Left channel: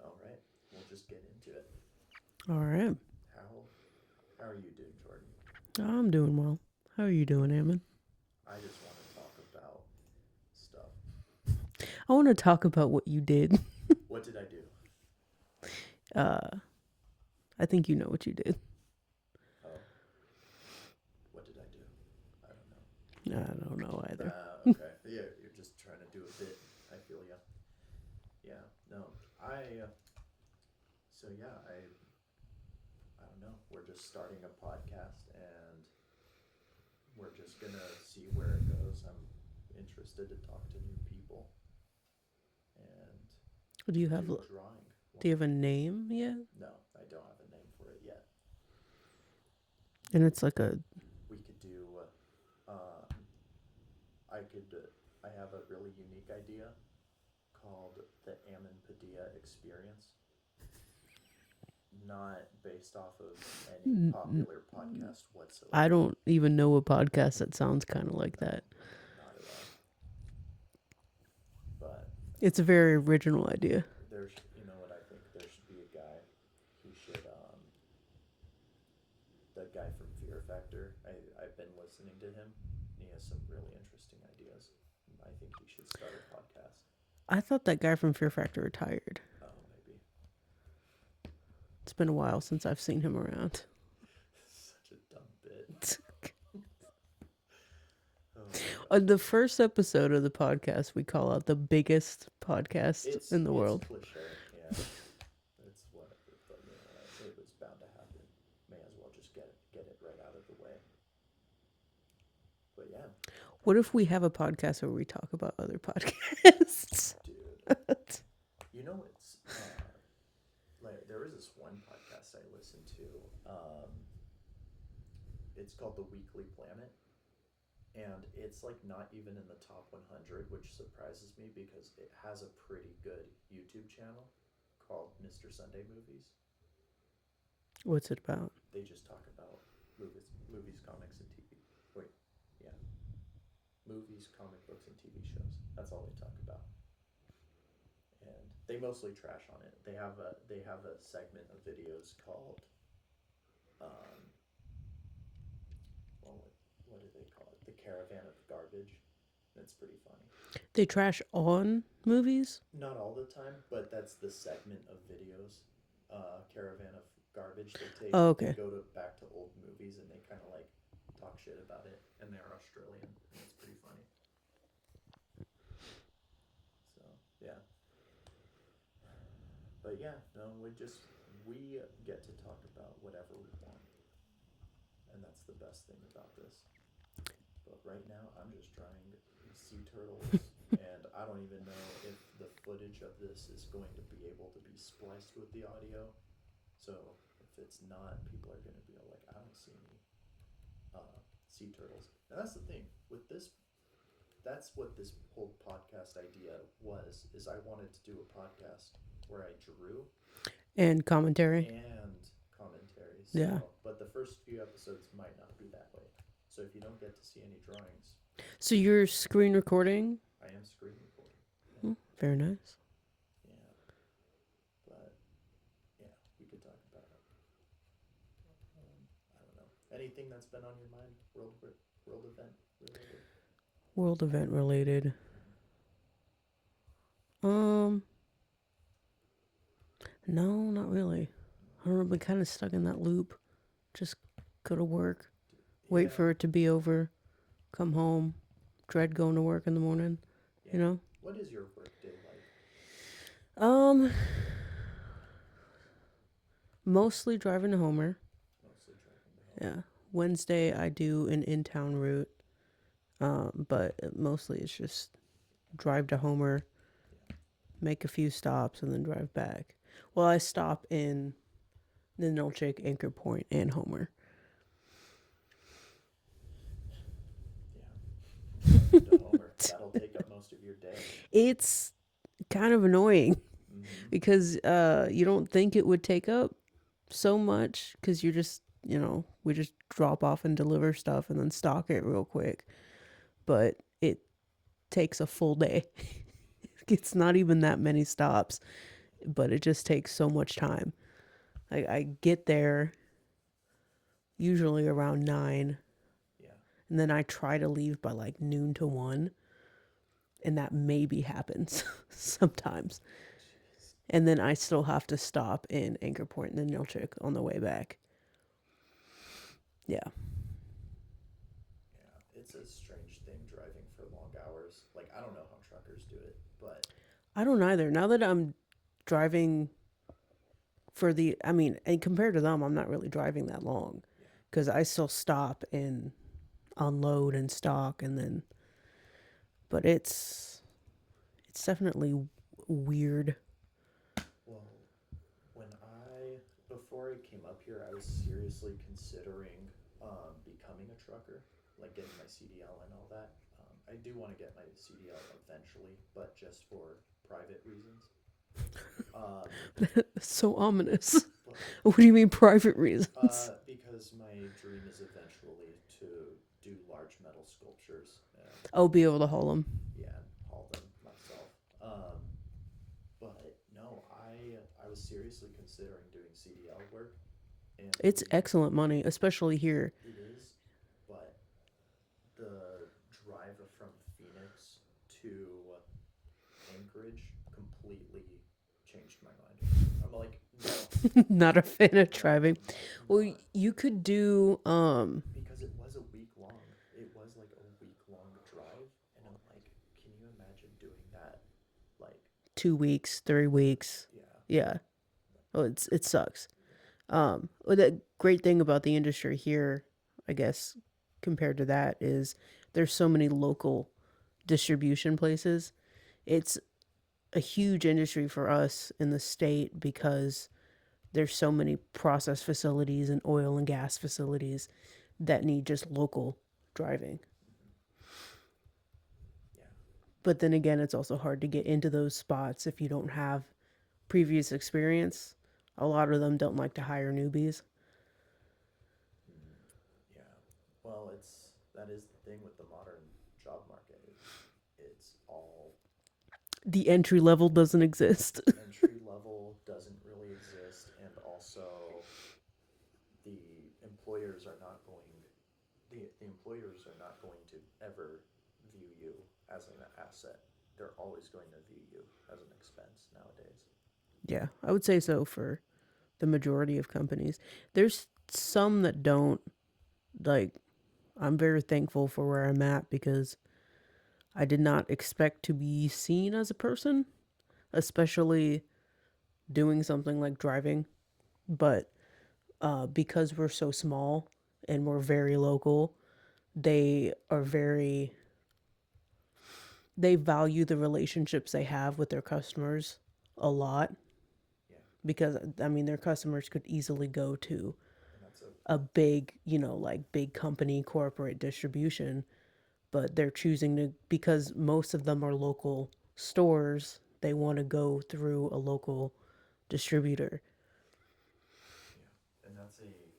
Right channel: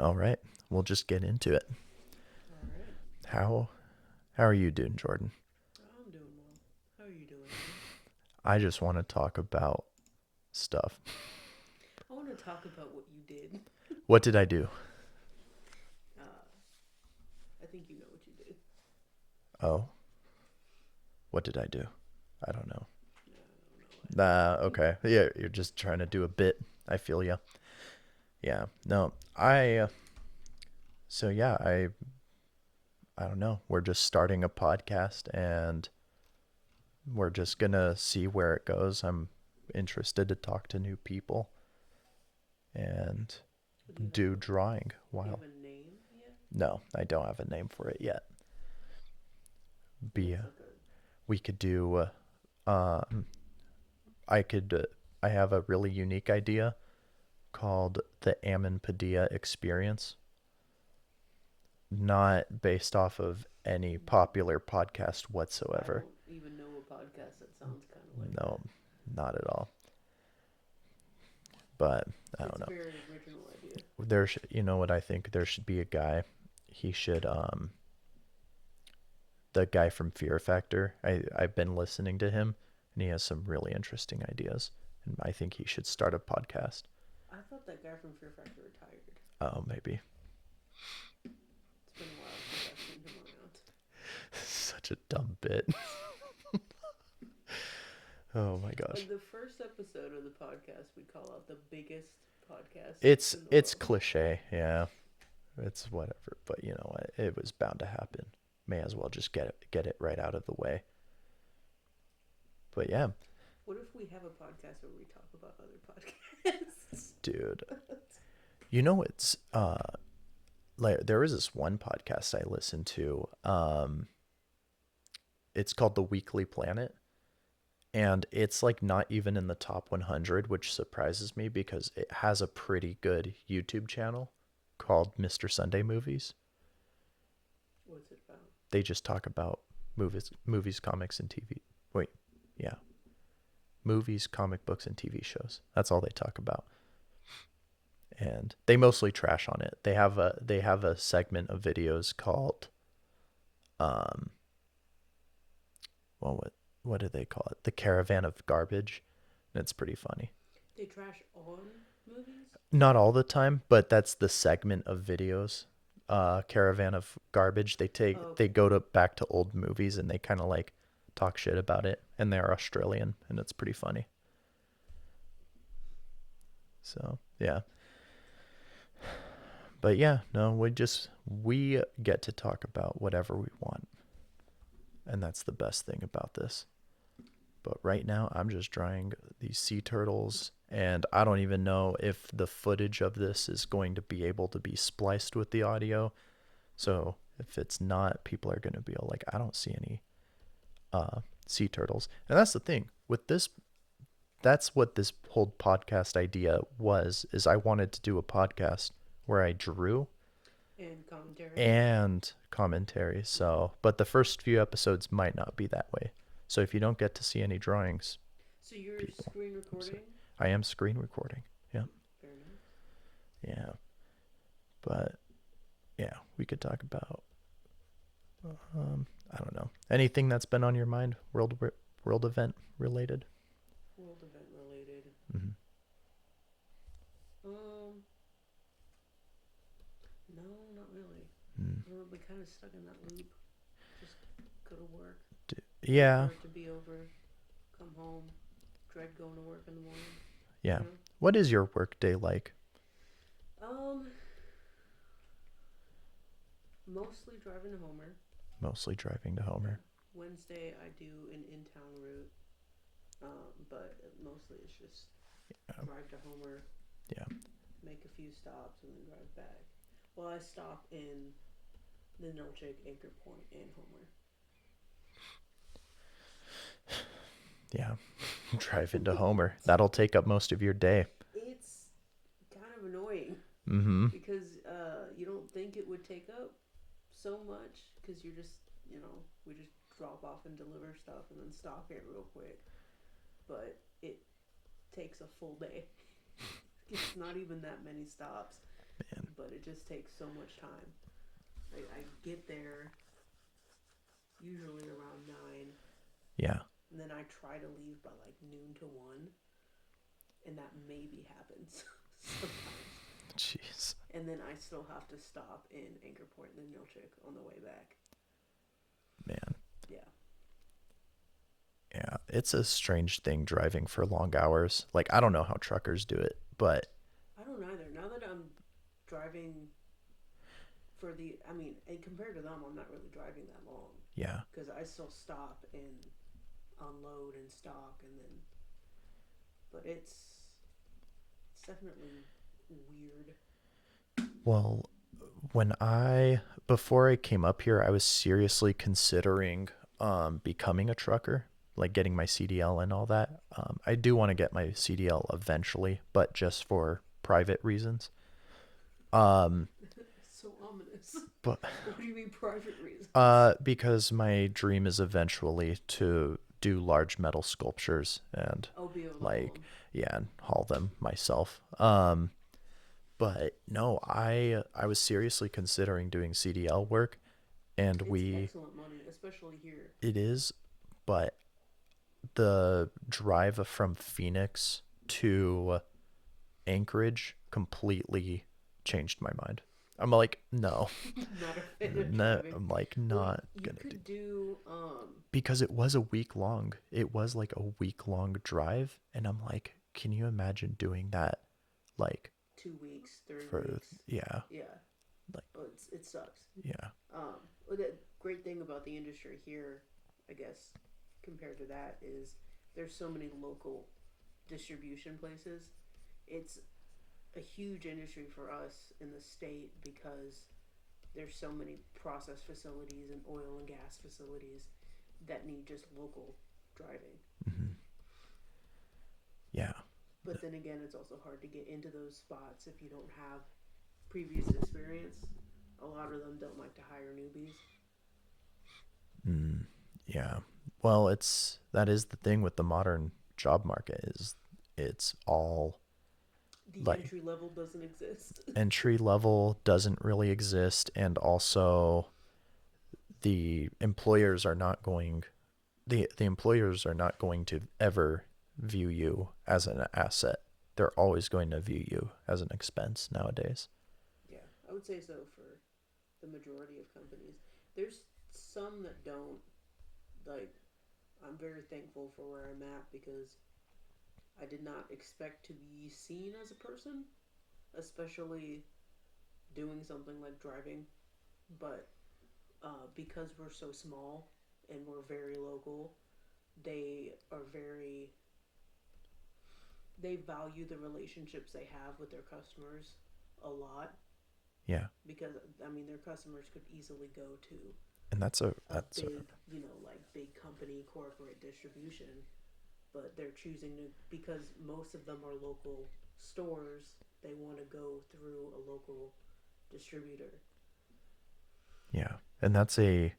All right, we'll just get into it. All right. How are you doing, Jordan? I'm doing well. How are you doing, Eamon? I just want to talk about stuff. I want to talk about what you did. What did I do? Uh, I think you know what you did. Oh, what did I do? I don't know. I don't know either. Okay. Yeah, you're just trying to do a bit. I feel you. Yeah. No, so yeah, I don't know. We're just starting a podcast and we're just going to see where it goes. I'm interested to talk to new people and Do you have do a drawing. Do you Wow. have a name yet? No, I don't have a name for it yet. And Be it's like a We could do um I could I have a really unique idea called the Ammon Padilla experience, not based off of any popular podcast I whatsoever. don't even know a podcast that sounds kind of like No, that. not at all. But I It's don't a know. very original idea. You know what I think? There should be a guy. He should the guy from Fear Factor. I've been listening to him, and he has some really interesting ideas. And I think he should start a podcast. I thought that guy from Fear Factor retired. Oh, maybe. It's been a while since I've seen him around. Such a dumb bit. Oh my gosh. The first episode of the podcast, we call out the biggest podcast in the It's world. cliche, yeah. It's whatever, but you know what? It was bound to happen. May as well just get it right out of the way. But yeah, What if we have a podcast where we talk about other podcasts? dude. You know it's like there was this one podcast I listened to. It's called The Weekly Planet, and it's like not even in the top 100, which surprises me because it has a pretty good YouTube channel called Mr. Sunday Movies. What's it about? They just talk about movies, comics, and TV. Wait, yeah, movies, comic books, and TV shows. That's all they talk about, and they mostly trash on it. They have a segment of videos called um, well, what do they call it? The Caravan of Garbage, and it's pretty funny. They trash on movies? Not all the time, but that's the segment of videos. Caravan of Garbage. Oh, They okay. go to back to old movies and they kind of like talk shit about it, and they're Australian, and it's pretty funny. So yeah, but yeah, no, we get to talk about whatever we want, and that's the best thing about this. But right now, I'm just drawing these sea turtles, and I don't even know if the footage of this is going to be able to be spliced with the audio. So if it's not, people are going to be all like, I don't see any sea turtles. And that's the thing with this. That's what this whole podcast idea was. Is I wanted to do a podcast where I drew And commentary? and commentary. Yeah. So, but the first few episodes might not be that way. So if you don't get to see any drawings, So you're screen recording? I am screen recording. Yeah. Very nice. Yeah. But yeah, we could talk about I don't know. Anything that's been on your mind world event related? World event related. Mm-hmm. Um, no, not really. Mm. I don't know, I've been kind of stuck in that loop. Just go to work, wait Yeah. for it to be over, come home, dread going to work in the morning, Yeah. you know? What is your work day like? Um, Mostly driving to Homer. Mostly driving to Homer. Yeah. Wednesday I do an in-town route. But mostly it's just drive to Homer, Yeah. make a few stops, and then drive back. Well, I stop in the Nolchik, Anchor Point, and Homer. Yeah. Driving to Homer. That'll take up most of your day. It's kind of annoying Mm-hmm. because you don't think it would take up so much because you're just, we just drop off and deliver stuff and then stock it real quick. But it takes a full day. It's not even that many stops. but it just takes so much time. I get there usually around 9, Yeah. and then I try to leave by like noon to 1, and that maybe happens sometimes. Jeez. And then I still have to stop in Anchor Point and then Nilchik on the way back. Man. Yeah. Yeah. It's a strange thing driving for long hours. Like, I don't know how truckers do it, but I don't either. Now that I'm driving I mean, and compared to them, I'm not really driving that long yeah. because I still stop and unload and stock and then, but it's definitely weird. Well, before I came up here, I was seriously considering becoming a trucker, like getting my CDL and all that. I do want to get my CDL eventually, but just for private reasons. Um, So ominous. but What do you mean private reasons? because my dream is eventually to do large metal sculptures and Oh, be able to haul like them. yeah, and haul them myself. But no, I was seriously considering doing CDL work, and It's excellent money, especially here. it is, but the drive from Phoenix to Anchorage completely changed my mind. I'm like, no, Not a fan of no, driving. I'm like Well, not you gonna do could do because it was a week long. It was like a week long drive, and I'm like, can you imagine doing that, like 2 weeks, 3 weeks. yeah, Yeah. like Oh, it sucks. yeah, Well, the great thing about the industry here, I guess, compared to that, is there's so many local distribution places. It's a huge industry for us in the state because there's so many process facilities and oil and gas facilities that need just local driving. hmm yeah. But then again, it's also hard to get into those spots if you don't have previous experience. A lot of them don't like to hire newbies. Mm, yeah. Well, that is the thing with the modern job market is it's all The like entry level doesn't exist. entry level doesn't really exist, and also the employers are not going the employers are not going to ever view you as an asset. They're always going to view you as an expense nowadays. Yeah, I would say so for the majority of companies. There's some that don't. Like, I'm very thankful for where I'm at because I did not expect to be seen as a person, especially doing something like driving. But because we're so small and we're very local, they are very, they value the relationships they have with their customers a lot Yeah. because, I mean, their customers could easily go to And a big, like big company corporate distribution, but they're choosing to, because most of them are local stores, they want to go through a local distributor. yeah. And that's a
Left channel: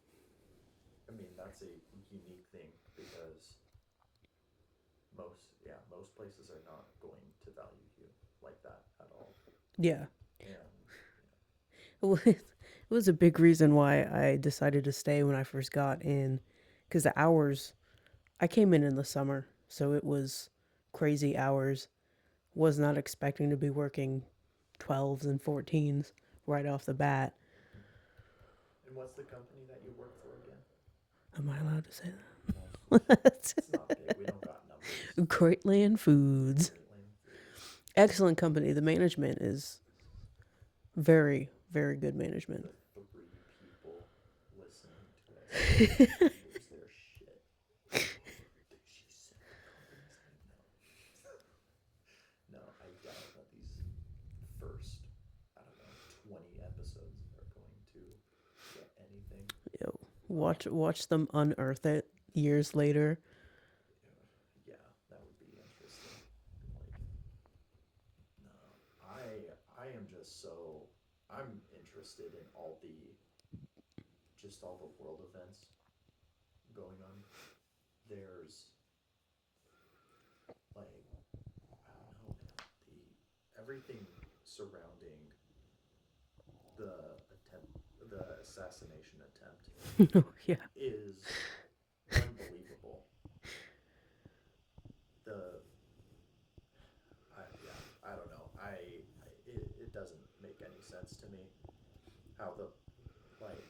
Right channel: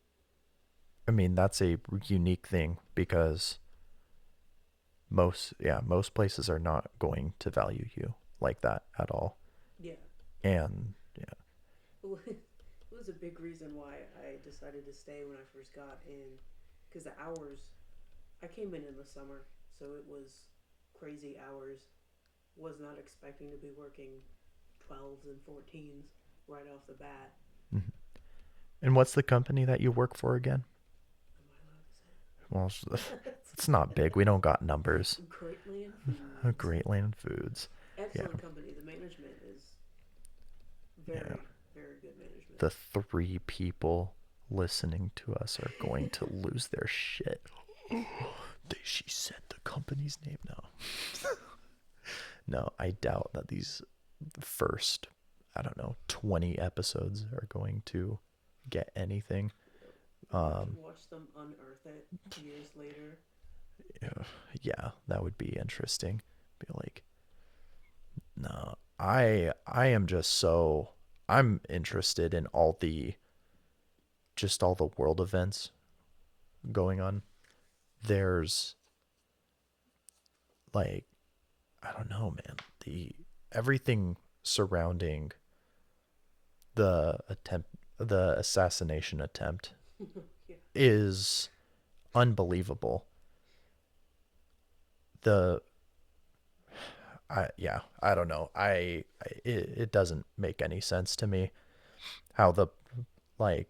unique thing because most places are not going to value you like that at all. Yeah. And yeah. It was a big reason why I decided to stay when I first got in, because the hours, I came in the summer, so it was crazy hours. Was not expecting to be working 12s and 14s right off the bat. Mhm. And what's the company that you work for again? Am I allowed to say Well, that? it's not big. We don't got numbers. Great Land Foods. Great Land Foods. Yeah. Excellent company. The management is Yeah. very, very good management. The 3 people listening to us are going to lose their shit. She said the company's name now. No, I doubt that these first, I don't know, 20 episodes are going to get anything. Yo, watch them unearth it years later. Yeah, that would be interesting. Be like, no, I am just so I'm interested in all the world events going on. There's like I don't know, man. The everything surrounding the assassination attempt Yeah. is unbelievable. The I don't know. It doesn't make any sense to me how the like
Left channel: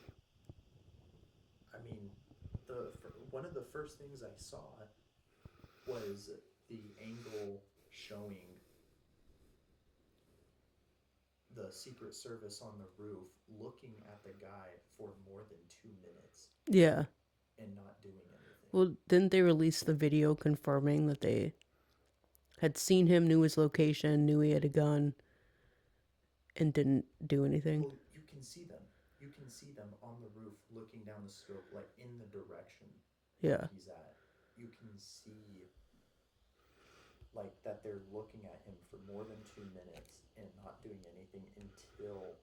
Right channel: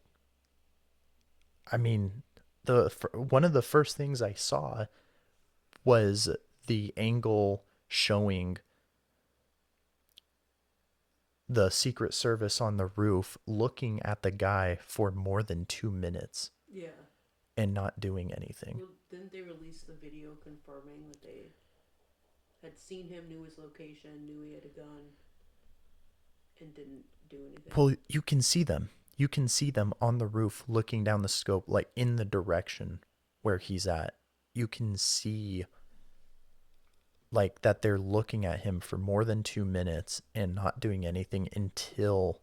I mean one of the first things I saw was the angle showing the Secret Service on the roof looking at the guy for more than 2 minutes Yeah. and not doing anything. Well, didn't they release the video confirming that they had seen him, knew his location, knew he had a gun, and didn't do anything? Well, you can see them. You can see them on the roof looking down the scope, like in the direction where Yeah. he's at. You can see like that they're looking at him for more than 2 minutes and not doing anything until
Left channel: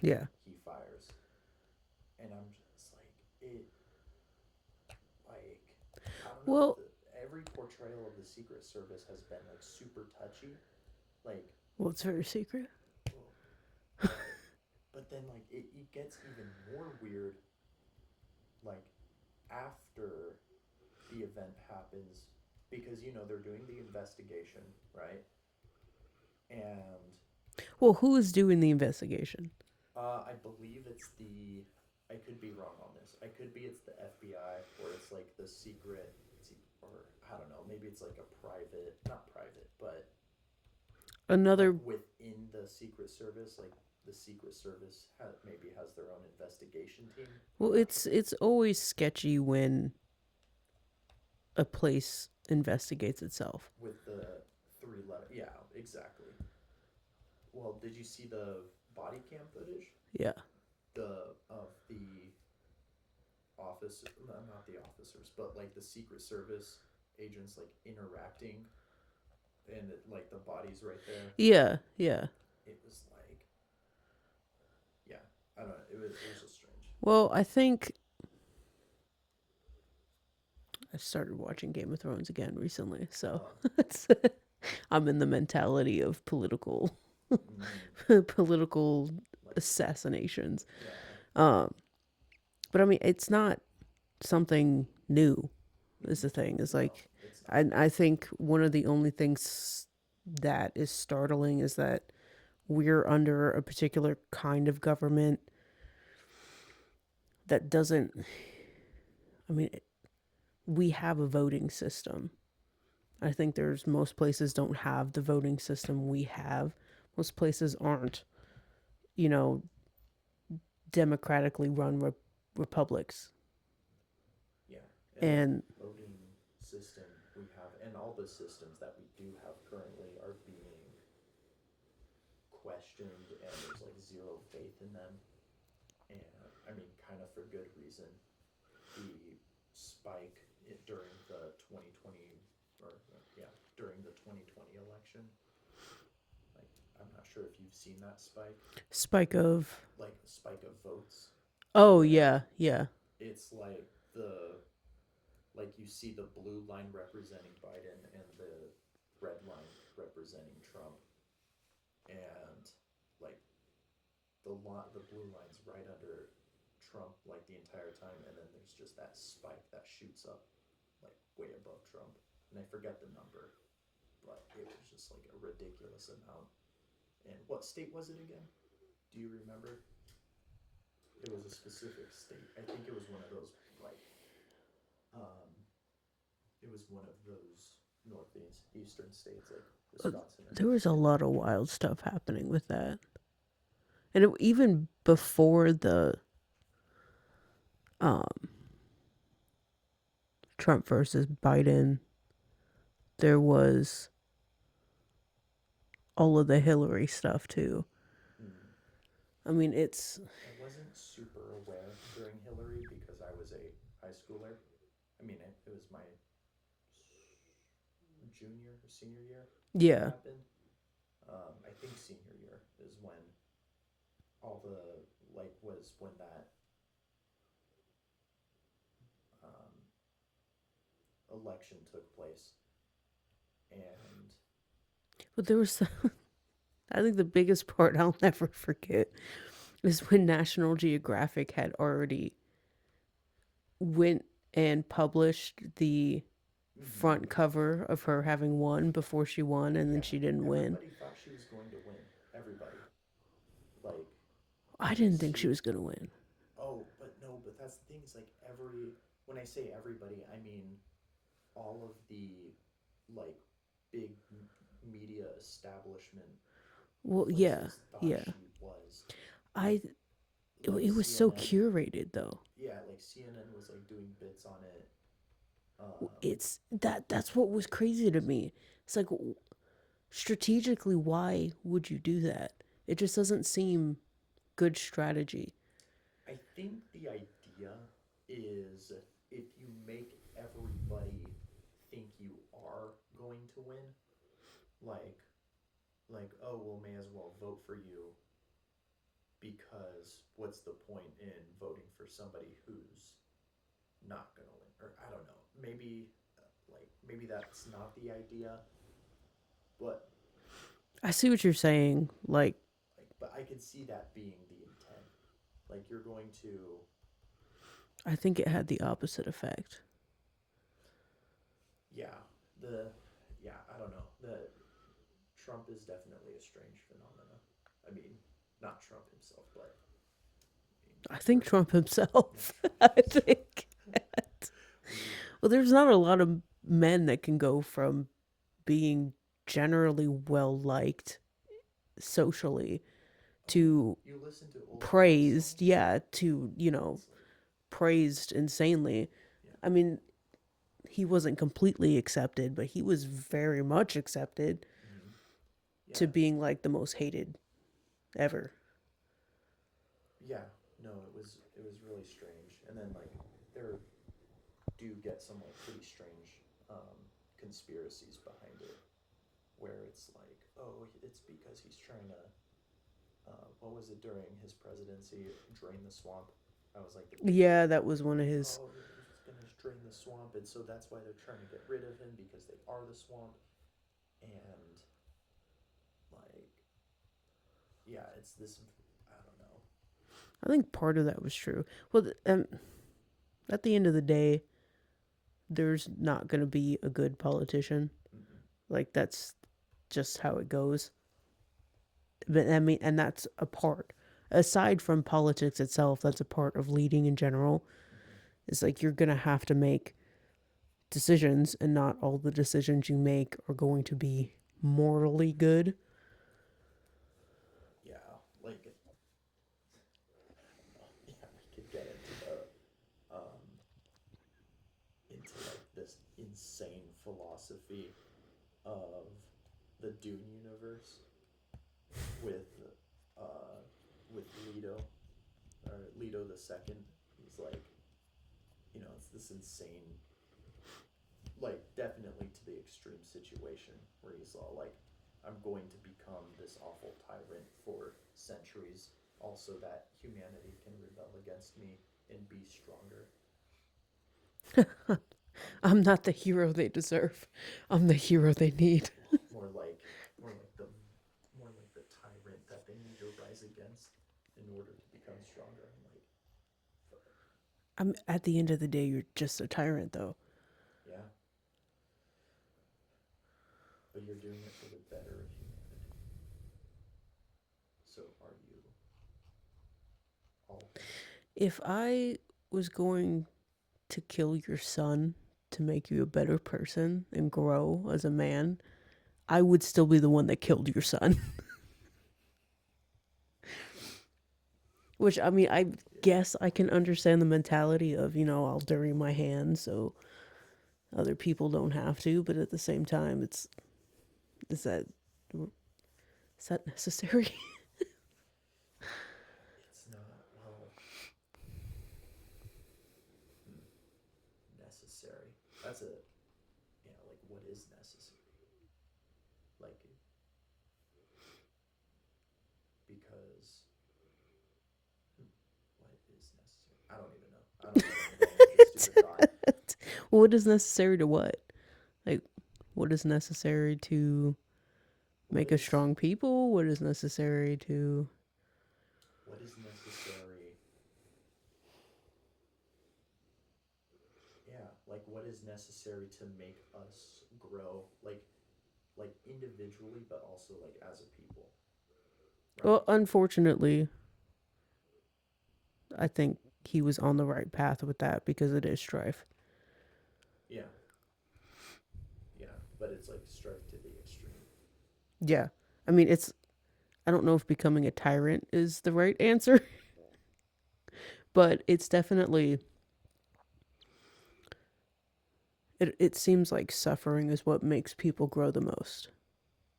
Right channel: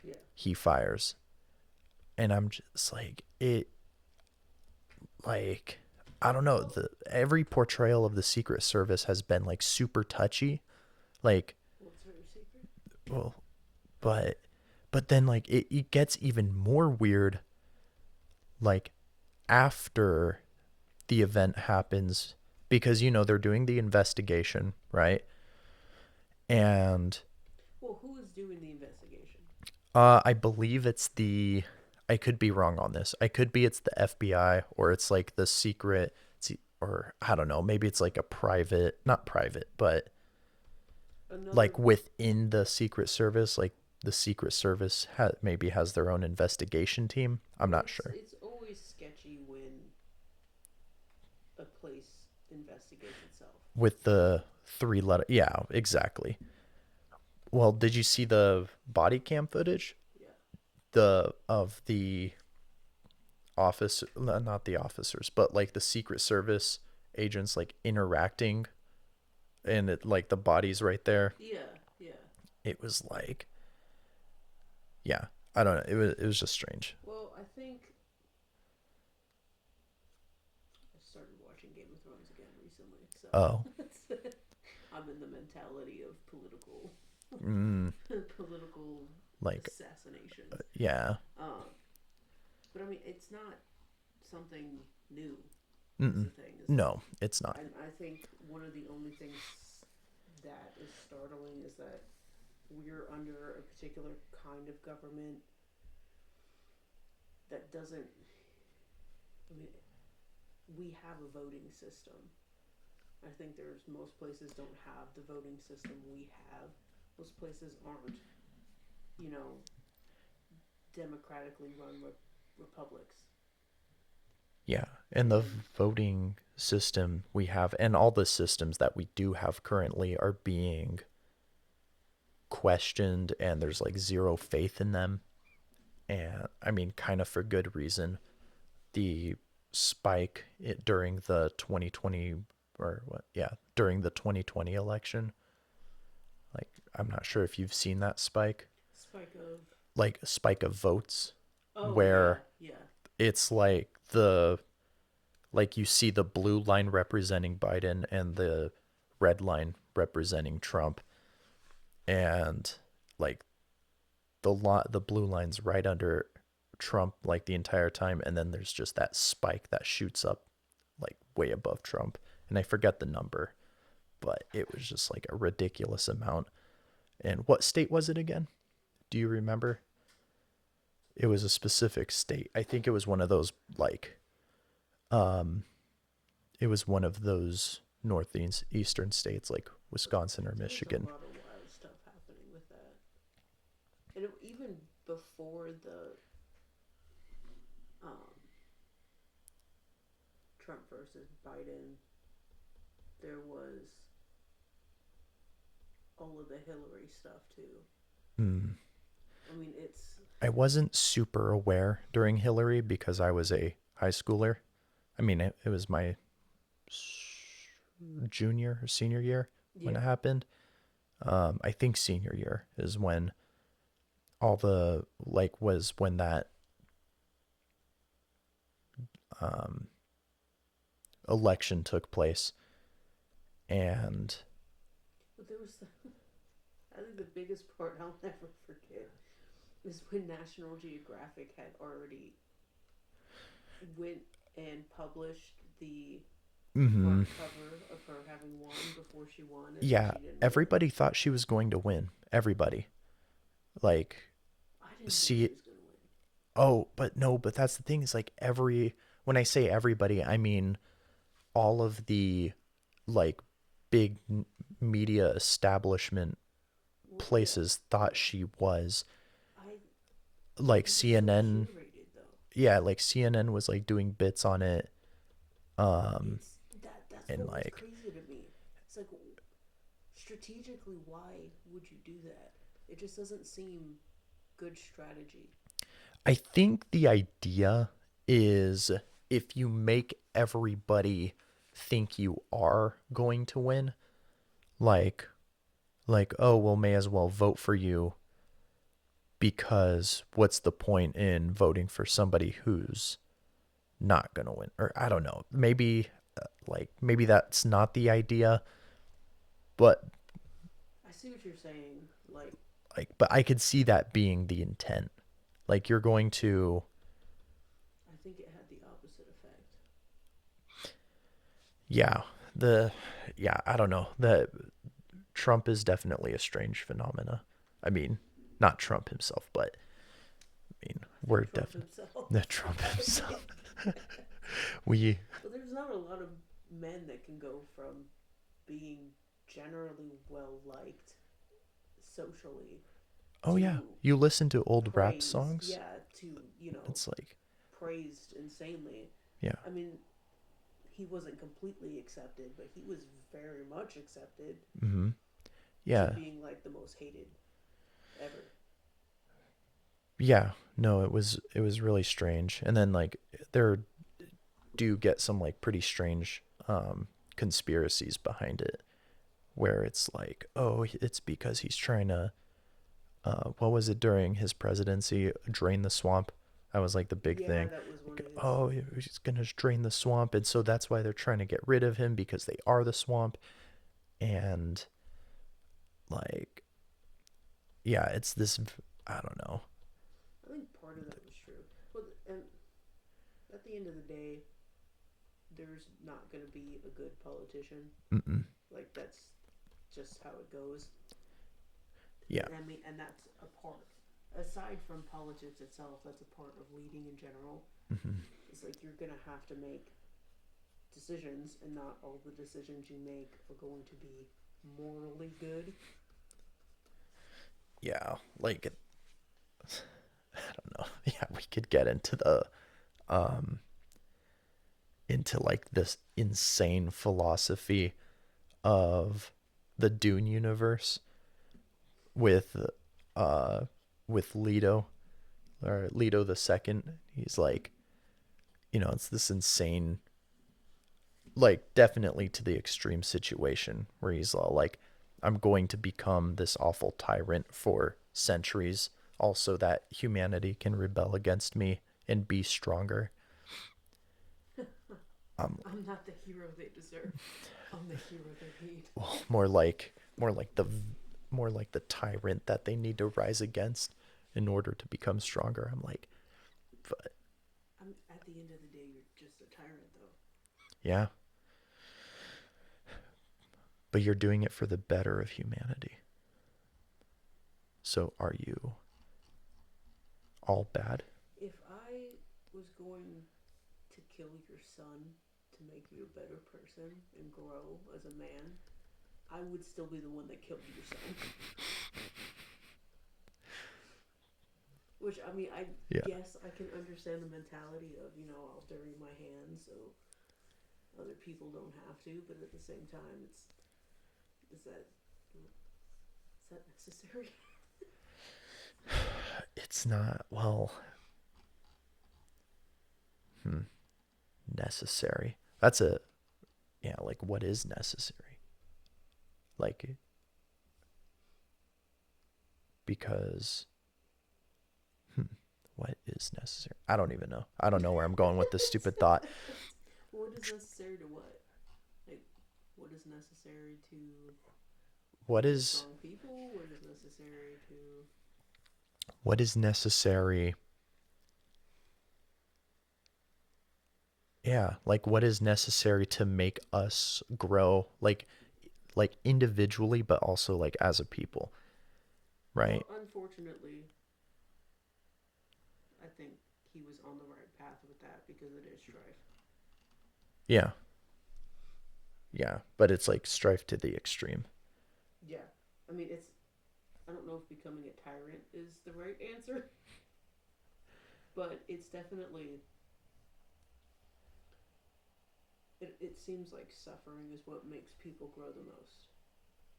Yeah. he fires. And I'm just like I don't know. Well, Every portrayal of the Secret Service has been like super touchy, like well, it's very secret. well, but then like it gets even more weird, like after the event happens, because they're doing the investigation, right? And Well, who is doing the investigation? I believe it's the I could be wrong on this. I could be it's the FBI or it's like the secret or I don't know, maybe it's like a private, not private, but Another. like within the Secret Service, like the Secret Service maybe has their own investigation team. I'm Well, not it's sure. it's always sketchy when a place investigates itself. With the three letter, yeah, exactly. Well, did you see the body cam footage? Yeah. The of the office, not the officers, but like the Secret Service agents like interacting, and it like the body's right there. Yeah. Yeah. It was like, yeah, I don't know. It was just strange. Well, I think I started watching Game of Thrones again recently, so Oh, I'm in the mentality of political mm, political like assassinations. yeah, Um, but I mean, it's not something new. Is mm-mm. the thing? It's No, like it's not. I think one of the only things that is startling is that we're under a particular kind of government that doesn't. I mean, we have a voting system. I think there's most places don't have the voting system we have. Most places aren't, you know, democratically run republics. Yeah, and the And voting system we have, and all the systems that we do have currently, are being questioned, and there's like zero faith in them. And I mean, kind of for good reason. The spike during the 2020 or what? Yeah, during the 2020 election. Like, I'm not sure if you've seen that spike. spike of Like a spike of votes oh yeah, where yeah. it's like you see the blue line representing Biden and the red line representing Trump, and like the blue line's right under Trump like the entire time, and then there's just that spike that shoots up like way above Trump, and I forget the number, but it was just like a ridiculous amount. And what state was it again? Do you remember? It was a specific state. I think it was one of those like um it was one of those northeast eastern states like Wisconsin or There was a Michigan. lot of wild stuff happening with that. And even before the um, Trump versus Biden, there was all of the Hillary stuff too. Hmm. I mean, it's I wasn't super aware during Hillary because I was a high schooler. I mean, it was my junior or senior year when it yeah. happened. I think senior year is when all the like was when that um, election took place, and But there was, I think the biggest part I'll never forget is when National Geographic had already went and published the Mm-hmm. front cover of her having won before she won, and then Yeah, she didn't win. everybody thought she was going to win. Everybody. Like, I didn't think she see, was gonna win. oh, but no, but that's the thing is like when I say everybody, I mean all of the like big media establishment Well, yeah, places thought yeah. she was. I Like It was so CNN, curated though. yeah, like CNN was like doing bits on it. Um It's that's and what was like crazy to me. It's like, strategically, why would you do that? It just doesn't seem good strategy. I think the idea is if you make everybody think you are going to win, like oh well may as well vote for you because what's the point in voting for somebody who's not going to win? Or I don't know. Maybe maybe that's not the idea, but I see what you're saying. Like, but I could see that being the intent. Like you're going to I think it had the opposite effect. yeah, the yeah, I don't know. The Trump is definitely a strange phenomena. I mean, not Trump himself, but I mean, I we're think Trump definitely the himself. Trump I himself. think. We Well, there's not a lot of men that can go from being generally well liked socially oh yeah, to you listen to old rap praised, songs. yeah, to, It's like praised insanely. yeah, I mean, he wasn't completely accepted, but he was very much accepted mm-hmm. to Yeah, being like the most hated ever. yeah. No, it was really strange. And then like there do get some like pretty strange conspiracies behind it where it's like, oh, it's because he's trying to what was it during his presidency? Drain the swamp. That was like the big Yeah, thing. that was one of Like, his. oh, he's gonna drain the swamp, and so that's why they're trying to get rid of him because they are the swamp. And like, yeah, it's this. I don't know. I think part of that was true. Well, at the end of the day, there's not going to be a good politician. Mm-mm. Like, that's just how it goes. Yeah. But I mean, and that's a part. Aside from politics itself, that's a part of leading in general. Mm-hmm. It's like you're going to have to make decisions, and not all the decisions you make are going to be morally good. Yeah. Like, I don't know. Yeah, we could get into the um into like this insane philosophy of the Dune universe with uh with Leto or Leto the second. He's like, it's this insane, like definitely to the extreme situation where he's all like, I'm going to become this awful tyrant for centuries, also that humanity can rebel against me and be stronger. Um, I'm not the hero they deserve. I'm the hero they need. more like the more like the tyrant that they need to rise against in order to become stronger. I'm like, but I'm At the end of the day, you're just a tyrant, though. yeah, but you're doing it for the better of humanity. So are you all bad? If I was going to kill your son to make you a better person and grow as a man, I would still be the one that killed your son. Which, I mean, I Yeah. guess I can understand the mentality of, I'll dirty my hands so other people don't have to, but at the same time, is that is that necessary? It's not, well, hmm, necessary. That's a, yeah, like what is necessary? Like, because, hmm, what is necessary? I don't even know. I don't know where I'm going with this stupid thought. What is necessary to what? Like, what is necessary to What make a is, strong people? What is necessary to what is necessary? Yeah, like what is necessary to make us grow, like individually, but also like as a people, Well, right? unfortunately, I think he was on the right path with that because it is strife. Yeah, yeah, but it's like strife to the extreme. Yeah. I mean, it's, I don't know if becoming a tyrant is the right answer, but it's definitely, it seems like suffering is what makes people grow the most.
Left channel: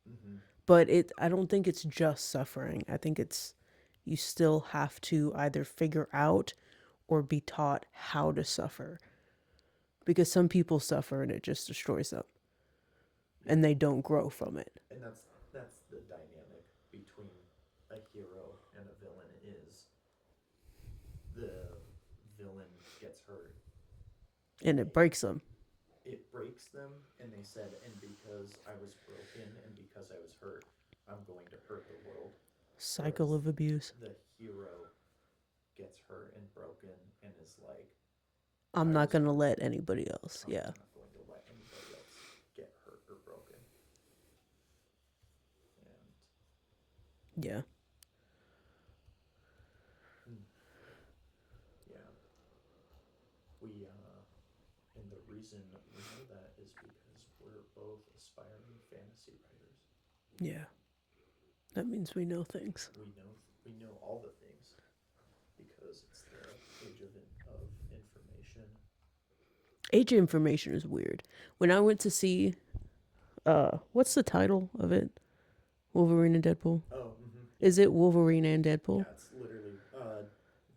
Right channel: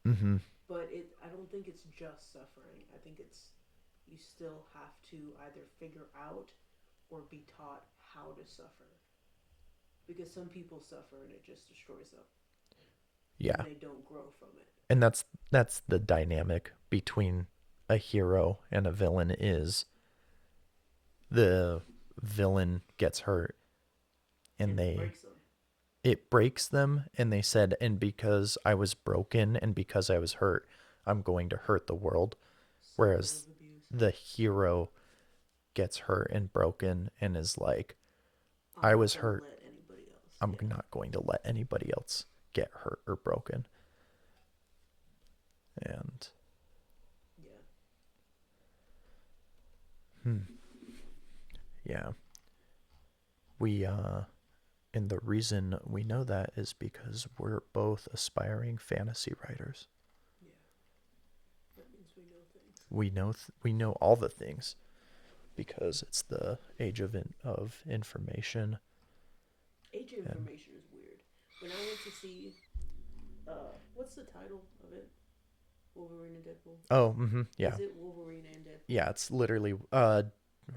Mm-hmm. But I don't think it's just suffering. I think it's, you still have to either figure out or be taught how to suffer. Because some people suffer and it just destroys them and Yeah, they don't grow from it. and that's the dynamic between a hero and a villain is the villain gets hurt and And it breaks them. it breaks them, and they said, and because I was broken and because I was hurt, I'm going to hurt the world. Cycle Whereas of abuse. the hero gets hurt and broken and is like, I'm I not was going to hurt. let anybody else. I'm Yeah. not going to let anybody else get hurt or broken. And Yeah. hmm, yeah, we and the reason we know that is because we're both aspiring fantasy writers. Yeah. That means we know things. We know all the things because it's the age of information. Age of And Information is weird. When I went to see, what's the title of it? Wolverine and Deadpool? oh, mm-hmm, yeah, Is it Wolverine and Deadpool? yeah, it's literally or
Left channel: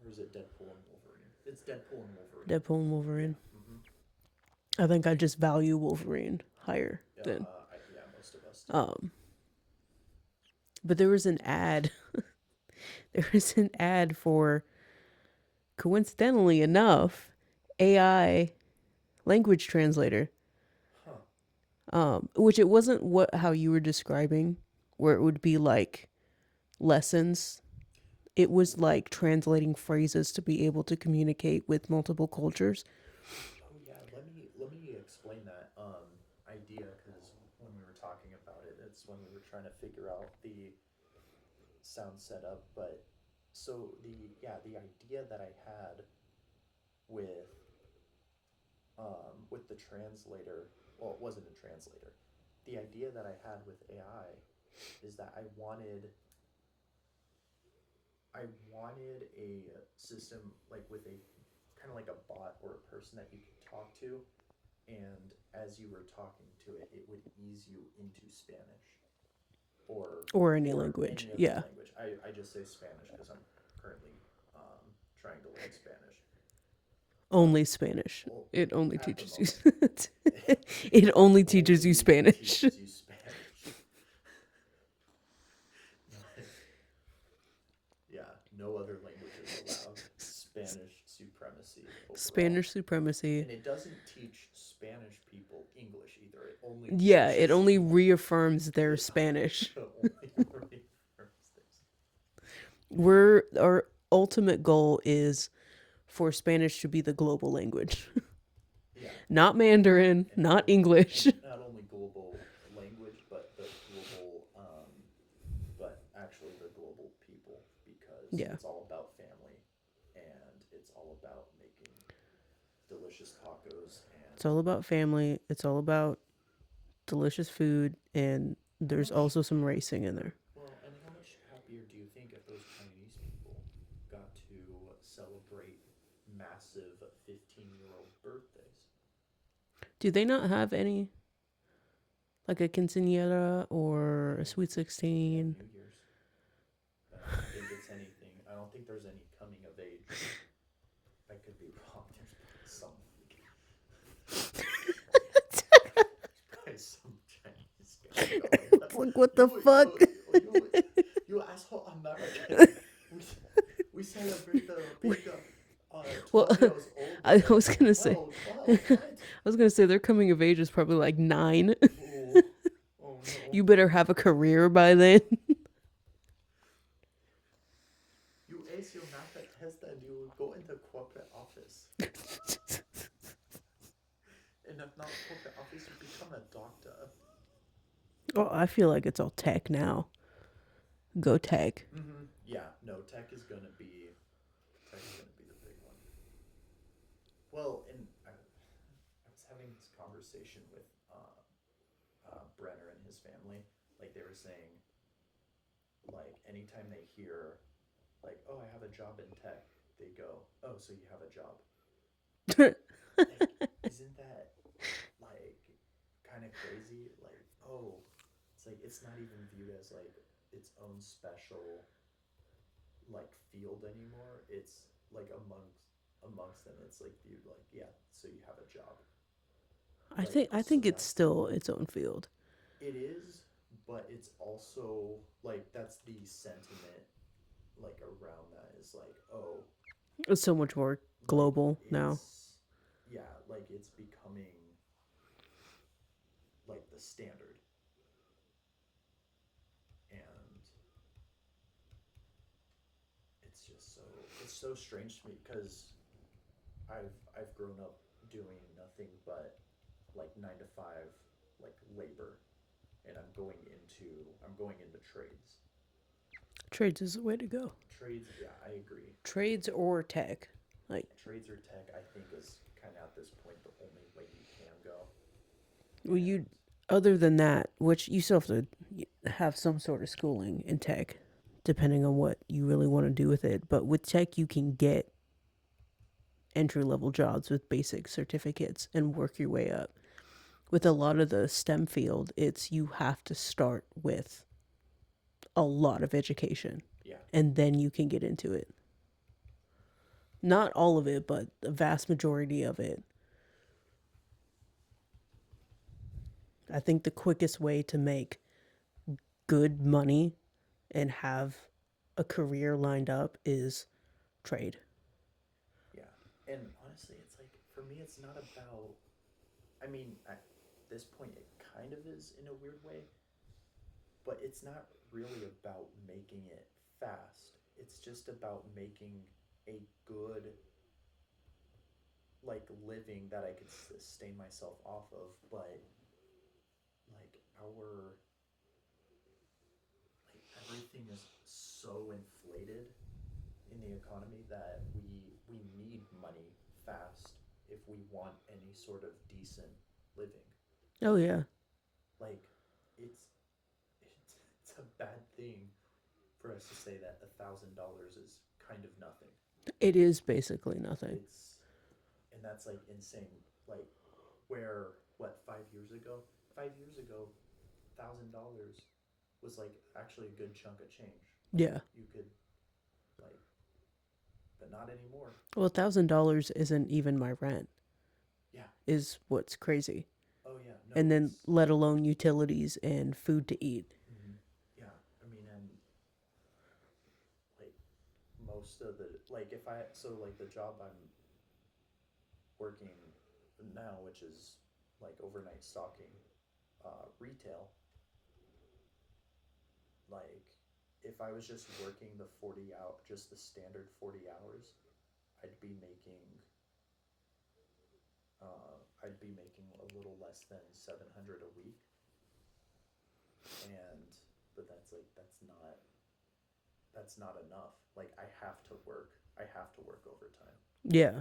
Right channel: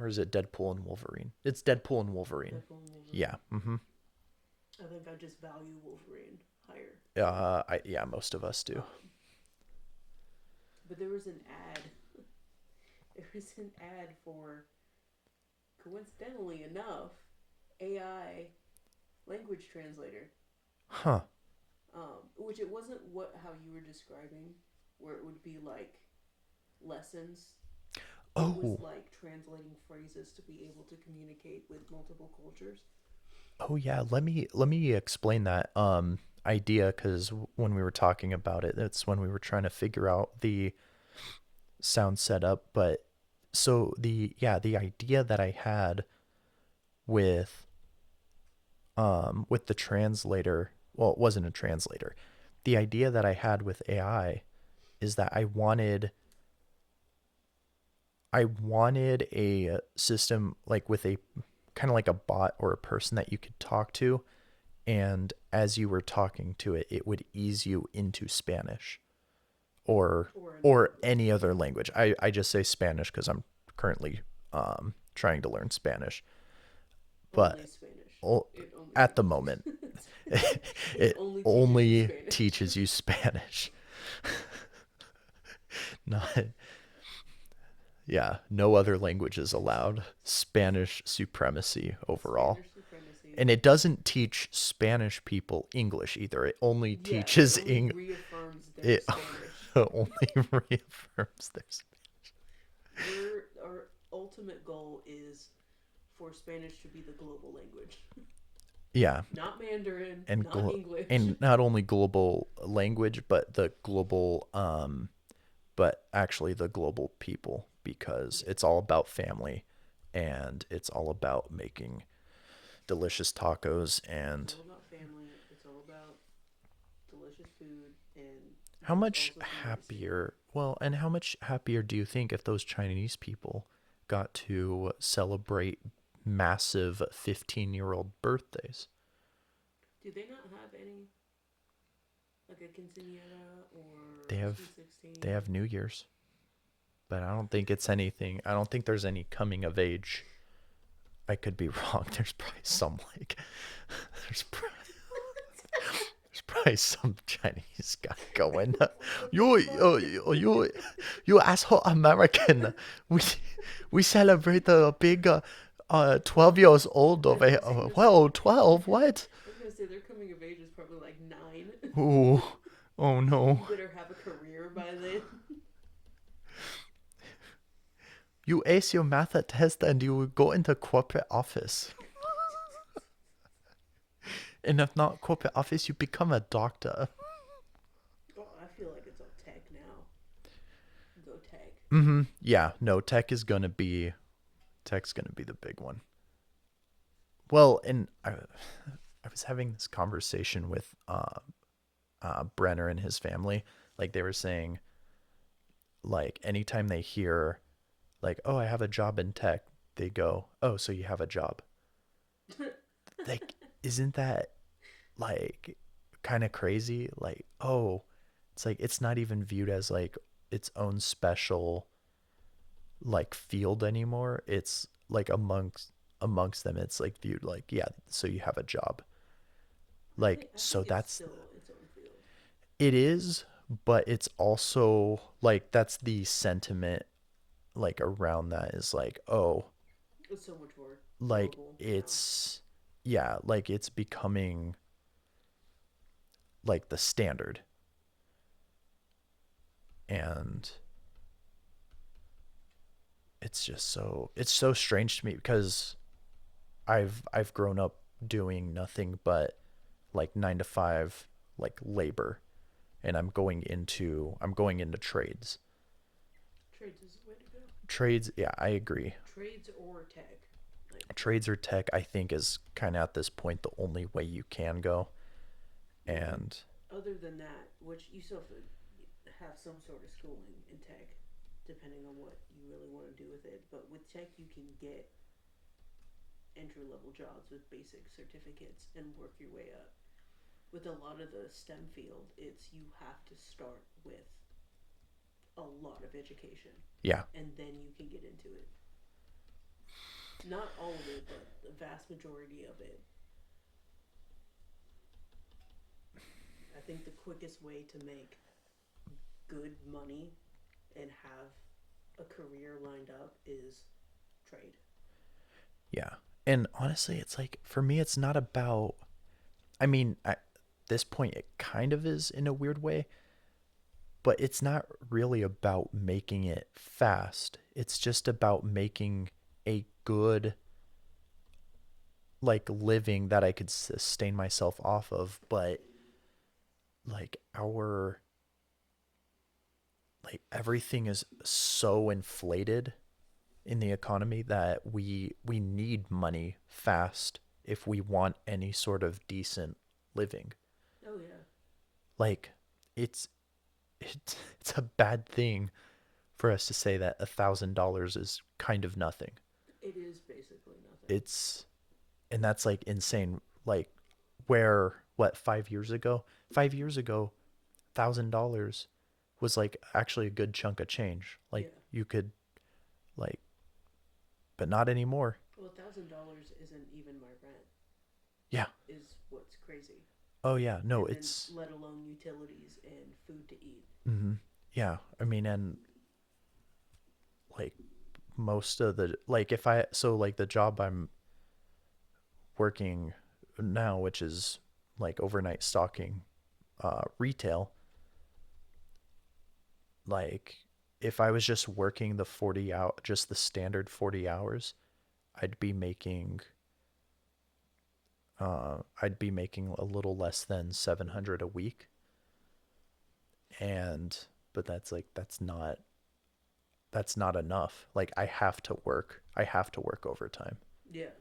is it Deadpool and Wolverine? It's Deadpool and Wolverine. Deadpool and Yeah, Wolverine. mm-hmm. I think I just value Wolverine higher. Yeah, most of us do. Um, but there was an ad. There was an ad for, coincidentally enough, AI language translator. Huh. Which it wasn't what how you were describing, where it would be like lessons. It was Oh, like translating phrases to be able to communicate with multiple cultures. oh yeah. Let me explain that idea because when we were talking about it, that's when we were trying to figure out the sound setup. But so the idea that I had with with the translator, well, it wasn't a translator. The idea that I had with AI is that I wanted a system like with a kind of like a bot or a person that you could talk to, and as you were talking to it, it would ease you into Spanish or Or any or language. any other Yeah. language. I just say Spanish because I'm currently trying to learn Spanish, but Only Spanish. oh, It only at the teaches moment you. It it only teaches you only Spanish. teaches you Spanish. Not Yeah, no other languages allowed. Spanish supremacy overall. Spanish supremacy. And it doesn't teach Spanish people English either. It only Yeah, it teaches only reaffirms their it Spanish. only reaffirms this. Our ultimate goal is for Spanish to be the global language. Yeah, Not Mandarin, and not English. and not only global language, but the global but actually the global people because Yeah. it's all about family and it's all about making delicious tacos It's and all about family. It's all about delicious food, and how there's much also some racing in there. happier, well, and how much happier do you think if those Chinese people got to celebrate massive 15-year-old birthdays? Do they not have any, like a quinceañera or They a have sweet they have 16? New Year's, but I don't think it's anything. I don't think there's any coming of age. I could be wrong. There's probably some like there's probably some Chinese guy going. It's like, what the You, fuck? you asshole American. We we celebrate the big 12 Well, years old I of a was gonna say, well 12 what? I was gonna say their coming of age is probably like 9. Ooh, oh no. You better have a career by then. You ace your math test and you go into corporate office. And if not corporate office, you become a doctor. Oh, I feel like it's all tech now. Go tech. Mm-hmm. Yeah, no, tech's gonna be the big one. Well, and I was having this conversation with Brenner and his family. Like they were saying, like anytime they hear, like, oh, I have a job in tech, they go, oh, so you have a job. Like, isn't that like kind of crazy? Like, oh, it's like it's not even viewed as like its own special like field anymore. It's like amongst them, it's like viewed like, yeah, so you have a job. Like, I so think it's that's still its own field. it is, but it's also like that's the sentiment like around that is like, oh, It's so much more like global now. it's yeah, like it's becoming like the standard. And it's so strange to me because I've grown up doing nothing but like 9 to 5 like labor, and I'm going into trades. Trades is the way to go. Trades, yeah, I agree. Trades or tech. Like, Trades or tech, I think, is kind of at this point the only way you can go. well, you, And other than that, which you still have to have some sort of schooling in tech, depending on what you really want to do with it. But with tech, you can get entry level jobs with basic certificates and work your way up. With a lot of the STEM field, it's you have to start with a lot of education yeah, and then you can get into it. Not all of it, but the vast majority of it. I think the quickest way to make good money and have a career lined up is trade. yeah. And honestly, it's like for me, it's not about. I mean, at this point, it kind of is in a weird way, but it's not really about making it fast. It's just about making a good like living that I could sustain myself off of. But like our like everything is so inflated in the economy that we need money fast if we want any sort of decent living. Oh yeah, Like it's it's a bad thing for us to say that $1,000 is kind of nothing. it is basically nothing. It's and that's like insane. Like where what 5 years ago? 5 years ago, $1,000 was like actually a good chunk of change. Like Yeah. you could like, but not anymore. Well, $1,000 isn't even my rent. Yeah. Is what's crazy. Oh yeah. No, And then it's let alone utilities and food to eat. mm-hmm. Yeah. I mean, and like most of the like if I so like the job I'm working now, which is like overnight stocking retail, like if I was just working the 40 out just the standard 40 hours, I'd be making I'd be making a little less than 700 a week. And but that's not enough. Like I have to work. I have to work overtime. Yeah.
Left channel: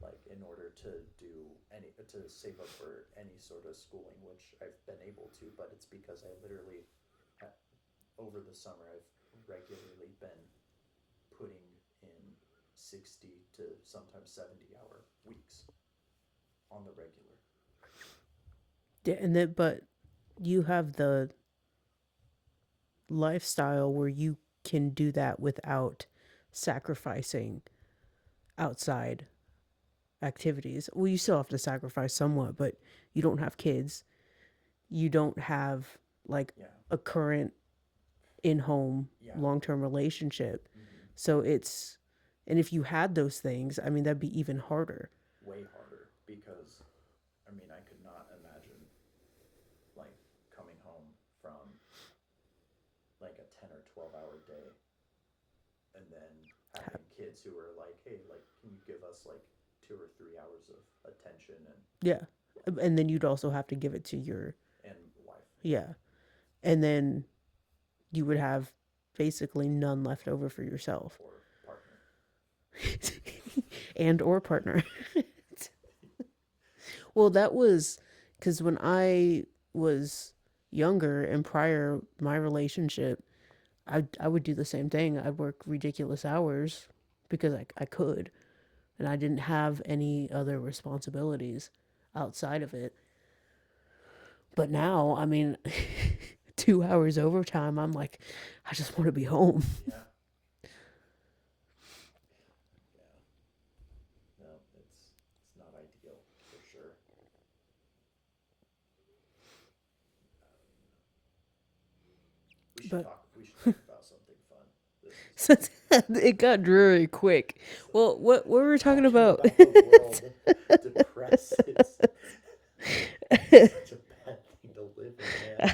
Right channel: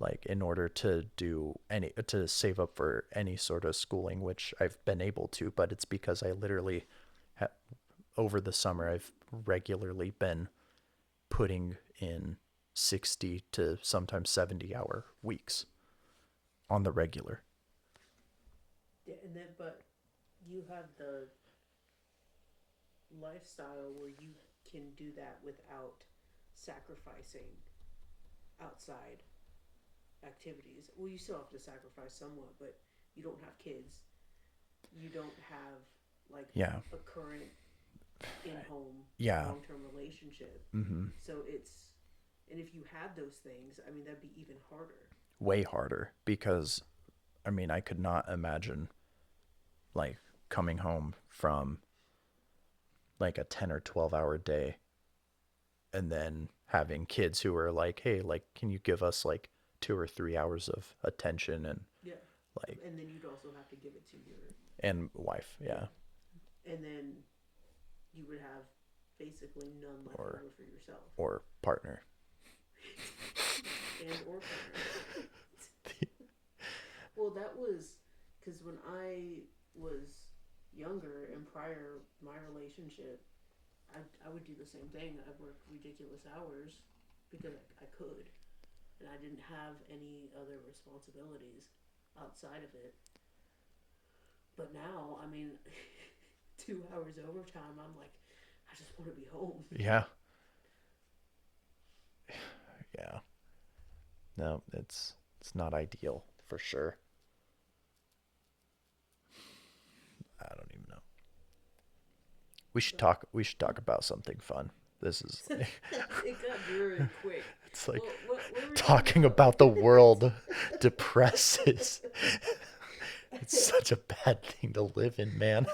Like in order to do any to save up for any sort of schooling, which I've been able to, but it's because I literally over the summer I've regularly been putting in 60 to sometimes 70-hour weeks on the regular. Yeah, and then but you have the lifestyle where you can do that without sacrificing outside activities. Well, you still have to sacrifice somewhat, but you don't have kids. You don't have like Yeah. a current in-home Yeah. long-term relationship. Mm-hmm. So it's and if you had those things, I mean that'd be even harder. Way harder because I mean I could not imagine like coming home from like a 10 or 12 hour day and then having kids who are like, hey, like, can you give us like 2 or 3 hours of attention and Yeah. like, And then you'd also have to give it to your, and wife, yeah, yeah. And then you would have basically none left or over for yourself or partner. and or partner. Well, that was because when I was younger and prior my relationship, I would do the same thing. I'd work ridiculous hours because I could, and I didn't have any other responsibilities outside of it. But now, I mean, 2 hours overtime, I'm like, I just want to be home. Yeah. Yeah. No, it's not ideal for sure. I don't even know. But We should talk about something fun. This is it got dreary quick. it's like Well, what were we talking talking about? about the world depresses. It's such a bad thing to live in, man.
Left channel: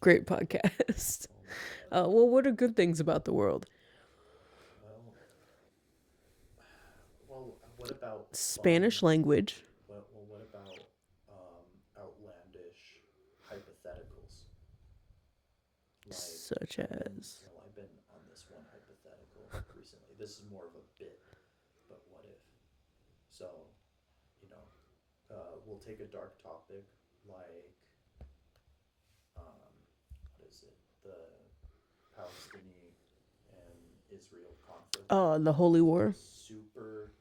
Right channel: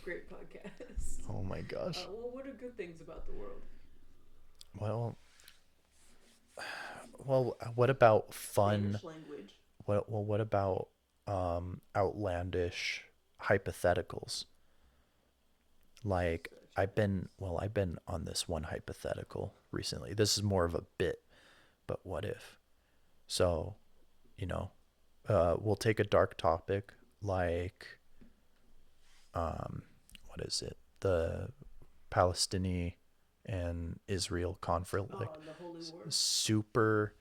Great podcast. Oh my gosh. Well, what are good things about the world? Well, what about fun? Spanish language. What about outlandish hypotheticals? Like Such I've been as- I've been on this one hypothetical recently. This is more of a bit, but what if? So, you know, we'll take a dark topic like what is it? The Palestinian and Israel conflict. Oh, the Holy War. Super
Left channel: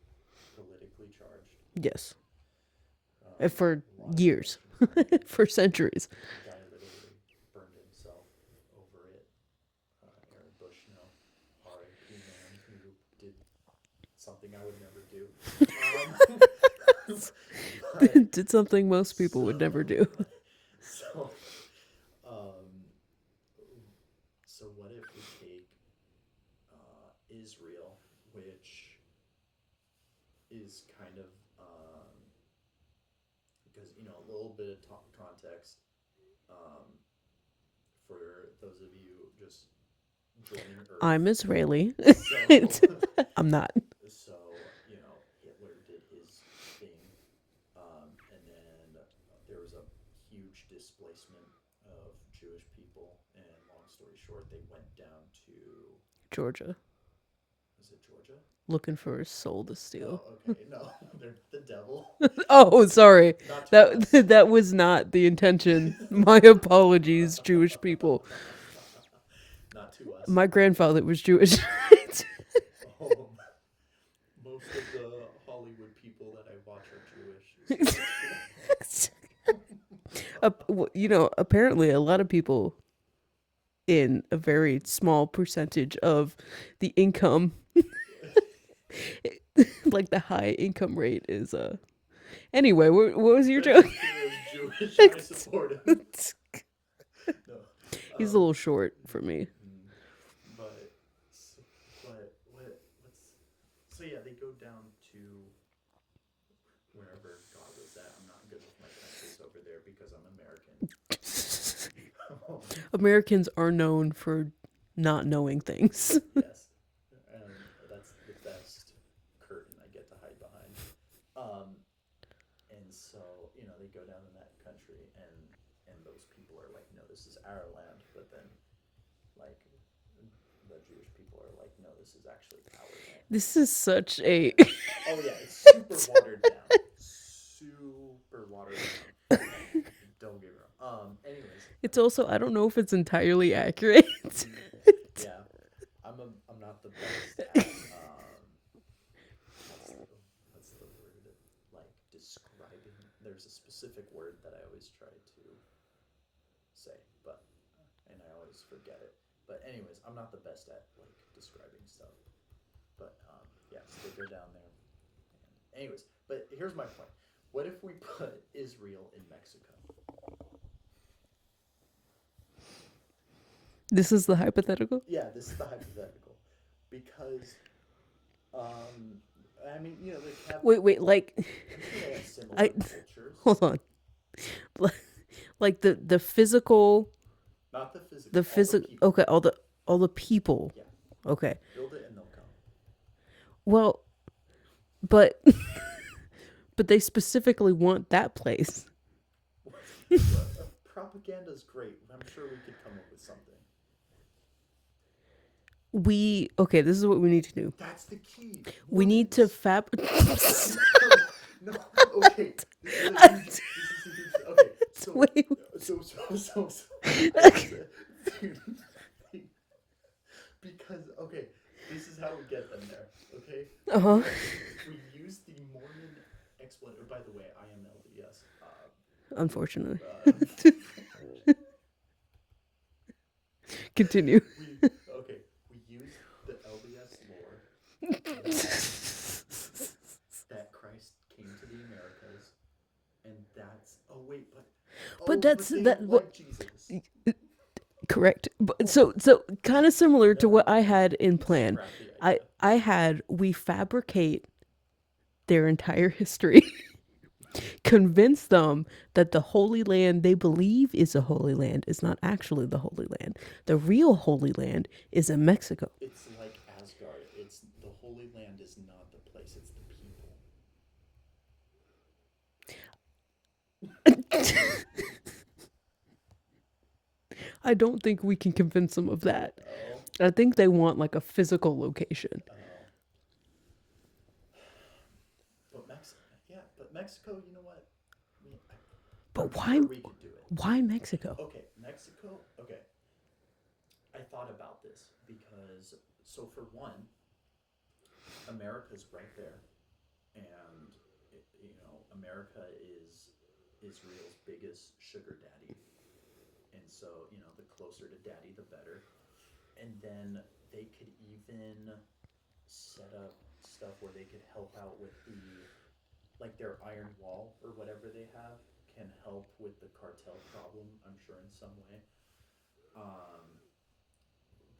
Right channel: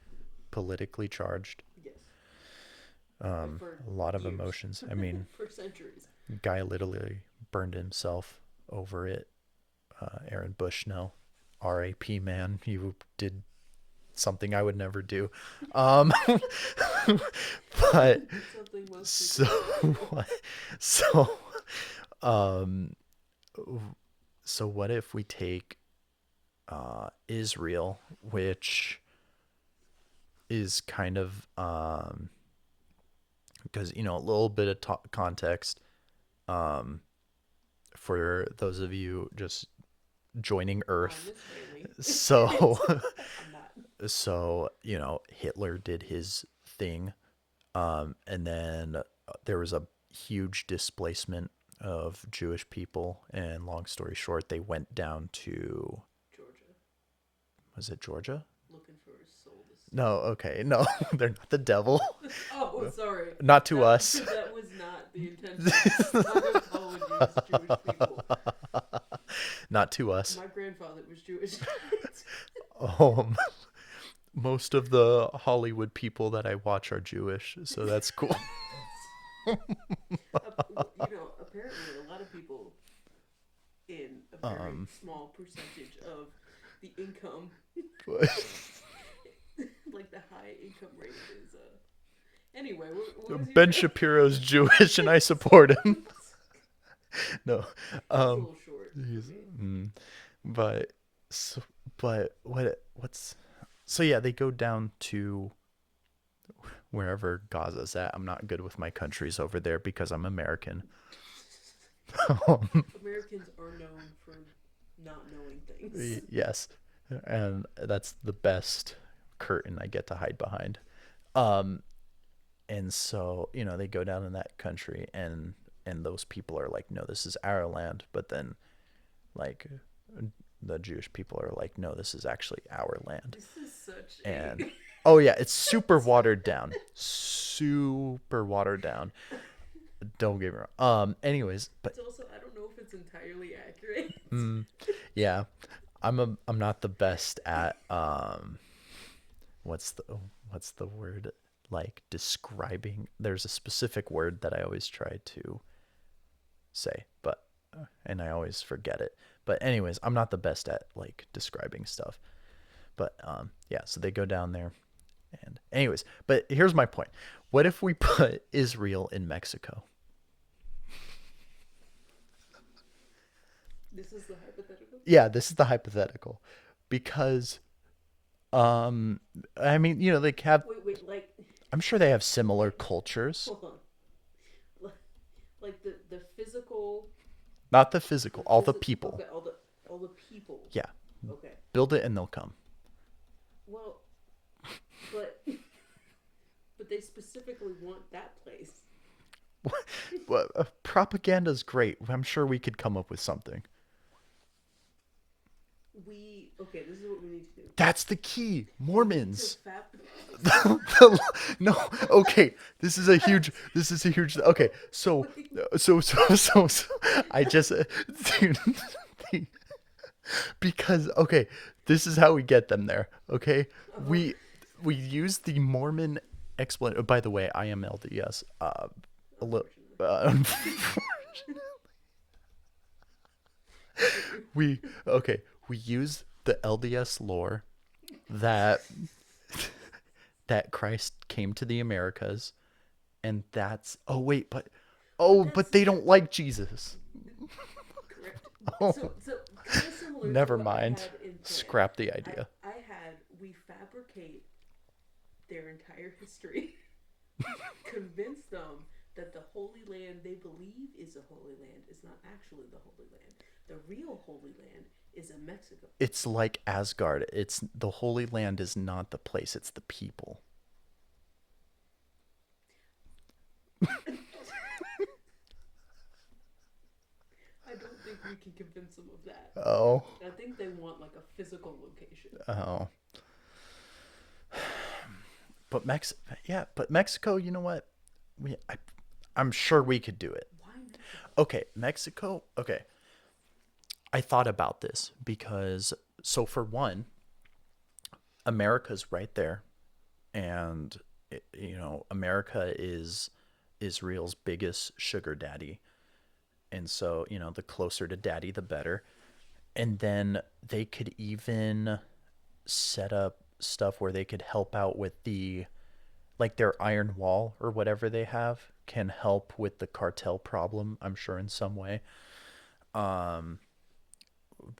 politically charged. Yes, for A lot of years. emotions. I mean, For centuries. guy literally burned himself over it. Aaron Bushnell, R.A.P. man, you did something I would never do. But Did something most people would never do. So, um, so what if we take Israel, which is kind of because you know a little bit of context for those of you just joining Earth. I'm Israeli. So I'm not. so you know Hitler did his thing, and then there was a huge displacement of Jewish people, and long story short, they went down to, Georgia. was it Georgia? Looking for a soul to steal. No, okay, no, they're not the devil. Oh, sorry. Not to that, us. That was not the intention. My apologies, Jewish people. Not to us. My grandfather was Jewish. Um, most of the Hollywood people that I watch are Jewish, so that's cool. You know, apparently a lot of people in a very small percentage of the income, like the high income rate is anyway, what was your Ben joke? Shapiro's Jewish, and I support him. No, He's a little short for me. but so, but what's so yeah, they go down to wherever Gaza's at. I'm not good with my countries over there because I'm American. Americans are known for not knowing things. Yes, and that's the best curtain I get to hide behind. And so you know they go down in that country, and those people are like, no, this is our land. But then, like, the Jewish people are like, no, this is actually our land. This is such a And, oh yeah, it's super watered down. Super watered down. Don't get me wrong. Anyways, it's also, I don't know if it's entirely accurate. yeah, I'm not the best at what's the word, like describing. There's a specific word that I always try to say, but and I always forget it. But anyways, I'm not the best at like describing stuff. But yeah, so they go down there, and anyways, but here's my point. What if we put Israel in Mexico? This is the hypothetical? Yeah, this is the hypothetical, because I mean, you know, they have, Wait, like, I'm sure they have similar I- cultures. hold on. Like the physical, Not the physical, all the people. Okay, all the all the people. Yeah. Okay. Build it and they'll come. Well, but but they specifically want that place. Well, propaganda's great. I'm sure we could come up with something. Okay, this is what we need to do. That's the key. We need to Mormons. No, okay. This is a huge. Okay, so Wait. so I just dude, because okay, this is how we get them there. Okay, Uh-huh. we use the Mormon explanation. By the way, I am LDS. Unfortunately. Uh, Continue. we use the LDS lore that Christ came to the Americas, and that's but they don't like Jesus. Correct. So kind of similar to Never what I mind. had in plan. Scrap the idea. We fabricate their entire history, convince them that the Holy Land they believe is a Holy Land is not actually the Holy Land. The real Holy Land is in Mexico. It's like Asgard. It's the Holy Land is not the place, it's the people. I don't think we can convince them of that. Oh. I think they want like a physical location. Oh. But Mexico, you know what? I'm sure we could do it. Why Mexico? Okay, Mexico. Okay. I thought about this because, so for one, America's right there. And, America is Israel's biggest sugar daddy. And so, the closer to daddy, the better. And then they could even set up stuff where they could help out with their iron wall or whatever they have can help with the cartel problem, I'm sure, in some way.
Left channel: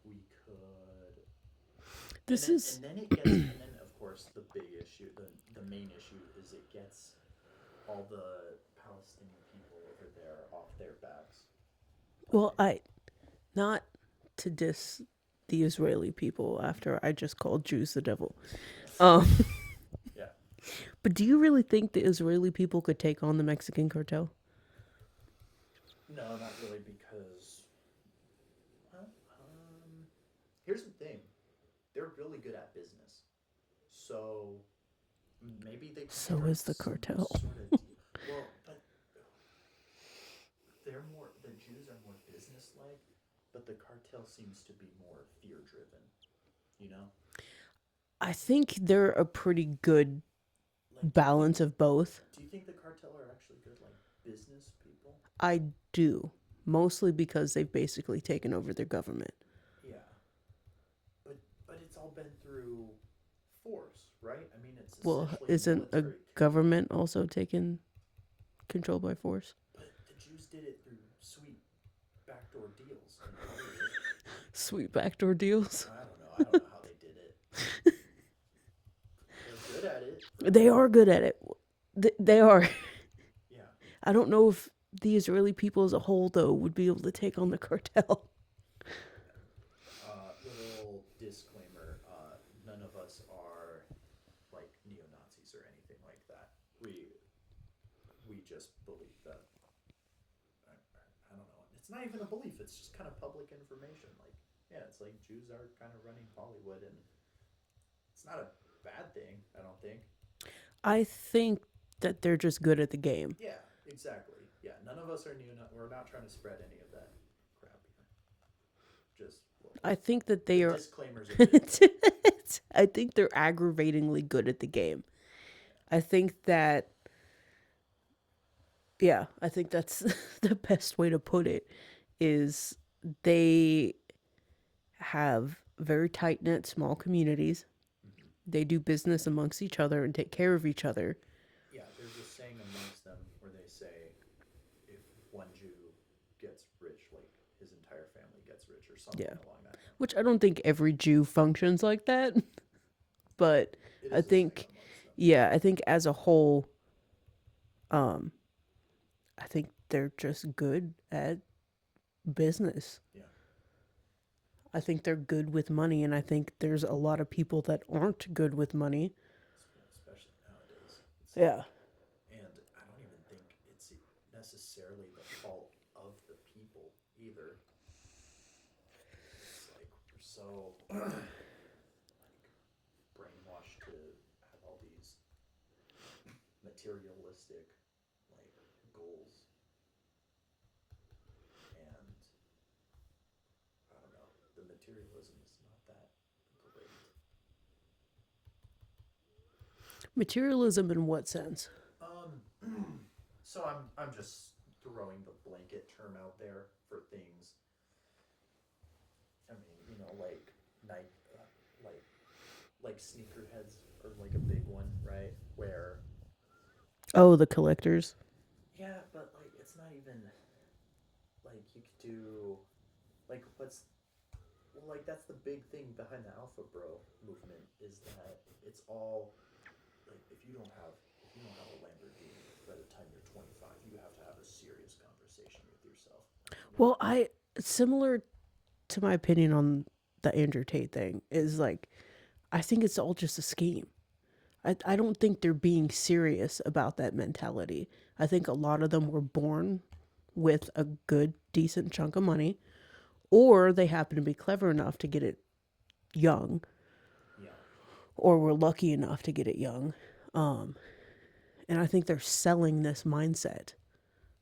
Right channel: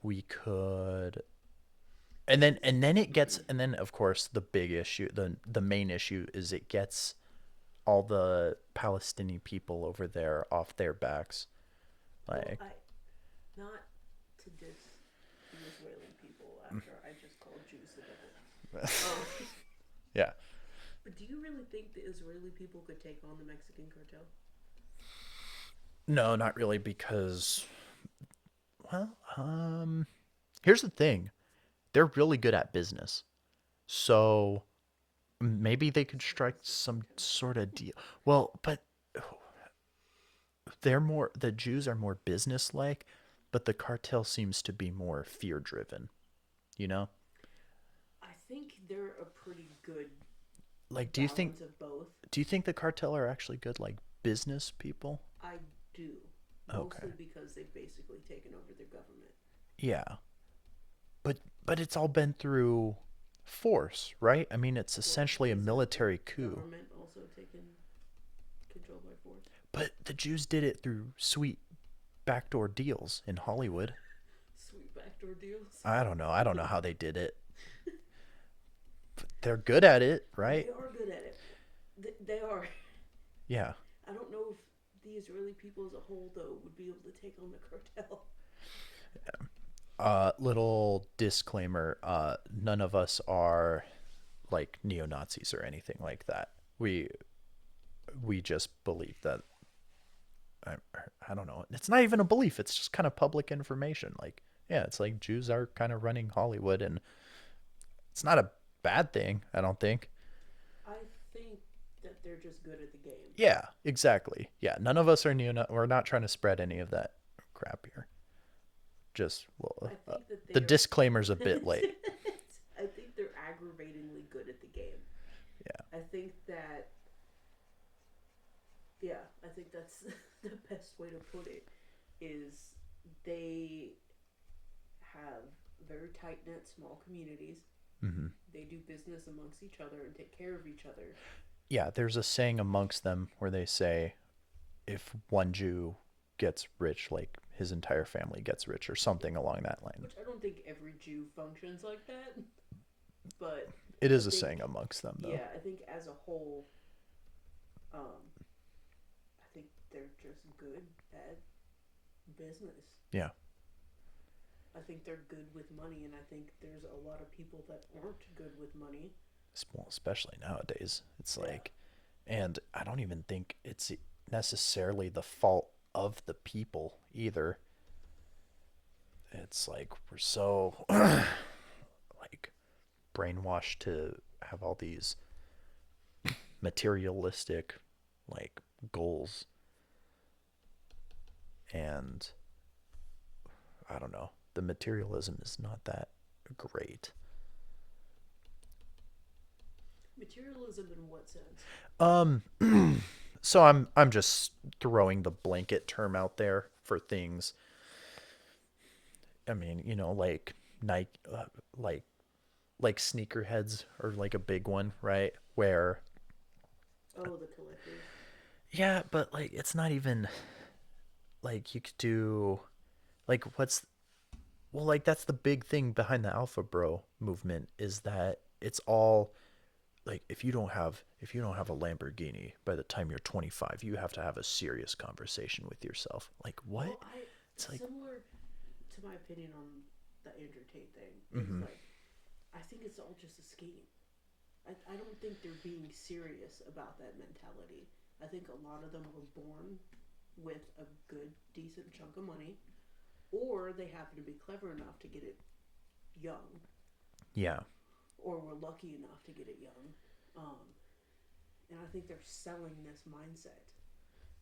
We could, and then it gets, and then of course the big issue, the main issue is it gets all the Palestinian people over there off their backs. Well, not to diss the Israeli people after I just called Jews the devil. Yeah. But do you really think the Israeli people could take on the Mexican cartel? No, not really, because, well, here's the thing. They're really good at business. So maybe they could So strike is the some cartel. sort of deal. Well, but the Jews are more business-like, but the cartel seems to be more fear-driven, you know? I think they're a pretty good balance of both. Do you think the cartel are actually good, like, business people? I do. Mostly because they've basically taken over their government. Yeah. But it's all been through force, right? I mean, it's essentially a military coup. Government also taken control by force? But the Jews did it through sweet backdoor deals in Hollywood. Sweet backdoor deals? I don't know how they did it. They're good at it, right? They are good at it. They are. Yeah. I don't know if the Israeli people as a whole, though, would be able to take on the cartel. Little disclaimer, none of us are like neo-Nazis or anything like that. We just believe that, I don't know. It's not even a belief. It's just kind of public information. Like, yeah, it's like Jews are kind of running Hollywood, and it's not a bad thing, I don't think. I think that they're just good at the game. Yeah, exactly. Yeah, none of us are we're not trying to spread any of that crap here. I think that the disclaimer's a bit late. I think they're aggravatingly good at the game. Yeah. I think that's the best way to put it, is they have very tight-knit small communities. Mm-hmm. They do business amongst each other and take care of each other. Yeah, there's a saying amongst them where they say, if one Jew gets rich, like his entire family gets rich, or something along that line. Which I don't think every Jew functions like that, but it is a saying amongst them. Though. Yeah, I think as a whole, I think they're just good at business. Yeah. I think they're good with money, and I think there's a lot of people that aren't good with money. Well, especially nowadays. It's Yeah. like, and I don't even think it's necessarily the fault of the people either. It's like we're so like brainwashed to have all these materialistic like goals, and I don't know. The materialism is not that great. Materialism in what sense? Um so I'm just throwing the blanket term out there for things. I mean, like Nike, like sneakerheads are like a big one, right? Where Oh, the collectors. yeah, but like it's not even like you could do like what's well like that's the big thing behind the Alpha Bro movement is that it's all like if you don't have a Lamborghini by the time you're 25, you have to have a serious conversation with yourself. Like what? Well, I It's like similar to my opinion on the Andrew Tate thing is mm-hmm. like I think it's all just a scheme. I don't think they're being serious about that mentality. I think a lot of them were born with a good, decent chunk of money, or they happen to be clever enough to get it young, Yeah. or were lucky enough to get it young. Um, and I think they're selling this mindset.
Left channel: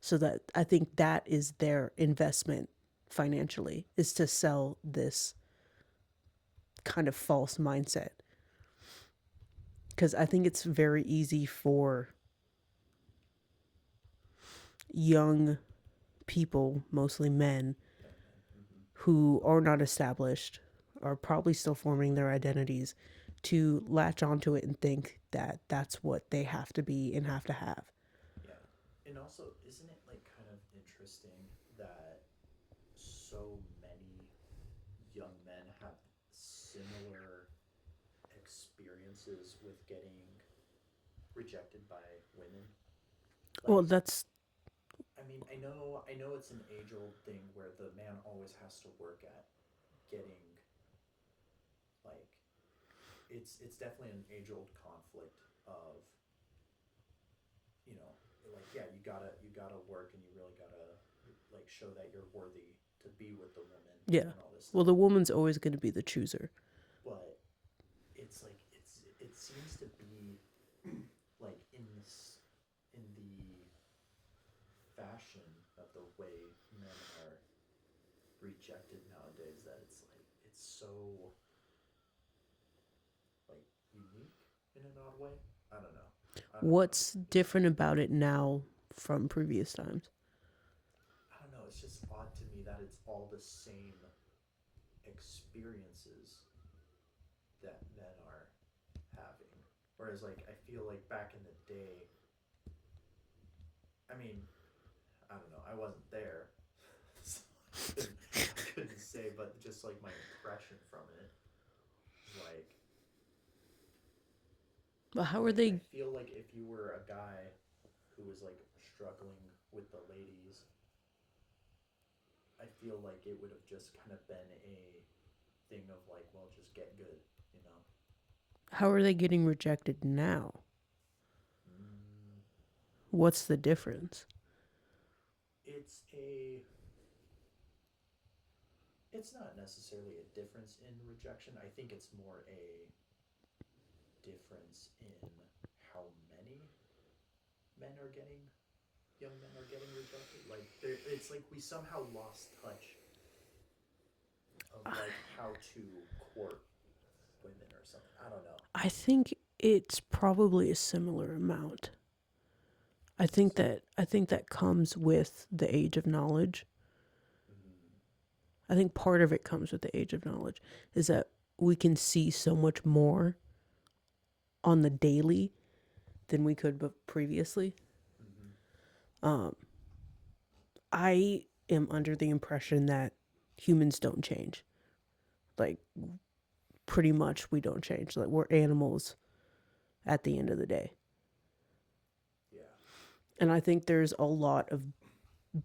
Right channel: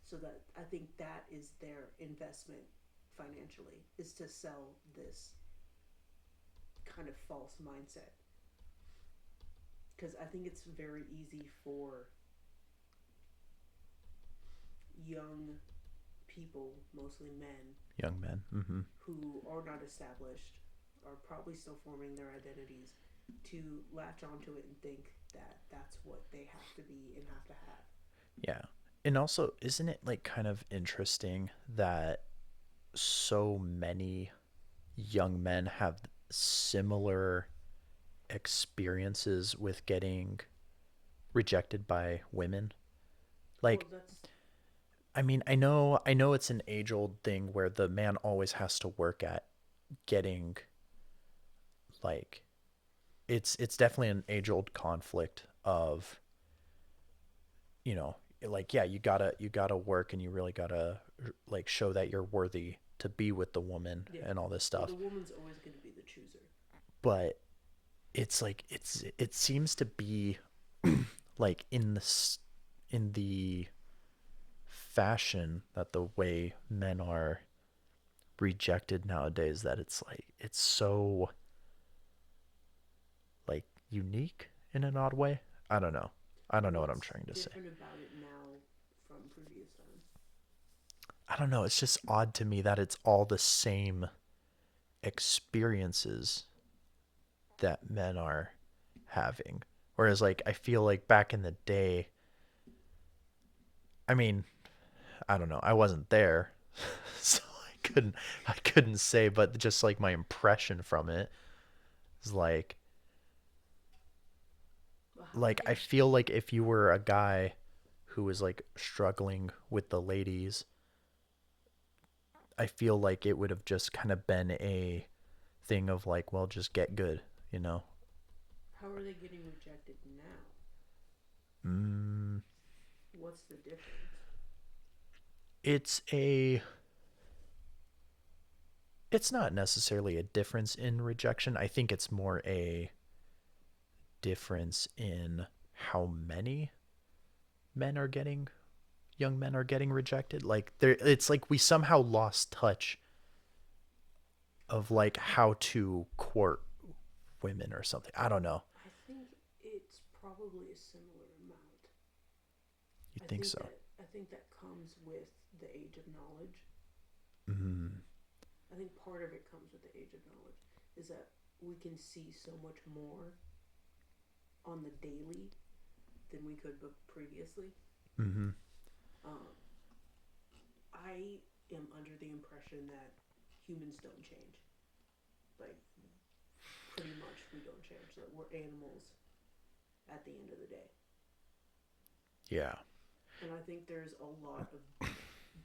So that I think that is their investment financially is to sell this kind of false mindset. Because I think it's very easy for young people, mostly men, Young men. Mm-hmm. who are not established, are probably still forming their identities, to latch onto it and think that that's what they have to be and have to have. Yeah. And also, isn't it like kind of interesting that so many young men have similar experiences with getting rejected by women? Well, Like, that's I mean, I know it's an age-old thing where the man always has to work at getting like it's definitely an age-old conflict of, you know, like yeah, you got to work and you really got to like show that you're worthy to be with the woman yeah. and all this Well, stuff. the woman's always going to be the chooser. But it's like it seems to be like in the fashion that the way men are rejected nowadays that it's like it's so like unique in an odd way. I don't know. I don't know what I'm What's trying to say. different about it now from previous times? I don't know. It's just odd to me that it's all the same experiences that men are having. Whereas like I feel like back in the day, I mean, I don't know. I wasn't there. So I couldn't say, but just like my impression from it is But how are like I they? feel like if you were a guy who was like struggling with the ladies, I feel like it would have just kind of been a thing of like, well, just get good, you know. How are they getting rejected now? Mm, What's the difference? it's a it's not necessarily a difference in rejection. I think it's more a difference in how many men are getting young men are getting rejected. Like there it's like we somehow lost touch of like how to court women or something. I don't know. I think it's probably a similar amount. You think so? I think that comes with the age of knowledge. Mm, I think part of it comes with the age of knowledge is that we can see so much more on the daily than we could previously. mm-hmm. Um, I am under the impression that humans don't change. Like pretty much we don't change. Like we're animals at the end of the day. Yeah. And I think there's a lot of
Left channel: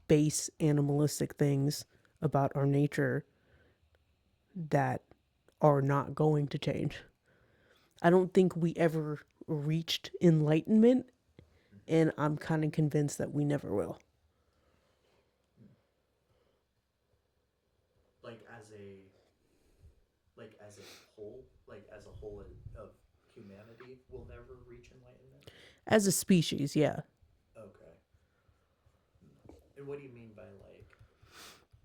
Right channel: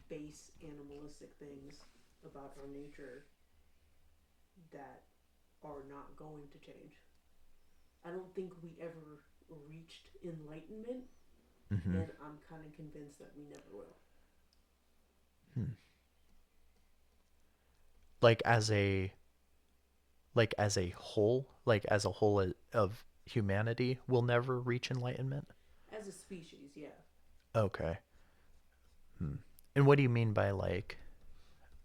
base animalistic things about our nature that are not going to change. I don't think we ever reached enlightenment, Mm-hmm. and I'm kind of convinced that we never will. Hmm. Like as a as a whole of humanity will never reach enlightenment. As a species, yeah. Okay. Hmm. And what do you mean by like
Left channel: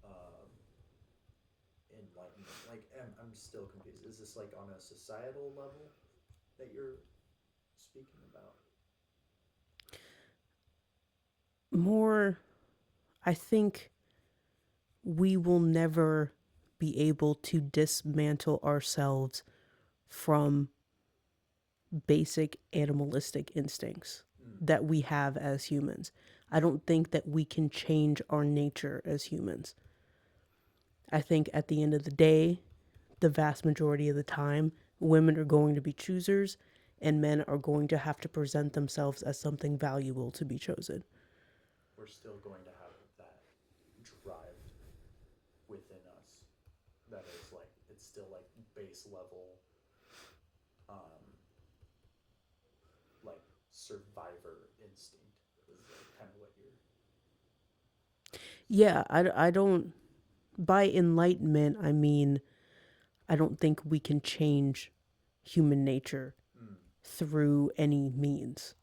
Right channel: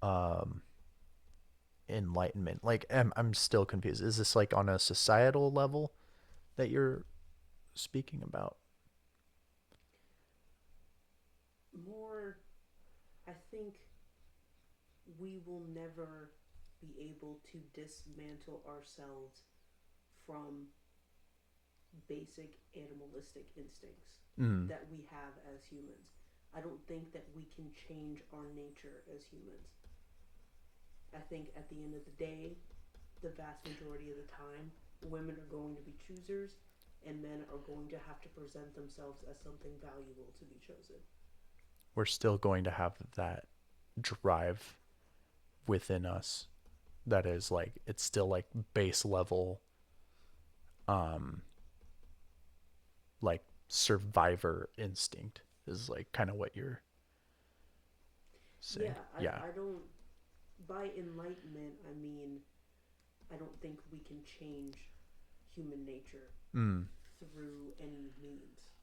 um enlightenment? Like I'm still confused. Is this like on a societal level that you're speaking about? More, I think we will never be able to dismantle ourselves from basic animalistic instincts Mm. that we have as humans. I don't think that we can change our nature as humans. I think at the end of the day, the vast majority of the time, women are going to be choosers and men are going to have to present themselves as something valuable to be chosen. We're still going to have that drive within us that is like it's still like base level um like survivor instinct is like kind of what you're saying. Yeah, Yeah. I don't, by enlightenment, I mean, I don't think we can change human nature Mm. through any means.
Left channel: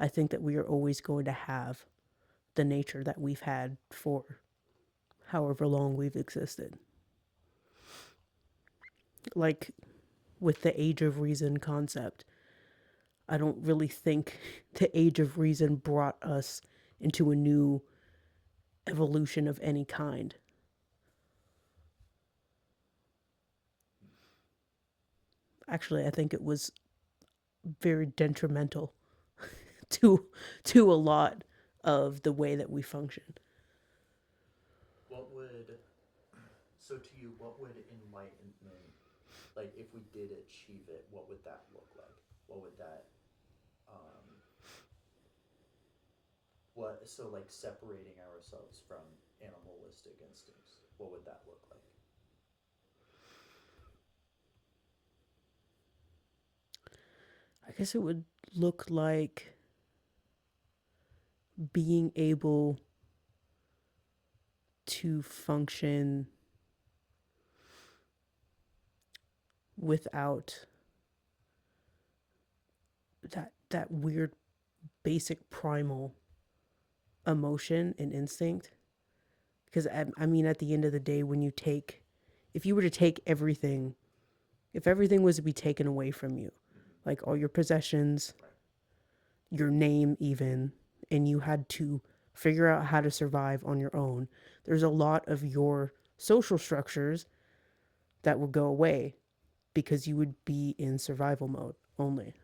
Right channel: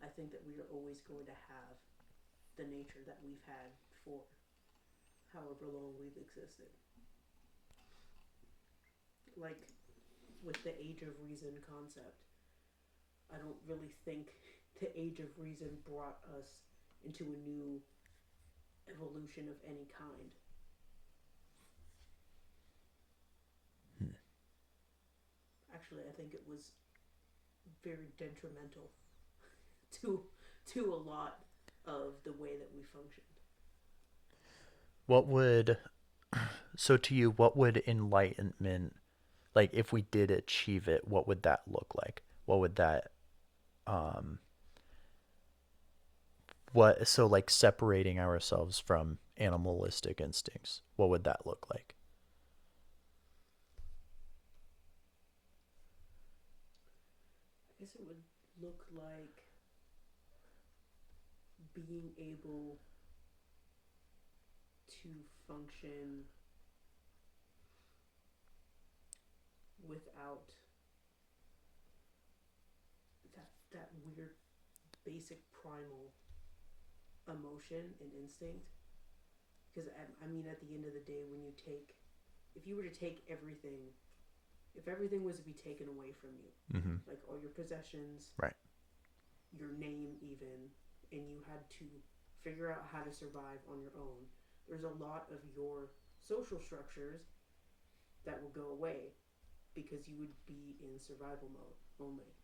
I think that we are always going to have the nature that we've had for however long we've existed. Like with the age of reason concept, I don't really think the age of reason brought us into a new evolution of any kind. Hmm. Actually, I think it was very detrimental to to a lot of the way that we function. What would so to you what would enlightenment like if we did achieve it, what would that look like? What would that um what so like separating ourselves from animalistic instincts, what would that look like? I guess it would look like being able to function without that weird basic primal emotion and instinct. Because I mean, at the end of the day, when you take, if you were to take everything, if everything was to be taken away from you, Mm-hmm. like all your possessions, Right. your name, even, and you had to figure out how to survive on your own, there's a lot of your social structures that would go away because you would be in survival mode only.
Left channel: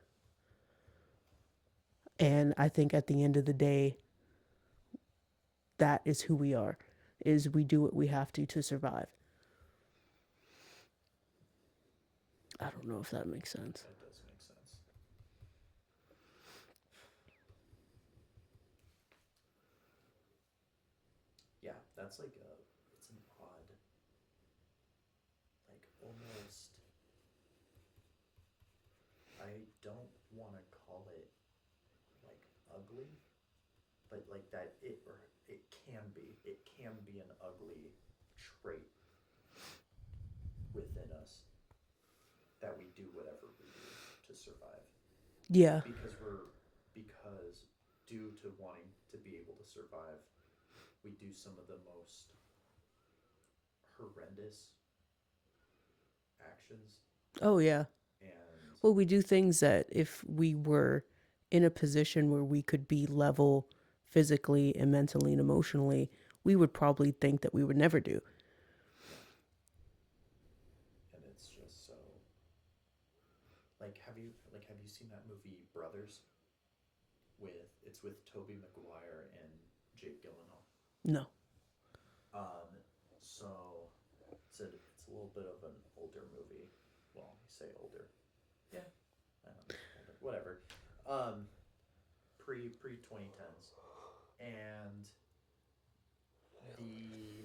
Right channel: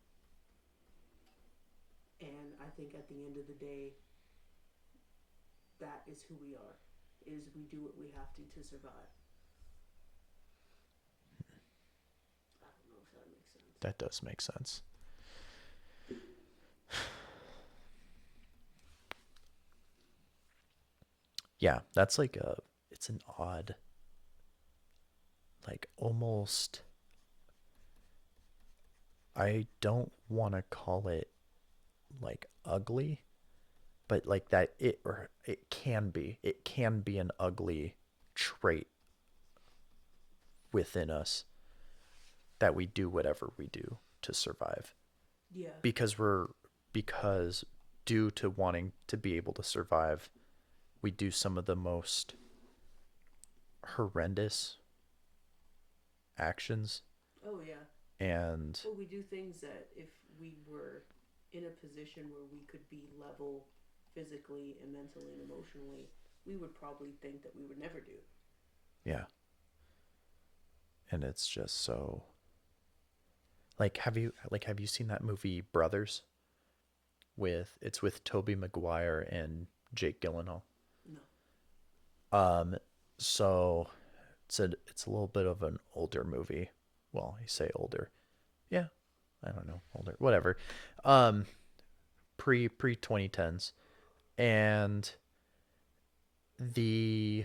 And I think at the end of the day, that is who we are. Is we do what we have to survive. I don't know if that makes sense. That does make sense. Yeah, that's like a it's an odd like almost I don't want to call it like ugly, but like that it or it can be an ugly trait within us that we do whatever we do to survive Yeah. because we're because due to wanting to be able to survive we do some of the most horrendous actions Oh, yeah. and Well, we do things that if we were in a position where we could be level physically and mentally and emotionally, we would probably think that we would never do. yeah, and it's just so like have you seen that movie Brothers with it's with Toby Maguire and Jake Gyllenhaal. No. Um, so it's a little bit of an older movie. Well, you say older, yeah, I don't know, older, whatever. Um, pre 2010s, and the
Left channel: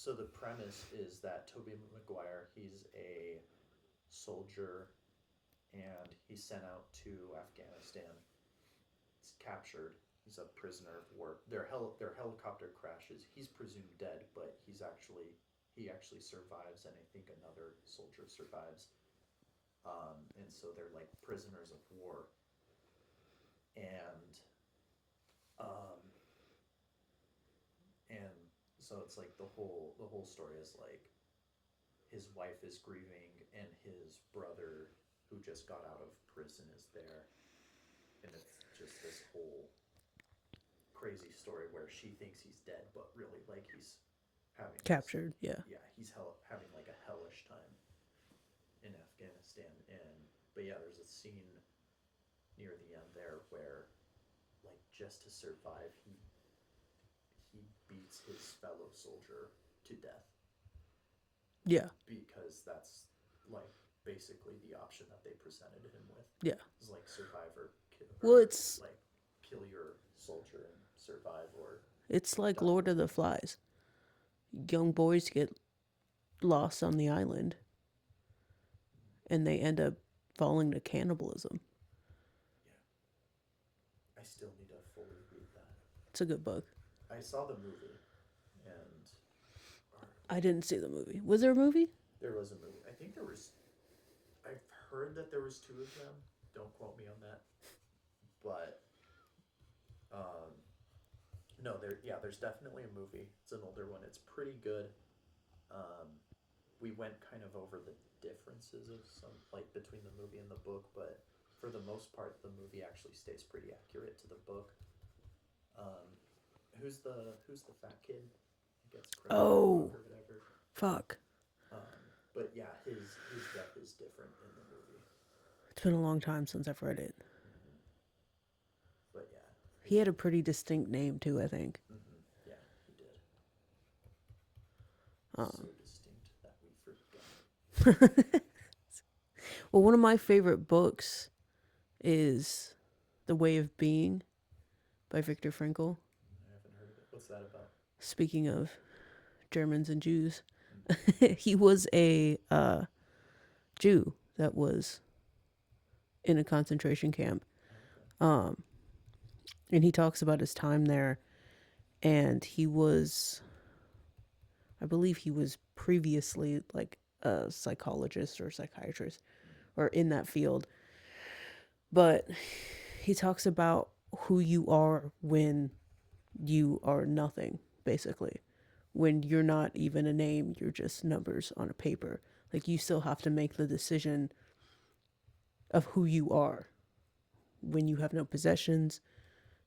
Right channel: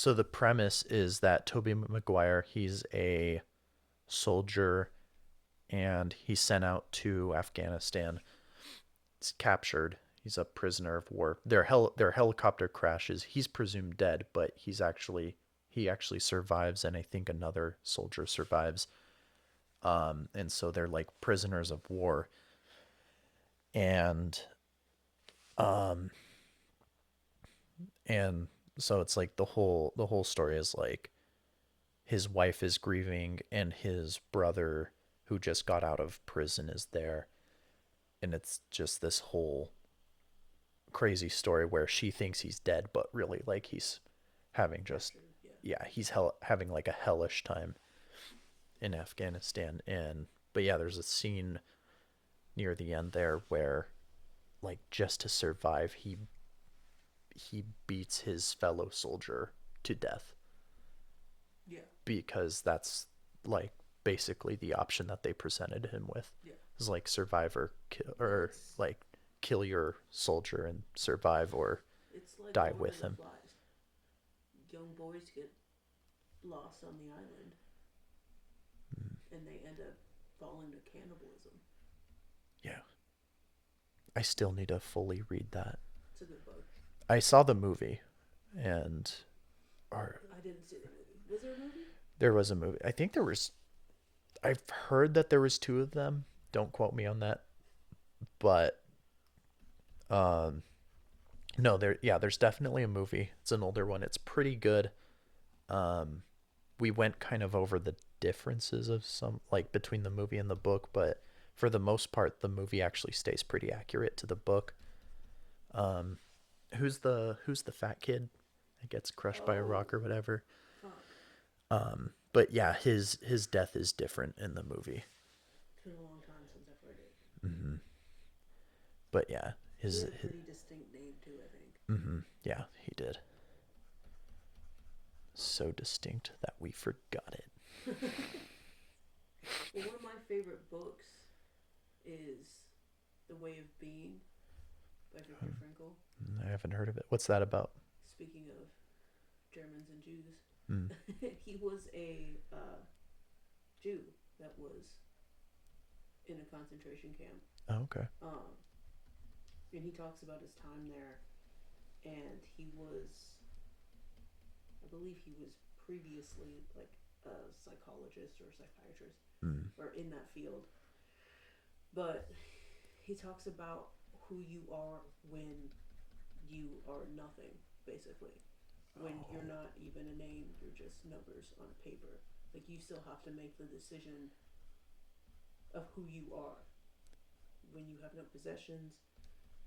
So the premise is that Toby Maguire, he's a soldier and he's sent out to Afghanistan. He's captured. He's a prisoner of war. Their helicopter crashes. He's presumed dead, but he actually survives, and I think another soldier survives. And so they're like prisoners of war, and um, and so it's like the whole story is like his wife is grieving, and his brother who just got out of prison is there, and it's just this whole crazy story where she thinks he's dead, but really like he's having just Captured, yeah. yeah having like a hellish time in Afghanistan. And but yeah, there's a scene near the end there where like just to survive he beats his fellow soldier to death Yeah. because that's like basically the option that they presented him with. Yeah. Is like survive or kill, Well, or like kill your soldier and survive, or it's like die Lord of with the them. Flies. Young boys get lost on the island and they end up falling to cannibalism. Yeah, I still need to fully read that. It's a good book. I saw the movie, and or I didn't see the movie. Was there a movie? there was a movie. I think there was. I've heard that there was two of them. Don't quote me on that, but um, no, there's definitely a movie. It's an older one. It's pretty good. Um, we went kind of over the differences of some like between the movie and the book, but for the most part, the movie actually stays pretty accurate to the book. Um, who's the fat kid that gets crushed by a Oh, rock or whatever? fuck. But yeah, his death is different in the movie. It's been a long time since I've read it. Hmm. But yeah, He had a pretty distinct name too, I think. yeah, he did. So distinct that we forgot it. Well, one of my favorite books is The Way of Being by Viktor Frankl. I haven't heard of it. What's that about? Speaking of Germans and Jews, Mm. he was a Jew that was in a concentration camp. Oh, okay. And he talks about his time there. And I believe he was previously like a psychologist or psychiatrist or in that field. But he talks about who you are when you are nothing, basically. When you're not even a name, you're just numbers on a paper. Like you still have to make the decision of who you are. When you have no possessions,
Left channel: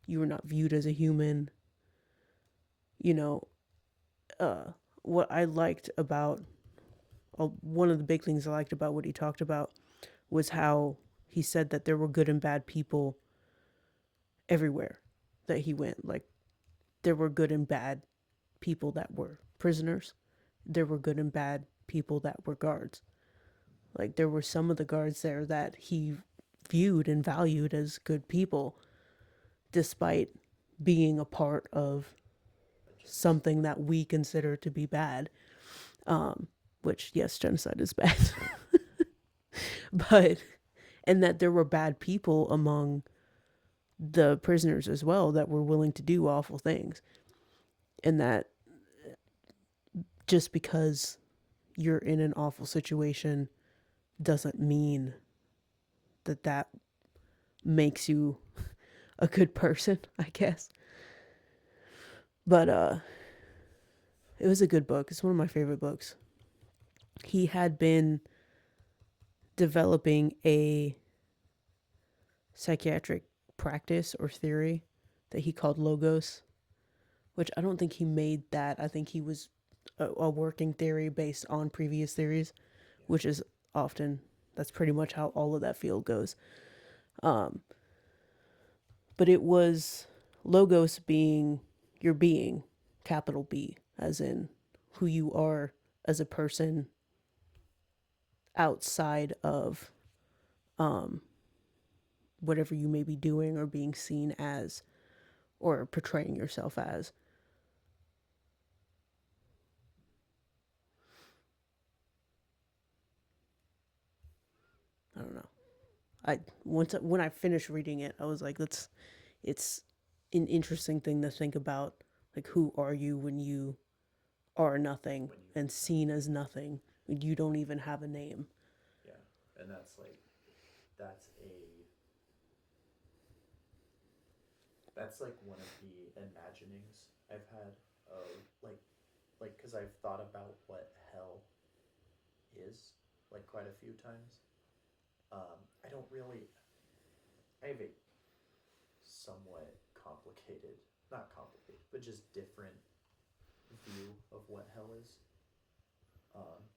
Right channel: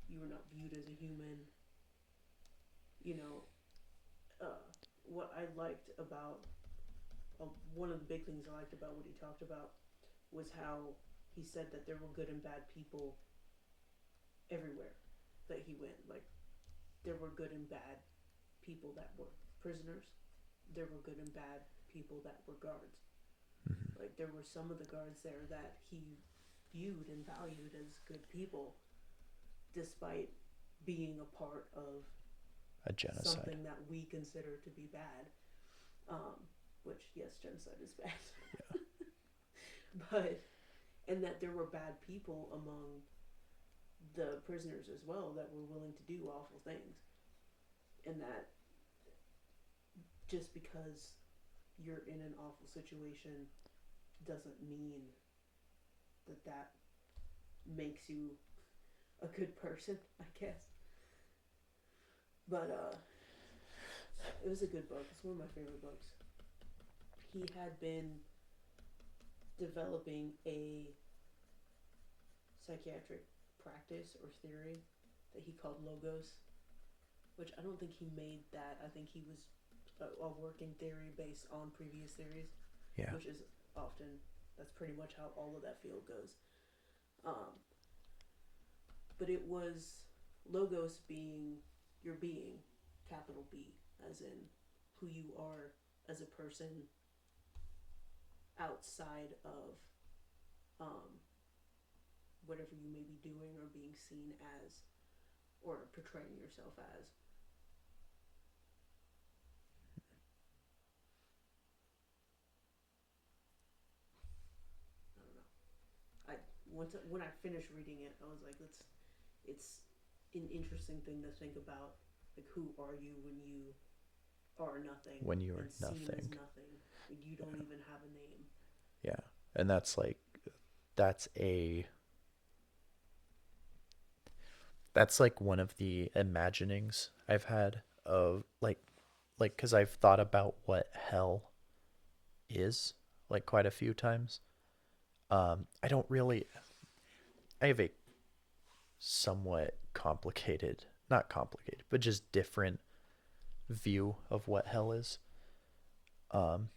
you are not viewed as a human. You know, what I liked about one of the big things I liked about what he talked about was how he said that there were good and bad people everywhere that he went. Like there were good and bad people that were prisoners. There were good and bad people that were guards. Like there were some of the guards there that he viewed and valued as good people, despite being a part of A genocide. something that we consider to be bad. Which, yes, genocide is bad. But, and that there were bad people among the prisoners as well that were willing to do awful things. And that just because you're in an awful situation doesn't mean that that makes you a good person, I guess. But it was a good book. It's one of my favorite books. He had been developing a psychiatric practice or theory that he called logos, which I don't think he made that. I think he was a working theory based on previous theories, Yeah. which is often, that's pretty much how all of that field goes. But it was logos being your being, capital B, as in who you are as a person outside of whatever you may be doing or being seen as or portraying yourself as. don't know. I once when I finished reading it, I was like, that's it's an interesting thing to think about. Like, who are you when you are nothing When you are and seen as nothing. nothing? You don't even have a name. Yeah. And that's like, that's a, that's like one of the imaginings I've had of like, because I've thought about what hell is like quite a few times. I don't really, I have a somewhat complicated, not complicated, but just different view of what hell is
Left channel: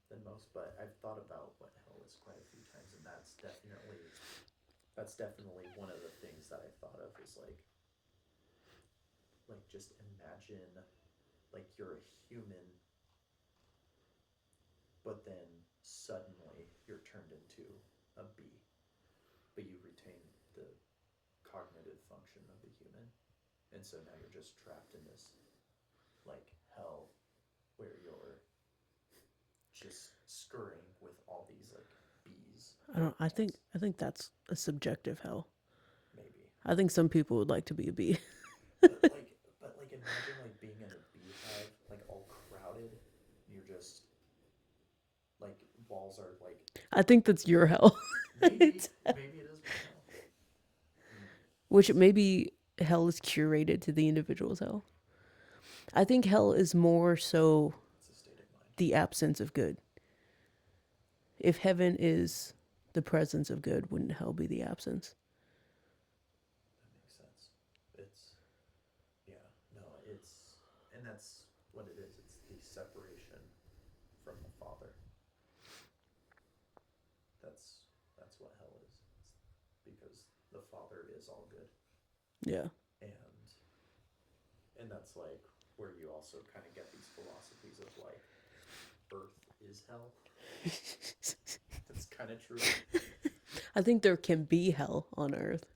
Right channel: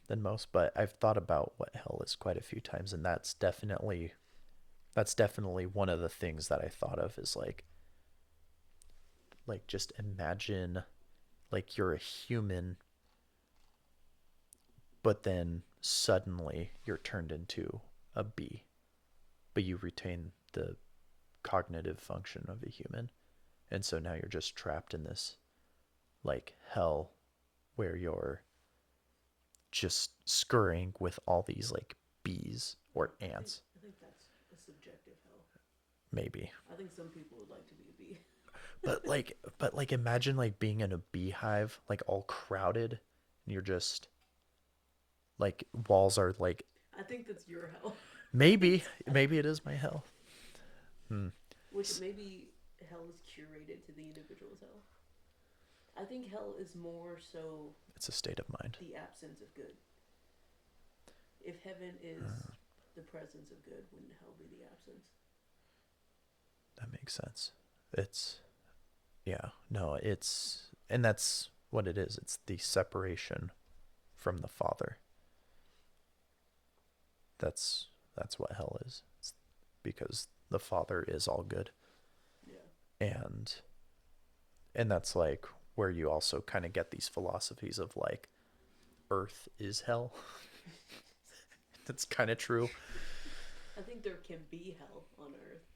than most. But I've thought about what hell is quite a few times, and that's definitely one of the things that I thought of is like just imagine like you're a human, but then suddenly you're turned into a bee, but you retain the cognitive function of a human, and so now you're just trapped in this like hell where you're just scurrying with all these like bees or I think ants. I think that's a subjective hell. Maybe. I think some people would like to be a bee. But like imagine like being in a beehive, like all crowded, and you're just like walls are like, I think that's your hell. maybe it is my hell. Hmm. Which maybe hell is curated to the individual's hell. I think hell is more so It's a state of mind. the absence of good. If heaven is the presence of good, wouldn't hell be the absence? That makes sense. It's yeah, no, it's and that's what it is. It's the separation from the Father. That's that's what hell is. It's because the Father is all good. Yeah. And that's like where you also kind of get these philosophies of like earth is hell. That's kind of true. I think there can be hell on earth,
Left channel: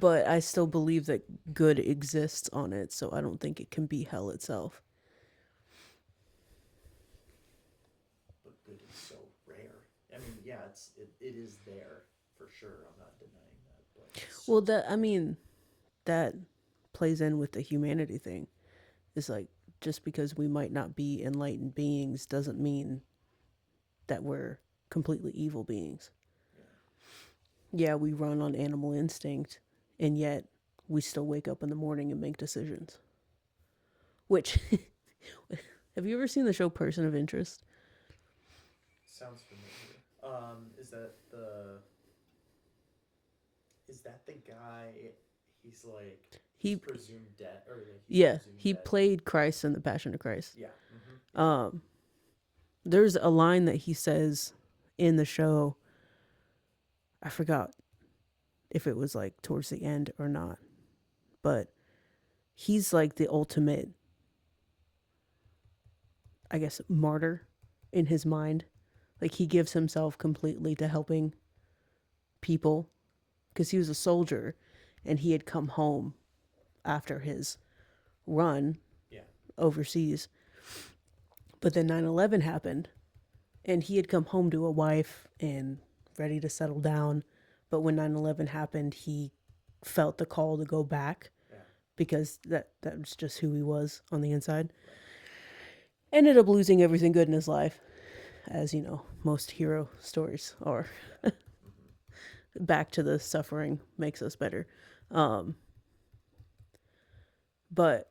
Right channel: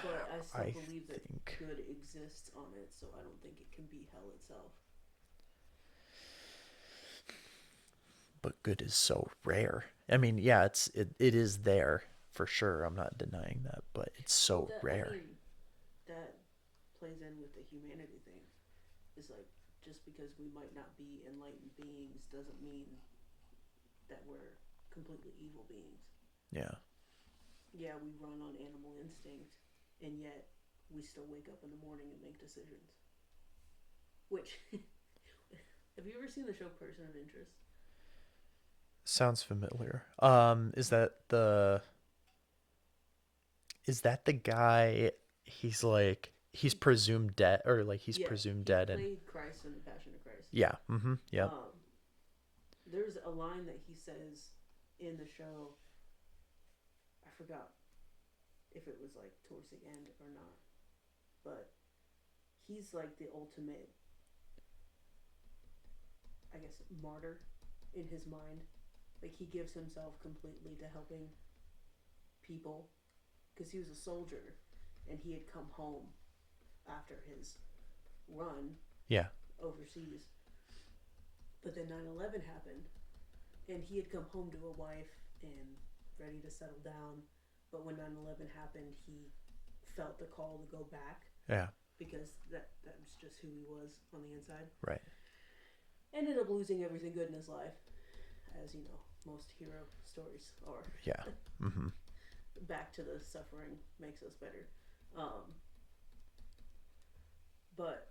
but I still I believe that think good exists on it, so I don't think it can be hell itself. but good is so rare. I mean, yeah, it is there for sure. I'm not denying that, but it's Well, so that I rare. mean, that plays in with the humanity thing. It's like just because we might not be enlightened beings doesn't mean that we're completely evil beings. Yeah. Yeah, we run on animal instinct, and yet we still wake up in the morning and make decisions. Which, have you ever seen the show Person of Interest? Sounds familiar. Is that the guy he's like he's He, presumed dead or like he's yeah, presumed he dead and played Christ in The Passion of Christ. yeah, yep. Um, there's a line that he says in the show. I forgot if it was like towards the end or not, but he's like the ultimate, I guess, martyr in his mind. Like he gives himself completely to helping people because he was a soldier and he had come home after his run Yeah. overseas. But then 9/11 happened and he had come home to a wife and ready to settle down. But when 9/11 happened, he felt the call to go back Yeah. because that was just who he was on the inside. Right. Ended up losing everything good in his life, as you know, most hero stories are. Yeah. Mhm. Back to the suffering makes us better. Um, but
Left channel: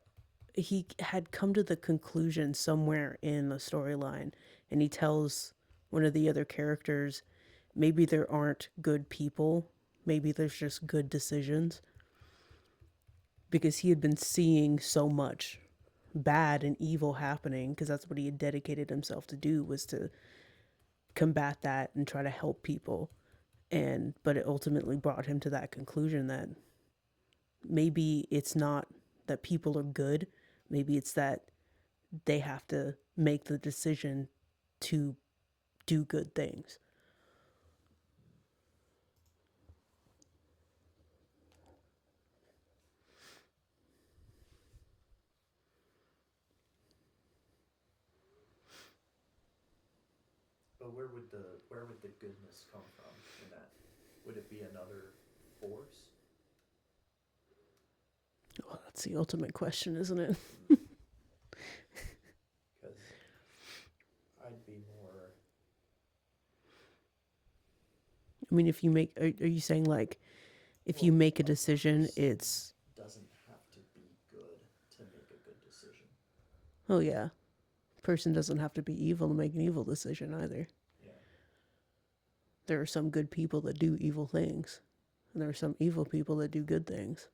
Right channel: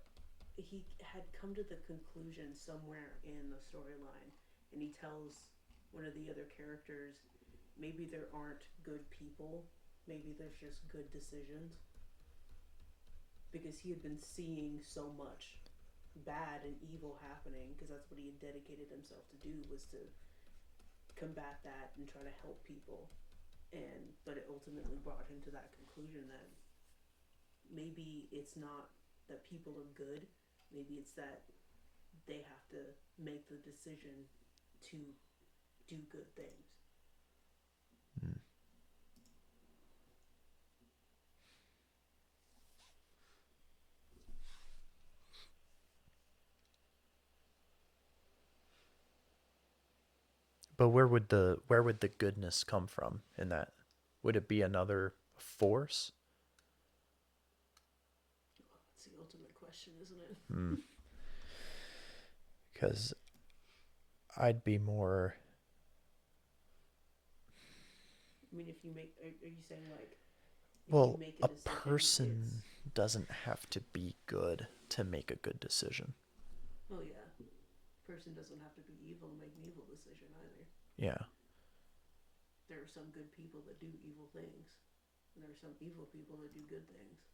he had come to the conclusion somewhere in the storyline, and he tells one of the other characters, maybe there aren't good people, maybe there's just good decisions, because he had been seeing so much bad and evil happening because that's what he had dedicated himself to do, was to combat that and try to help people. And but it ultimately brought him to that conclusion that maybe it's not that people are good, maybe it's that they have to make the decision to do good things. Mm. But where would the goodness come from in that? Would it be another force? Well, that's the ultimate question, isn't it? Because I'd be more. I mean, if you make, are you saying like, if you Well, make a decision, person it's, doesn't have to be good to make a good decision. oh yeah, person doesn't have to be evil to make an evil decision either. Yeah. There are some good people that do evil things, and there are some evil people that do good things.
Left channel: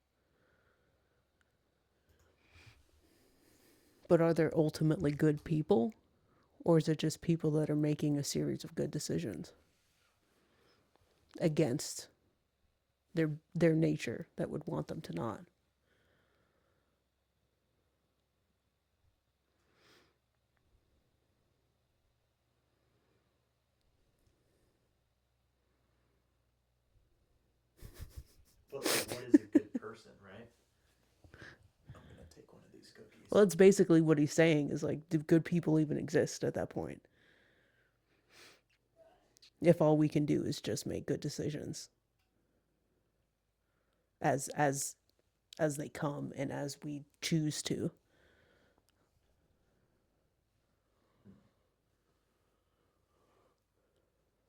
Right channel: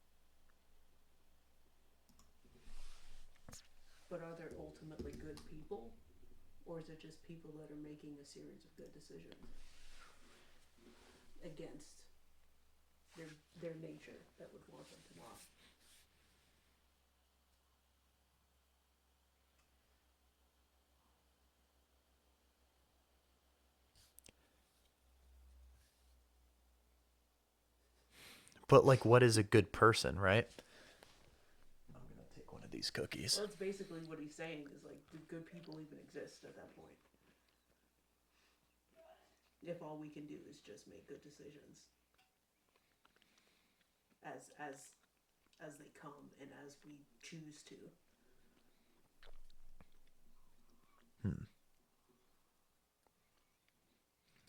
But are there ultimately good people, or is it just people that are making a series of good decisions against their nature that would want them to not? But like, what is a good person, right? I'm gonna take one of these cookies. Well, it's basically what he's saying is like, do good people even exist at that point? If all we can do is just make good decisions as they come and as we choose to.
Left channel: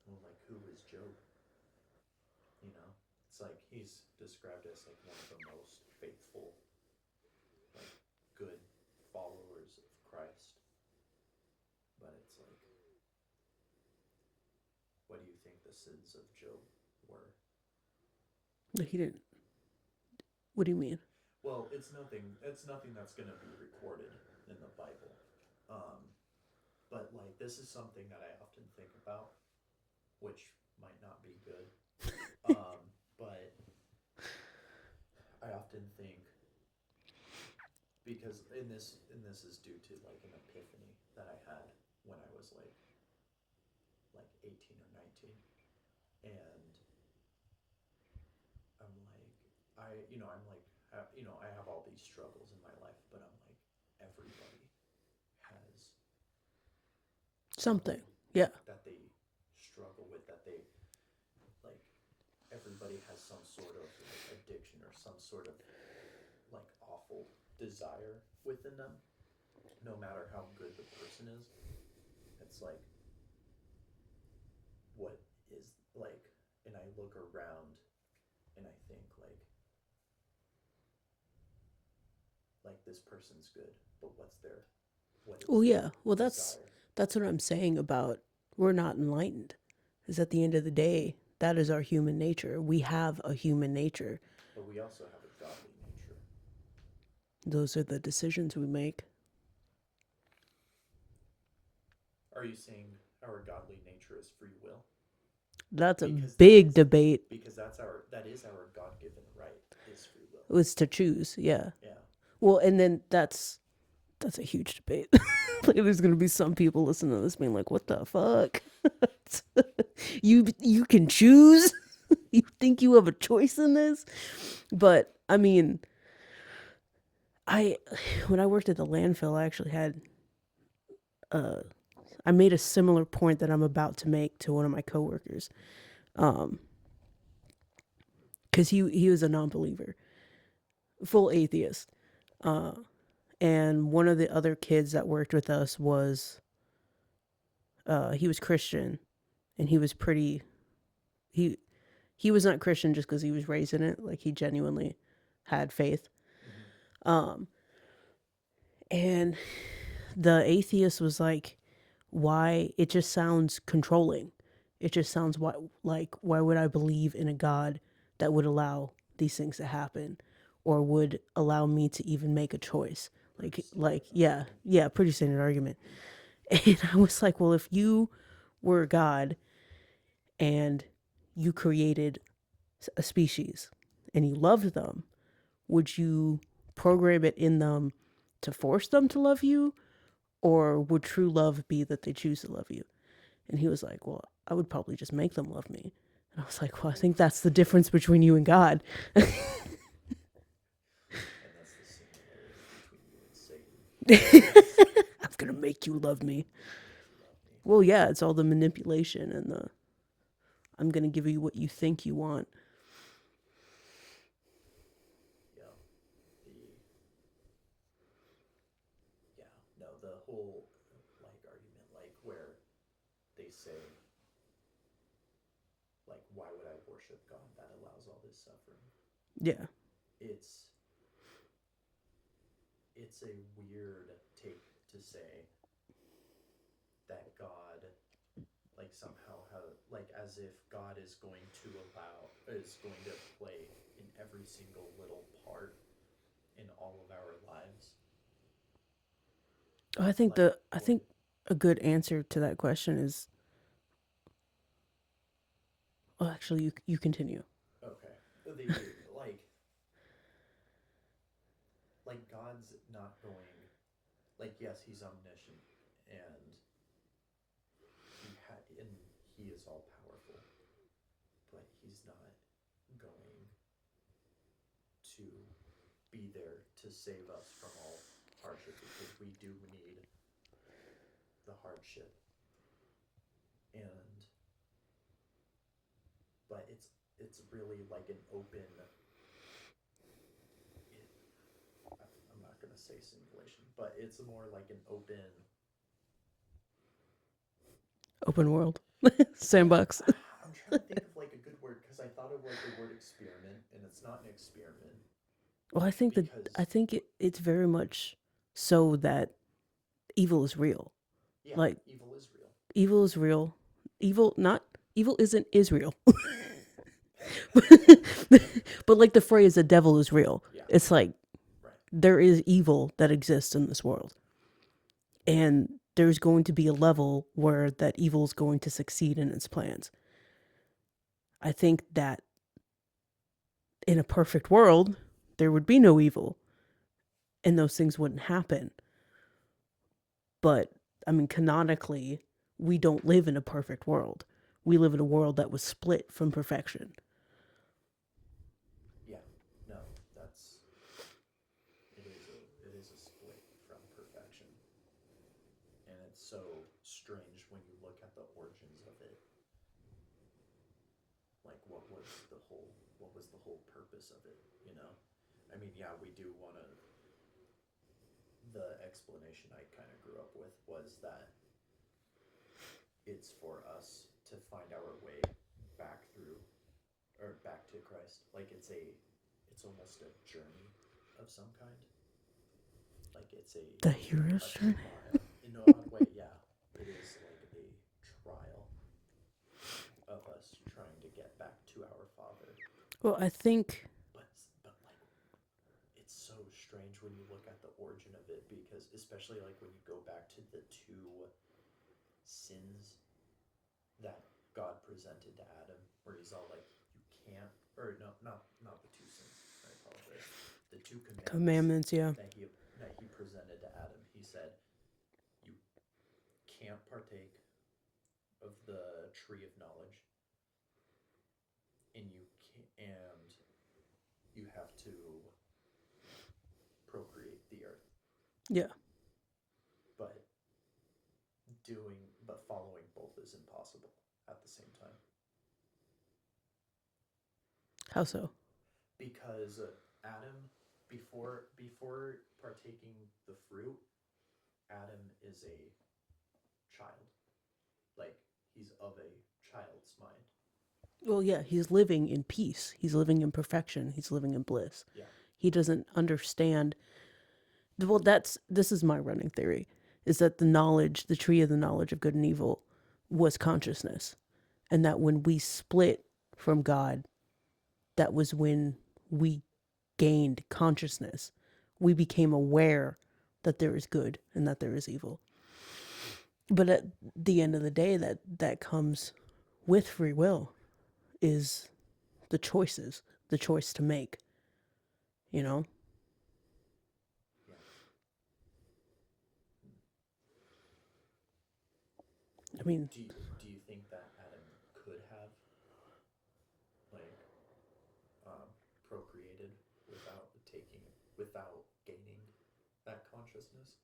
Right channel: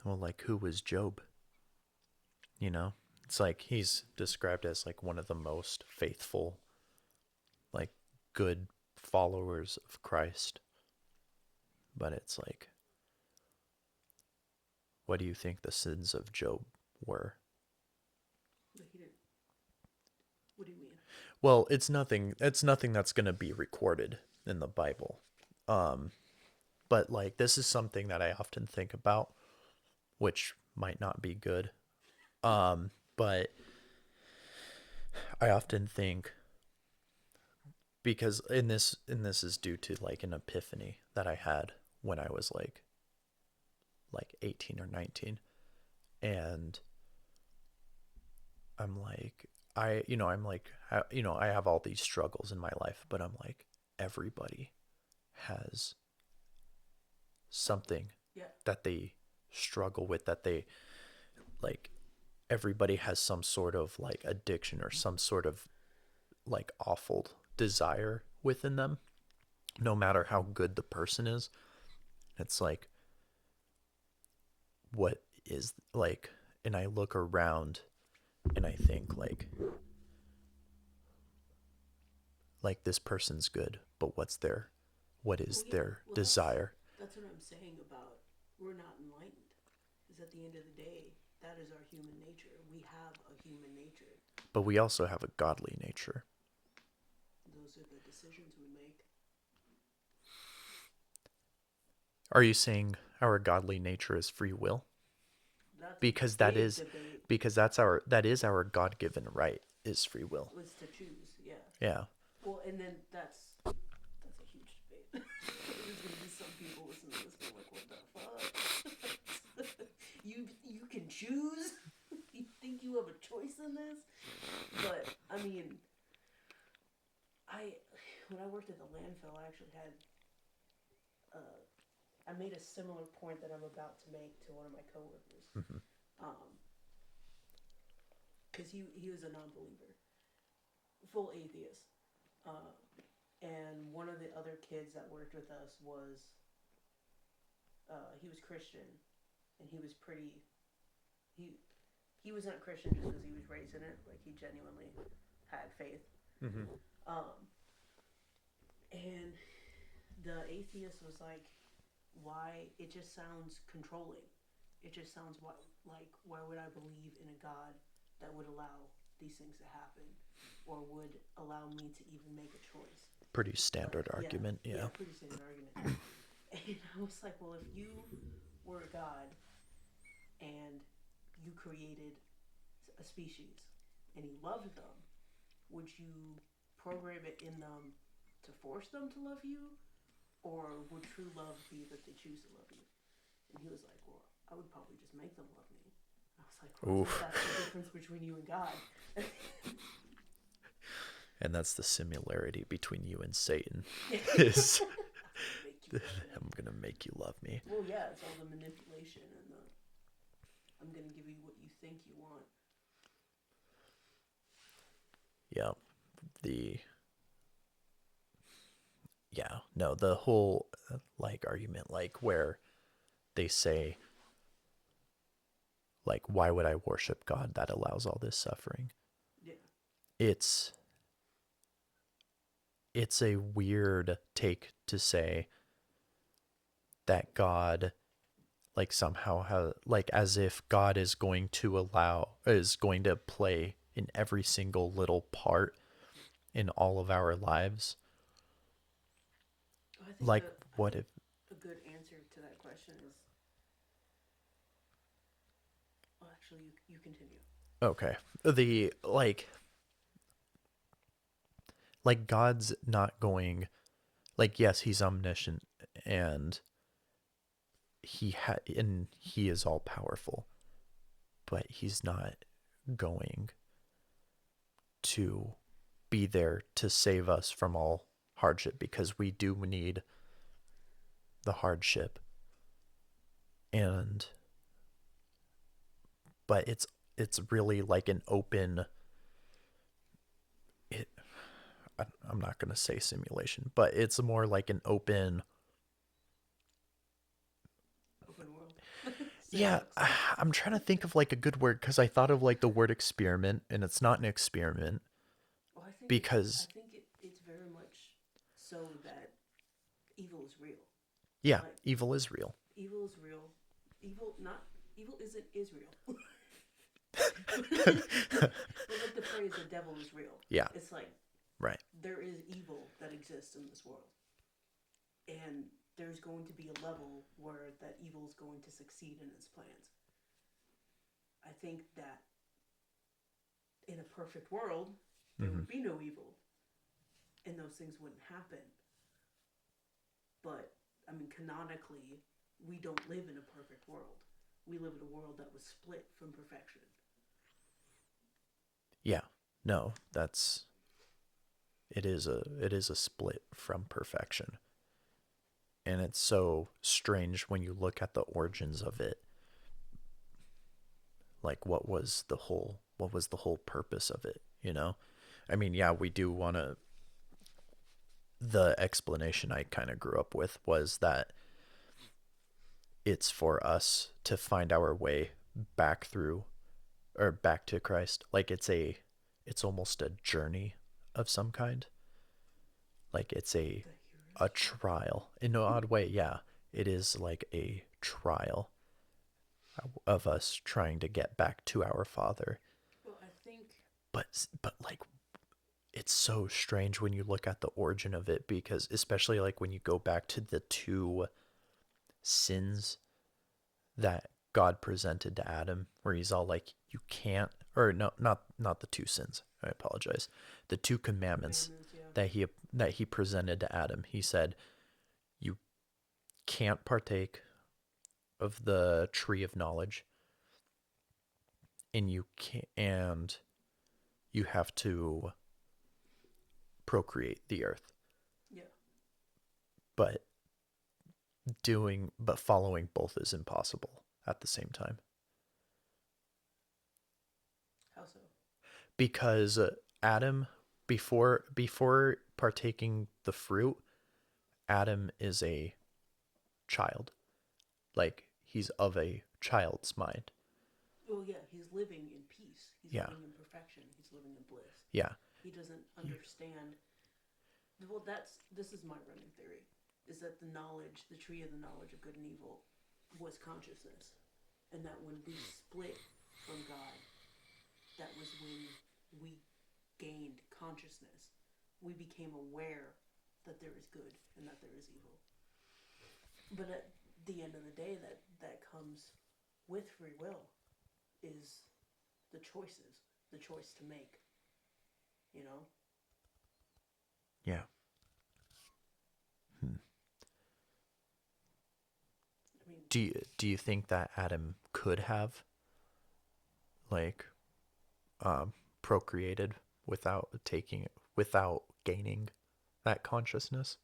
Well, like, who was Job? You know, it's like he's described as like one of the most faithful, like, good followers of Christ. But it's like, what do you think the sins of Job were? He didn't. What do you mean? Well, it's nothing. It's nothing that's gonna be recorded in the Bible. But like, this is something that I often think about, which might not be good. But I often think, because in this is due to like an epiphany that I had when I was like 18 or 19, and I'm like, I have all these struggles in my life, but I'm like, everybody has something Yeah. that they struggle with, that they like, everybody has some sort of like addiction or some sort of like awful desire within them, no matter how good the person is. It's like, what is like, and I look around and I think like this person's good, but what is their desire? That's what I'm saying about we're not enlightened. Is at the end of the day, that is our human nature. We have a human nature. But we also have a godly nature. Those are the decisions we make. Are you saying our godly nature is free will? That's Because a big debate. Because that is our God-given right, is free will. It's to choose, yeah. Yeah. Well, and then that's a huge debate. Like, there's gonna be some people listening to this being like, "What the fuck? You can choose? You think you have a choice in this?" But I mean, when I worked at the landfill, I actually had I made a similar point that I'm about to make to one of my coworkers, because he was a non-believer, full atheist, and one of the other kids that worked with us was he was Christian, and he was pretty he was not Christian just because he was raised in it. Like, he genuinely had faith. And the atheist was like, why? It just sounds controlling. It just sounds why would I believe in a God that would allow these things to happen, or would allow me to even make a choice? Pretty standard argument. Yeah, pretty standard argument. And I was like, well, if you were a God and you created a species and you loved them, would you program it in them to force them to love you? Or would true love be that they choose to love you? And he was like, well, I would probably just make them love me. And I was like, well, I think that's the difference between you and God. And that's the similarity between you and Satan. I'm gonna make you love me. I'm gonna make you love me. Well, yeah, it's all the manipulation and the I'm gonna give you what you think you want. Yeah. The yeah, no, the whole like argument like where they say like why would I worship God that allows all this suffering? Yeah. It's it's a weird take to say that God like somehow has like as if God is going to play in every single little part in all of our lives. I think Like the I what think if a good answer to that question is well, actually you continue. okay. The like God's not going like yes, he's omniscient and he is all powerful, but he's not going to be there to save us from all hardship because we do need the hardship and but it's really like an open it I'm not going to say simulation, but it's more like an open Open world. yeah, Sandbox. I'm trying to think of like a good word cuz I thought of like the word experiment and it's not an experiment Well, I because think it's very much so that evil is real. yeah, Like evil is real. evil is real. Evil not evil isn't Israel. But like the phrase the devil is real. Yeah, It's like right. there is evil that exists in this world. And there's going to be a level where that evil is going to succeed in its plans. I think that in a perfect world, there Mm-hmm. would be no evil and those things wouldn't happen. But I mean, canonically, we don't live in a perfect world. We live in a world that was split from perfection. Yeah. No, that's it is a split from perfection. And it's so strange when you look at the origins of it. Like what was the whole purpose of it, you know? I mean, yeah, we do want to the explanation I kind of grew up with was that it's for us to find our way back through or back to Christ. Like it's almost a journey of some kind. Like it's The hero's a journey. trial in an odd way. Yeah, it is like a trial of us trying to get back to our Father. Well, I think But like it's so strange when you look at the origin of it because especially like when you go back to the two sins that God presented to Adam, where he's all like, "You can't," or no, not the two sins. I apologize. The two commandments commandments, yeah. that he presented to Adam. He said, "You can't partake of the tree of knowledge, and you have to procreate the earth." Yeah. But but following both is impossible at the same time How so? because Adam before partaking the fruit, Adam is a child. Like he's of a child's mind. Well, yeah, he's living in peace. He's Yeah. living in perfection. He's living in bliss. Yeah. He doesn't understand. Well, this is my running theory is that the knowledge, the tree of the knowledge of good and evil was consciousness. And that when we split from God, that was when we gained consciousness. We became aware that there is good and that there is evil. But at the end of the day, that comes with free will is the choice to make, you know? Yeah. Hmm. I mean, Do you think that Adam could have like procreated without without gaining that consciousness?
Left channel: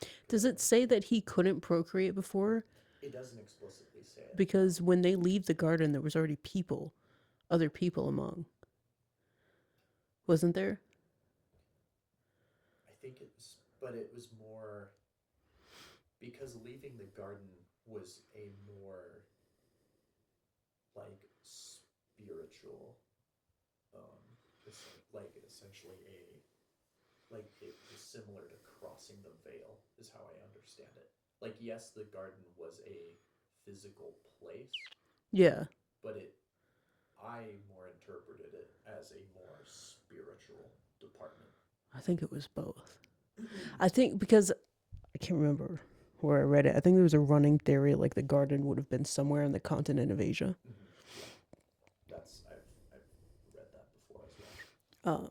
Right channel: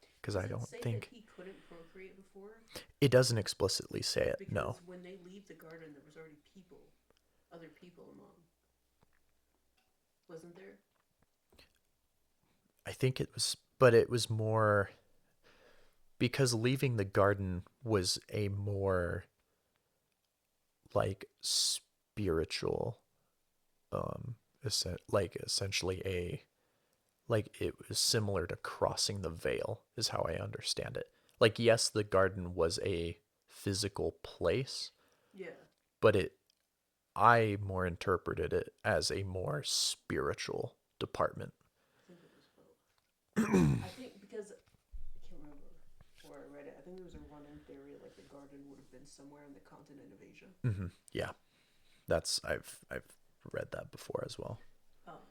because Does I it don't say that think he couldn't procreate before? it doesn't explicitly say it. No, Because when they leave the garden, there was already people, other people among, wasn't there? I think it was, but it was more because leaving the garden was a more like spiritual, like essentially a like it was similar to crossing the veil is how I understand it. Like yes, the garden was a physical place, Yeah, but it I more interpreted it as a more spiritual department. I think it was both. I think because I can't remember where I read it. I think there was a running theory like the garden would have been somewhere on the continent of Asia. Yeah, that's I've read that before as well. Uh,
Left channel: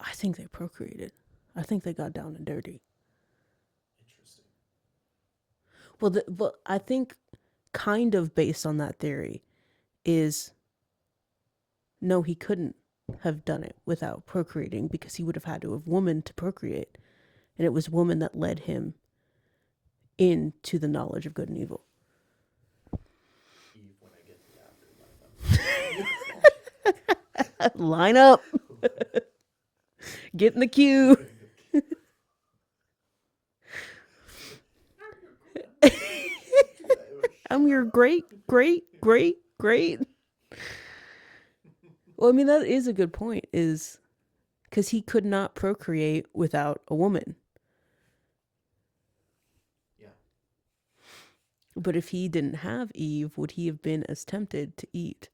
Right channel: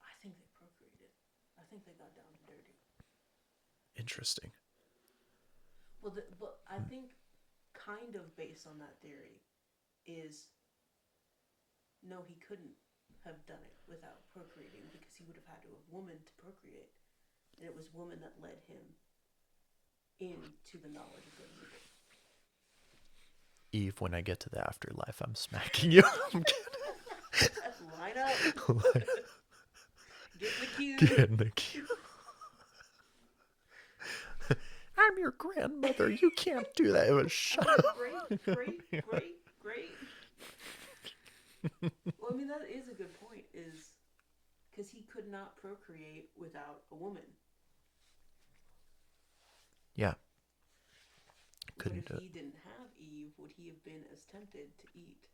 I think they procreated. I think they got down and dirty. Interesting. Well, I think kind of based on that theory is no, he couldn't have done it without procreating because he would have had to have woman to procreate, and it was woman that led him into the knowledge of good and evil. Eve, when I get to the afterlife, I'm spanking you. Line up, get in the queue. Get in the queue. I'm your grandmother. You can't do that. It was I'm your great, great, great, great. Well, I mean that is a good point. Is because he could not procreate without a woman. Yeah. But if he didn't have Eve, would he have been as tempted to eat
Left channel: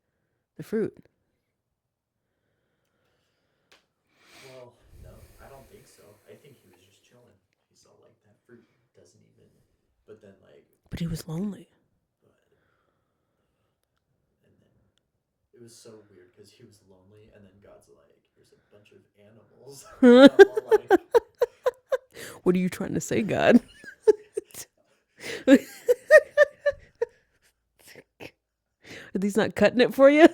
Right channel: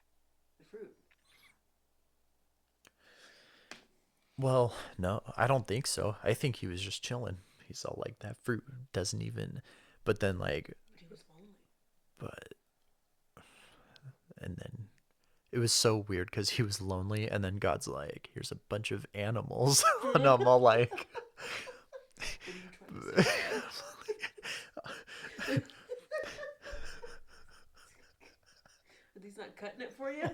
the fruit? Well, no, I don't think so. I think he was just chilling. He's all like, that fruit doesn't even. But then, like, But he was lonely. but. And then it was so weird because he was lonely. And then God's like, here's a bunch of animals. And I'm all like, What are you trying to say, God? Are these not cutting it for you?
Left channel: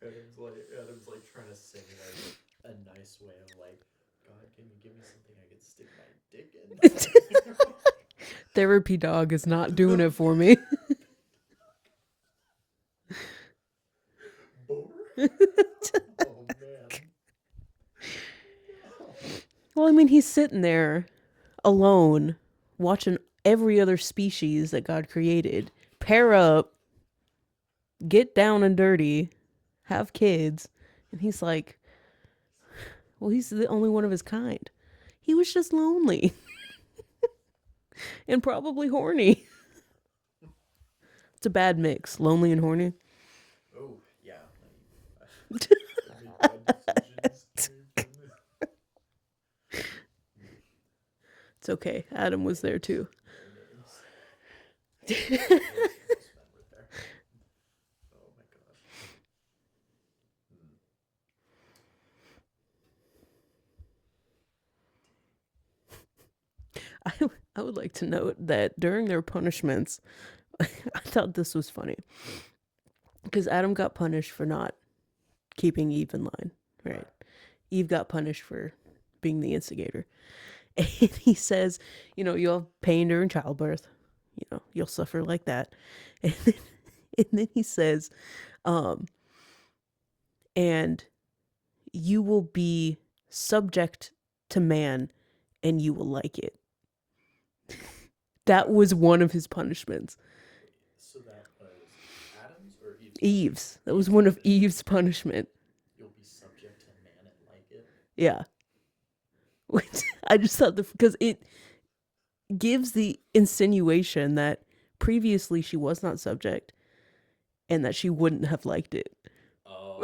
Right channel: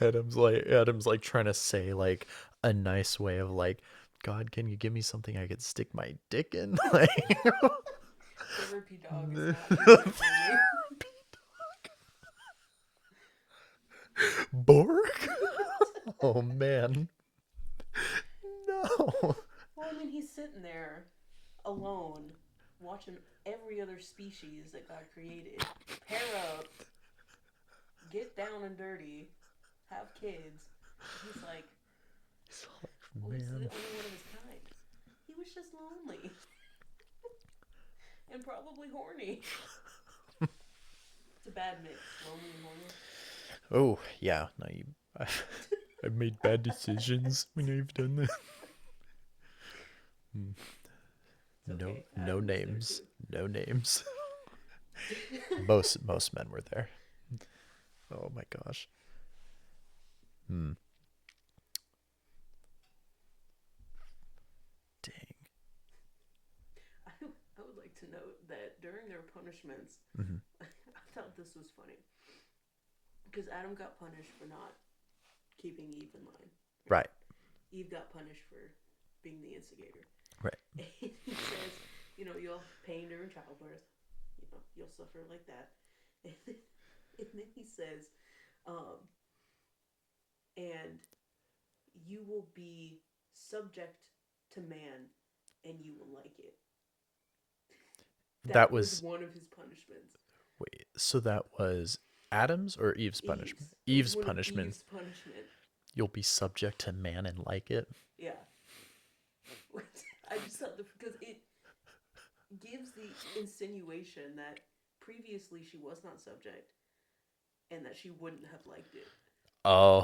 Adam's like trying to say like a nice way of like, God, can you give me something I could stick my dick in? Like, Therapy dog is not doing it for me. Borg? Oh man. No. Well, I mean, he's sitting there alone, watching every other species that God created pair up, get down and dirty, have kids. And he's like, well, he's the only one of his kind. He was just lonely and probably horny. It's a bad mix, lonely and horny. Oh yeah. No, I've made bad decisions. You've done that. It's okay. Adam was there too. No names. Most men were there. Oh my gosh. Dang. I would like to note that during their punishments, I thought this was funny. Because Adam got punished for not keeping Eve in line. Right. Eve got punished for being the instigator. Right. And he says, you'll have pain during childbirth. You'll suffer like that. And then he says, and you will be subject to man and you will like it. That was one of his punishments. Wait, so that was Adam's or Eve's punishment? Eve's. That was one punishment. of Eve's punishment. You'll be subject to man and like it? Yeah. Which I just thought because it gives the insinuation that previously she was not subject and that she wouldn't have liked it. Oh.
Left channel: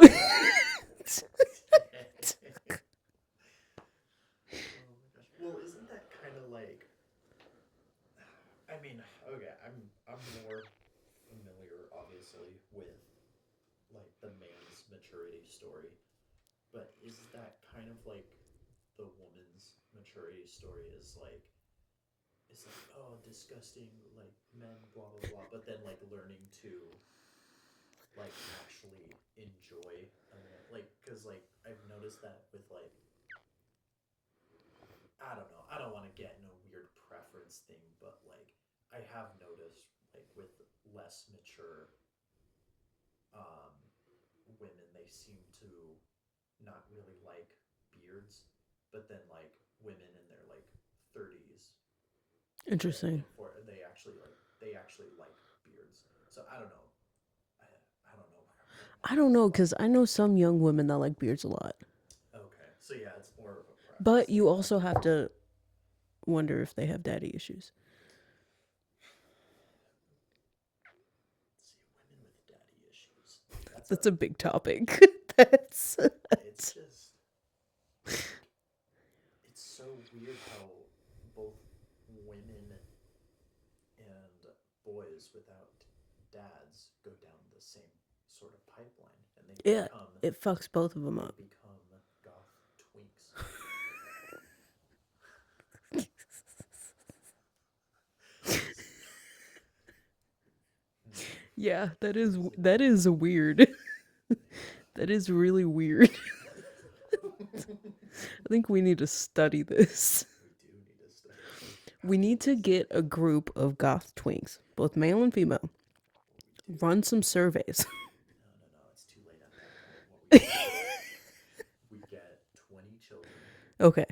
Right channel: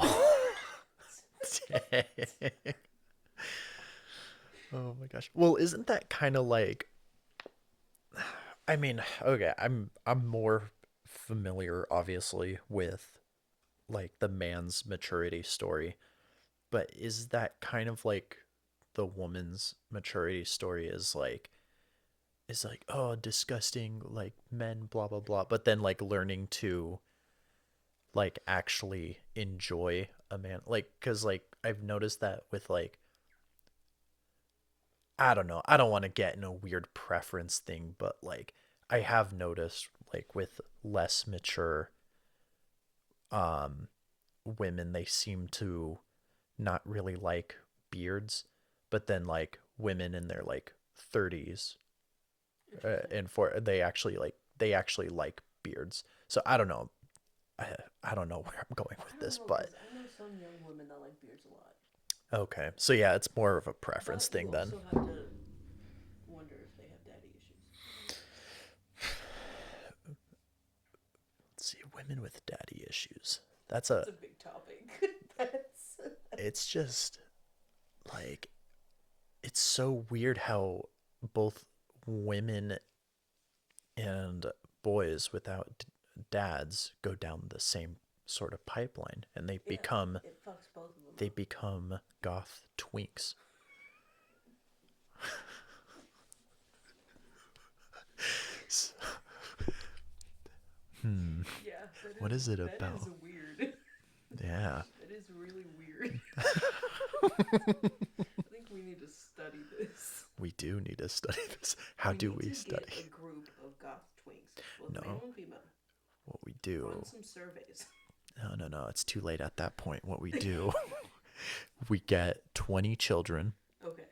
Oh my gosh. Well, isn't that kind of like, I mean, okay, I'm more familiar obviously with like the man's maturity story, but is that kind of like the woman's maturity story is like oh, disgusting, like men, blah blah blah, but then like learning to like actually enjoy a man, like because like I've noticed that with like I don't know. I don't want to get in a weird preference thing, but like I have noticed like with less mature um women, they seem to not really like beards, but then like women in their like 30s Interesting. and for they actually like beards. So I don't know. I, I don't know where I'm going I with don't this, know but because I know some young women that like beards a lot, okay. So yeah, it's more of a preference but you thing then. also have to wonder if they have daddy issues. Let's see, women with daddy issues. That's That's a a big topic. That's it's just like it's so weird how both women and boys without dads go down the same sort of pipeline and yeah. It fucks both of them they up. become goth twinks. Hmm. Yeah, What is it that is about? weird. Yeah. That is really weird. I think we need to study this. We do need to study this. How We do need we to study? get a group of goth twinks, both No. male and female. What we do. Run some surveys. No. It's too late at that point. What we do, we get 20 children, Okay.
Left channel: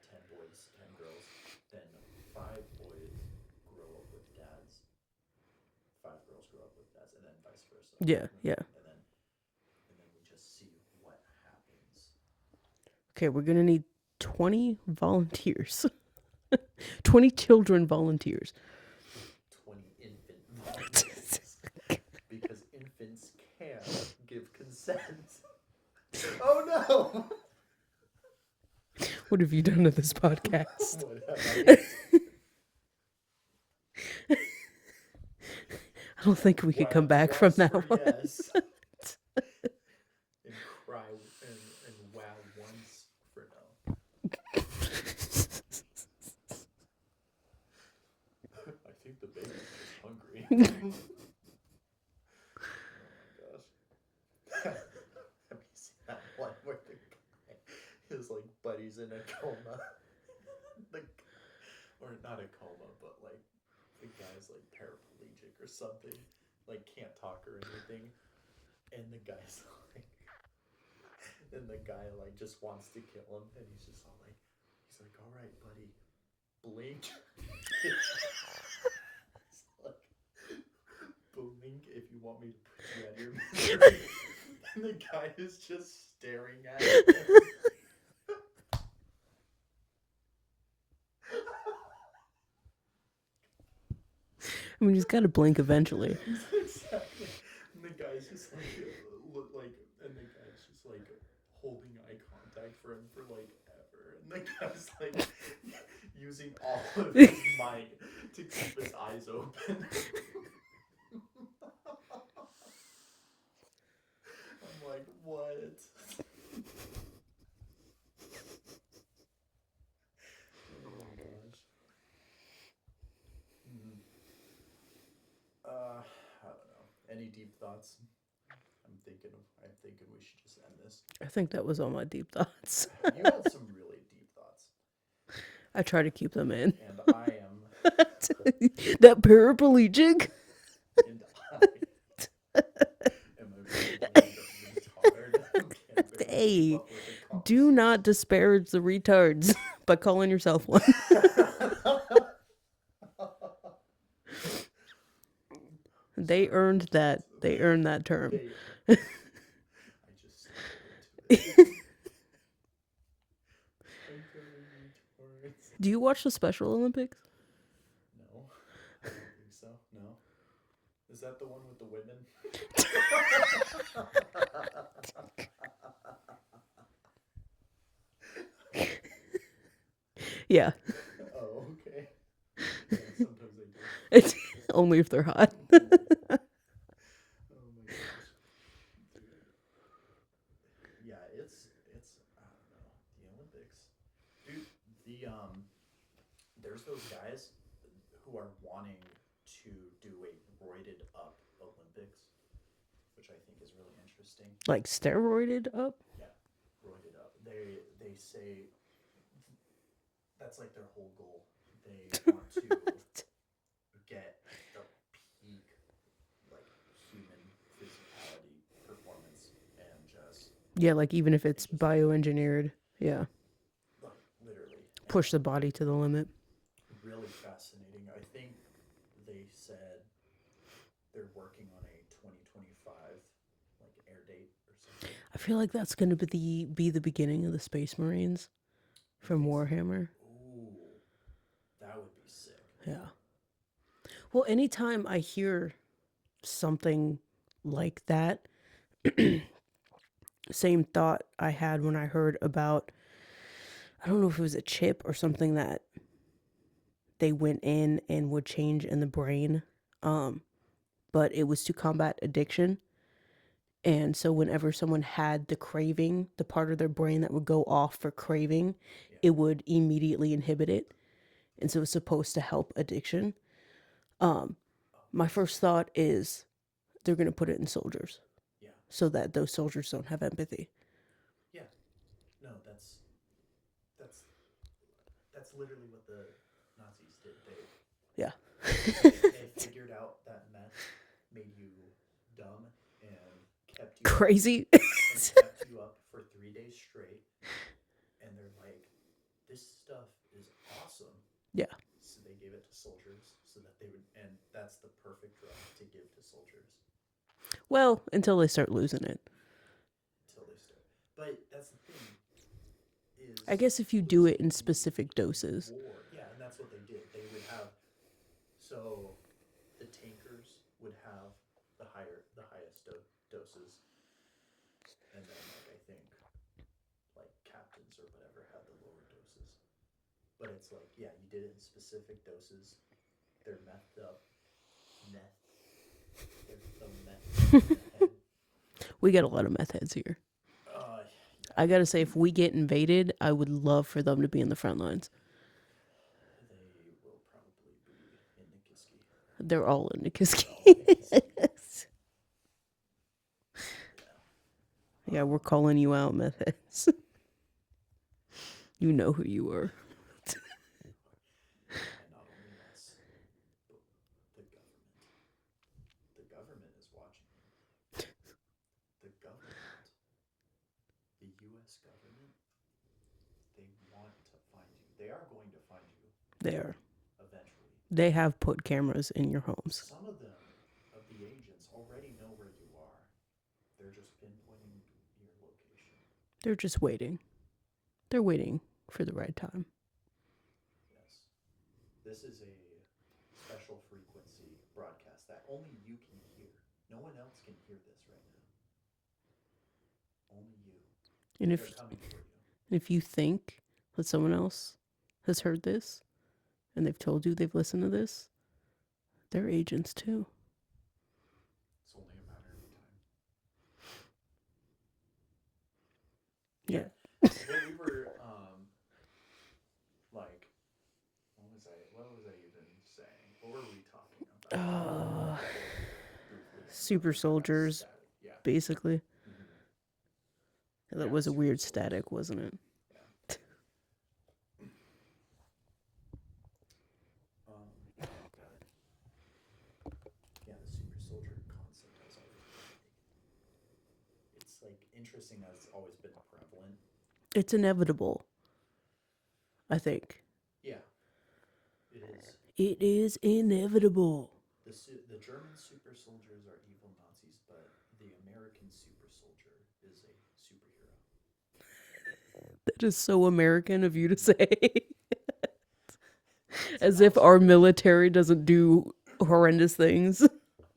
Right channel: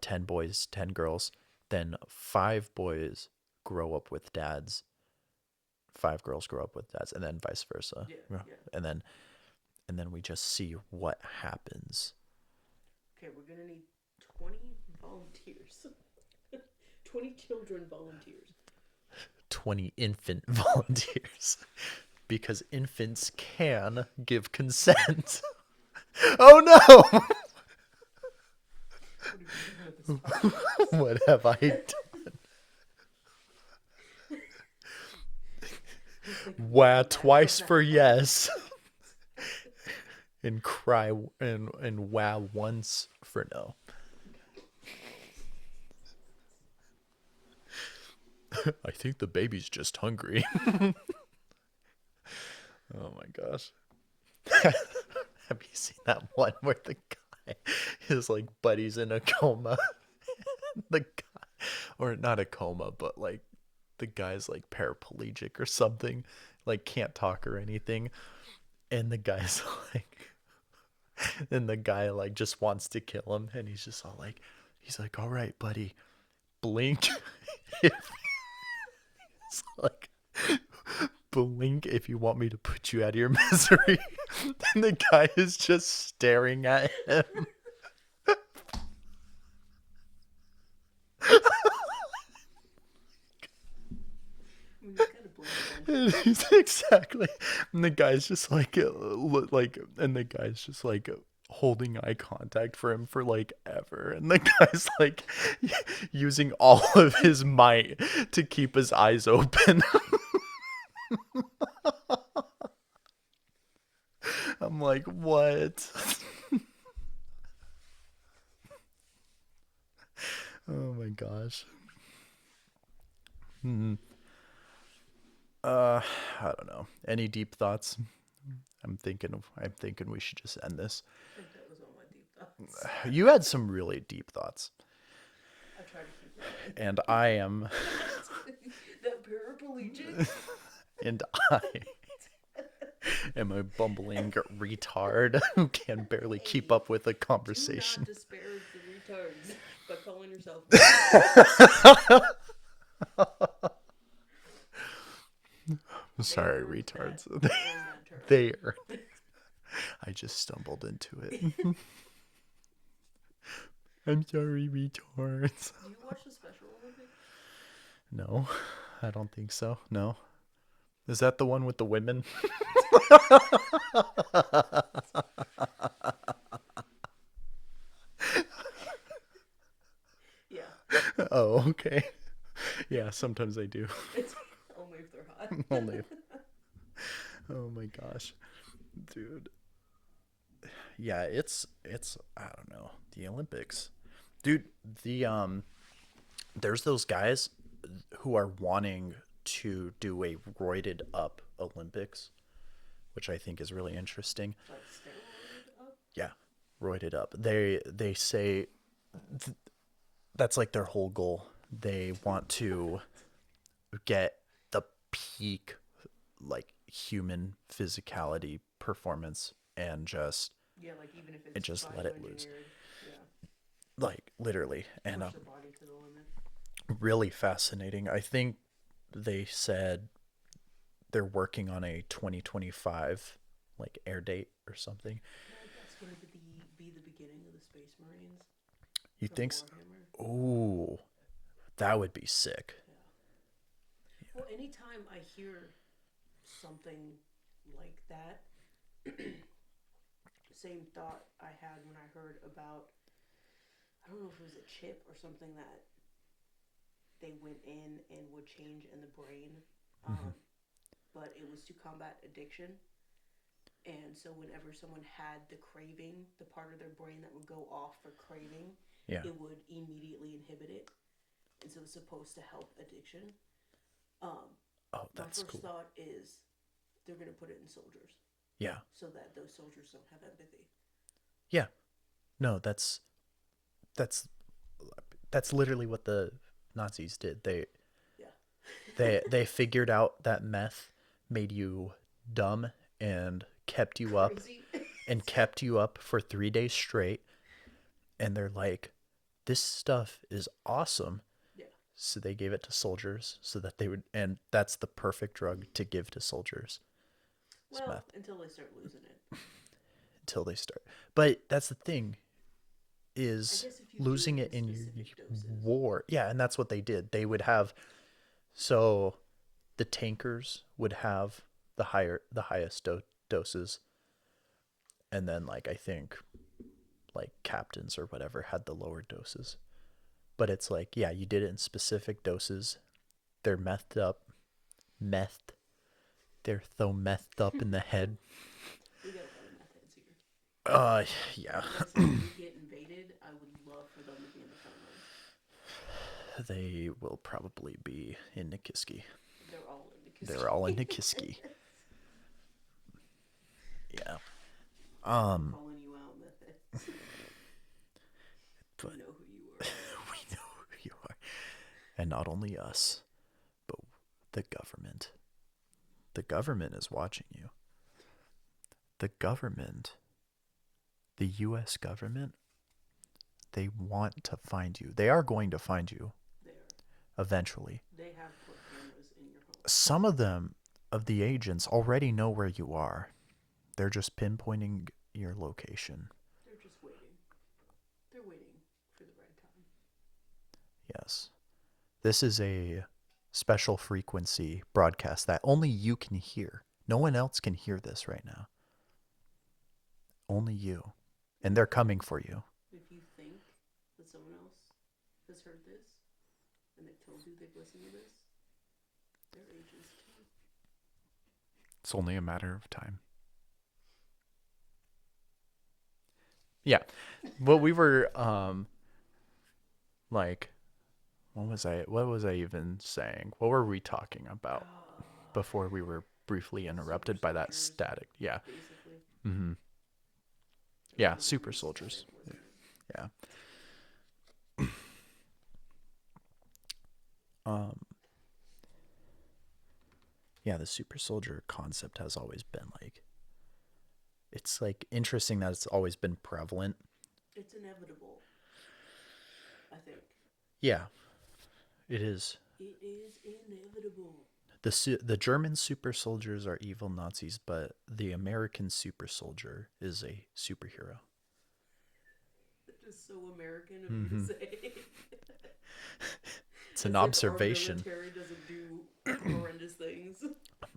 10 boys, 10 girls. Then 5 boys grow up with dads, 5 girls grow up with dads, and then vice versa. Yeah, yeah. And then we just see what happens. Okay, we're gonna need 20 volunteers. 20 children volunteers. 20 infant volunteers. Because infants can give consent. Oh no! What have you done to this podcast? What have I done? I don't think we can Wow, come back twice from that for one. yes. And cry and wow once for no. I think the baby's just hungry. Oh my gosh. Have you seen that one where the guy, his like buddy's in a coma? The guy, or not a coma, but like the guy's like paraplegic or something, like can't talk or anything. And the guy's like, and the guy like just wants to kill him. And he's like, all right, buddy, blink. It's like, blink if you want me to put you out of your misery. And the guy is just staring at him. I mean, he's got to blink eventually. Exactly. And the guy's just like, and the guy's just like holding eye contact for him for like ever. And the guy's like using all of his might to keep his eyes open. I'm like, what? Oh my gosh. I don't know. Any deep thoughts? I'm thinking we should just end this. I think that was all my deep thoughts. You had some really deep thoughts, I try to keep them in. and I am, That paraplegic? and I am a bumbling retard who can barely keep Hey, up with a conversation. Do not disparage the retards by calling yourself one. They Sorry, earned that. retards. They earned that term. I just stumbled into it. I'm sorry, retards. Do you watch the Special Olympics? No, I don't think so. No. Is that the one with the women? Yeah. Oh, okay. Yeah, sometimes I do. It's only if they're hot. Oh my gosh. Dude. Yeah, it's I don't know, the Olympics. Dude, there's those guys who are wanting to do a roided up Olympics, which I think is really interesting. Like steroided up? Yeah, roided up. They say that's like their whole goal. They want to get the peak, like, human physicality performance, and just Yeah, like even if and it's just let it, bioengineered, yeah, like, literally. And push the body to the limit. really fascinating. I think they said they're working on a 2025 like air date or something. I feel like that's gonna be the beginning of the Space Marines You from think? Warhammer. Ooh, that would be sick. Yeah. Well, anytime I hear something like that, same thought I had when I heard about, I don't know if it was a chip or something that they went in and would change in the brain. Mm-hmm. Um, but it was to combat addiction. And so whenever someone had the craving, the part of their brain that would go off for craving, Yeah. it would immediately inhibit it. And so it's supposed to help addiction. Um, Oh, my that's first cool. thought is they're going to put it in soldiers Yeah. so that those soldiers don't have empathy. Yeah. No, that's that's literally what the Nazis did. Yeah. They figured out that meth made you dumb and Crazy. kept you up for 3 days straight, and they're like, this stuff is awesome. Yeah. So they gave it to soldiers so that they would, and that's the perfect drug to give to soldiers. Well, until they start losing it. Until they start. But that's the thing, I is guess if you do losing it it in in specific doses. war. Yeah, and that's what they did. They would have, so the tankers would have the highest doses, and then, like, I think like captains or whatever had the lower doses. But it's like, yeah, you did it in specific doses. They're methed. They're so methed up in the head. We got a lot of meth heads here. Yeah. I gotta say, if we get invaded, I would love for them to be in the front lines. They will probably be in Nikiski. They're all in Nikiski. They're all in Nikiski. Yeah. Yeah, we're calling you out, meth heads. You know who you are. We know who you are. And not only us, but the government. The government is watching you. The government, the U.S. government, they want to find you. They are going to find you. They are. Eventually. They have put cameras in your home. Some of them, of the agents, already know where you are. They're just pinpointing your location. They're just waiting. They're waiting for the right time. Yes. This is a special frequency broadcast that only you can hear. No one else can hear this right now. Only you. And they're coming for you. If you think that someone else has heard this and they've told you they've listened to this, they're agents too. It's only a matter of time. Yeah. Well, we were like, what was I even saying? What were we talking about before we were briefly interrupted by that static? Yeah. Basically. Mm-hmm. That was a weird static, wasn't it? Yeah. Yeah, the super soldier concept has always been like, it's like interesting that it's always been prevalent. It's inevitable, I think. Yeah, it is. It is inevitable. The German super soldiers are evil Nazis, but the American super soldier is a superhero. That is so American of you to say. As if our military doesn't do horrendous things.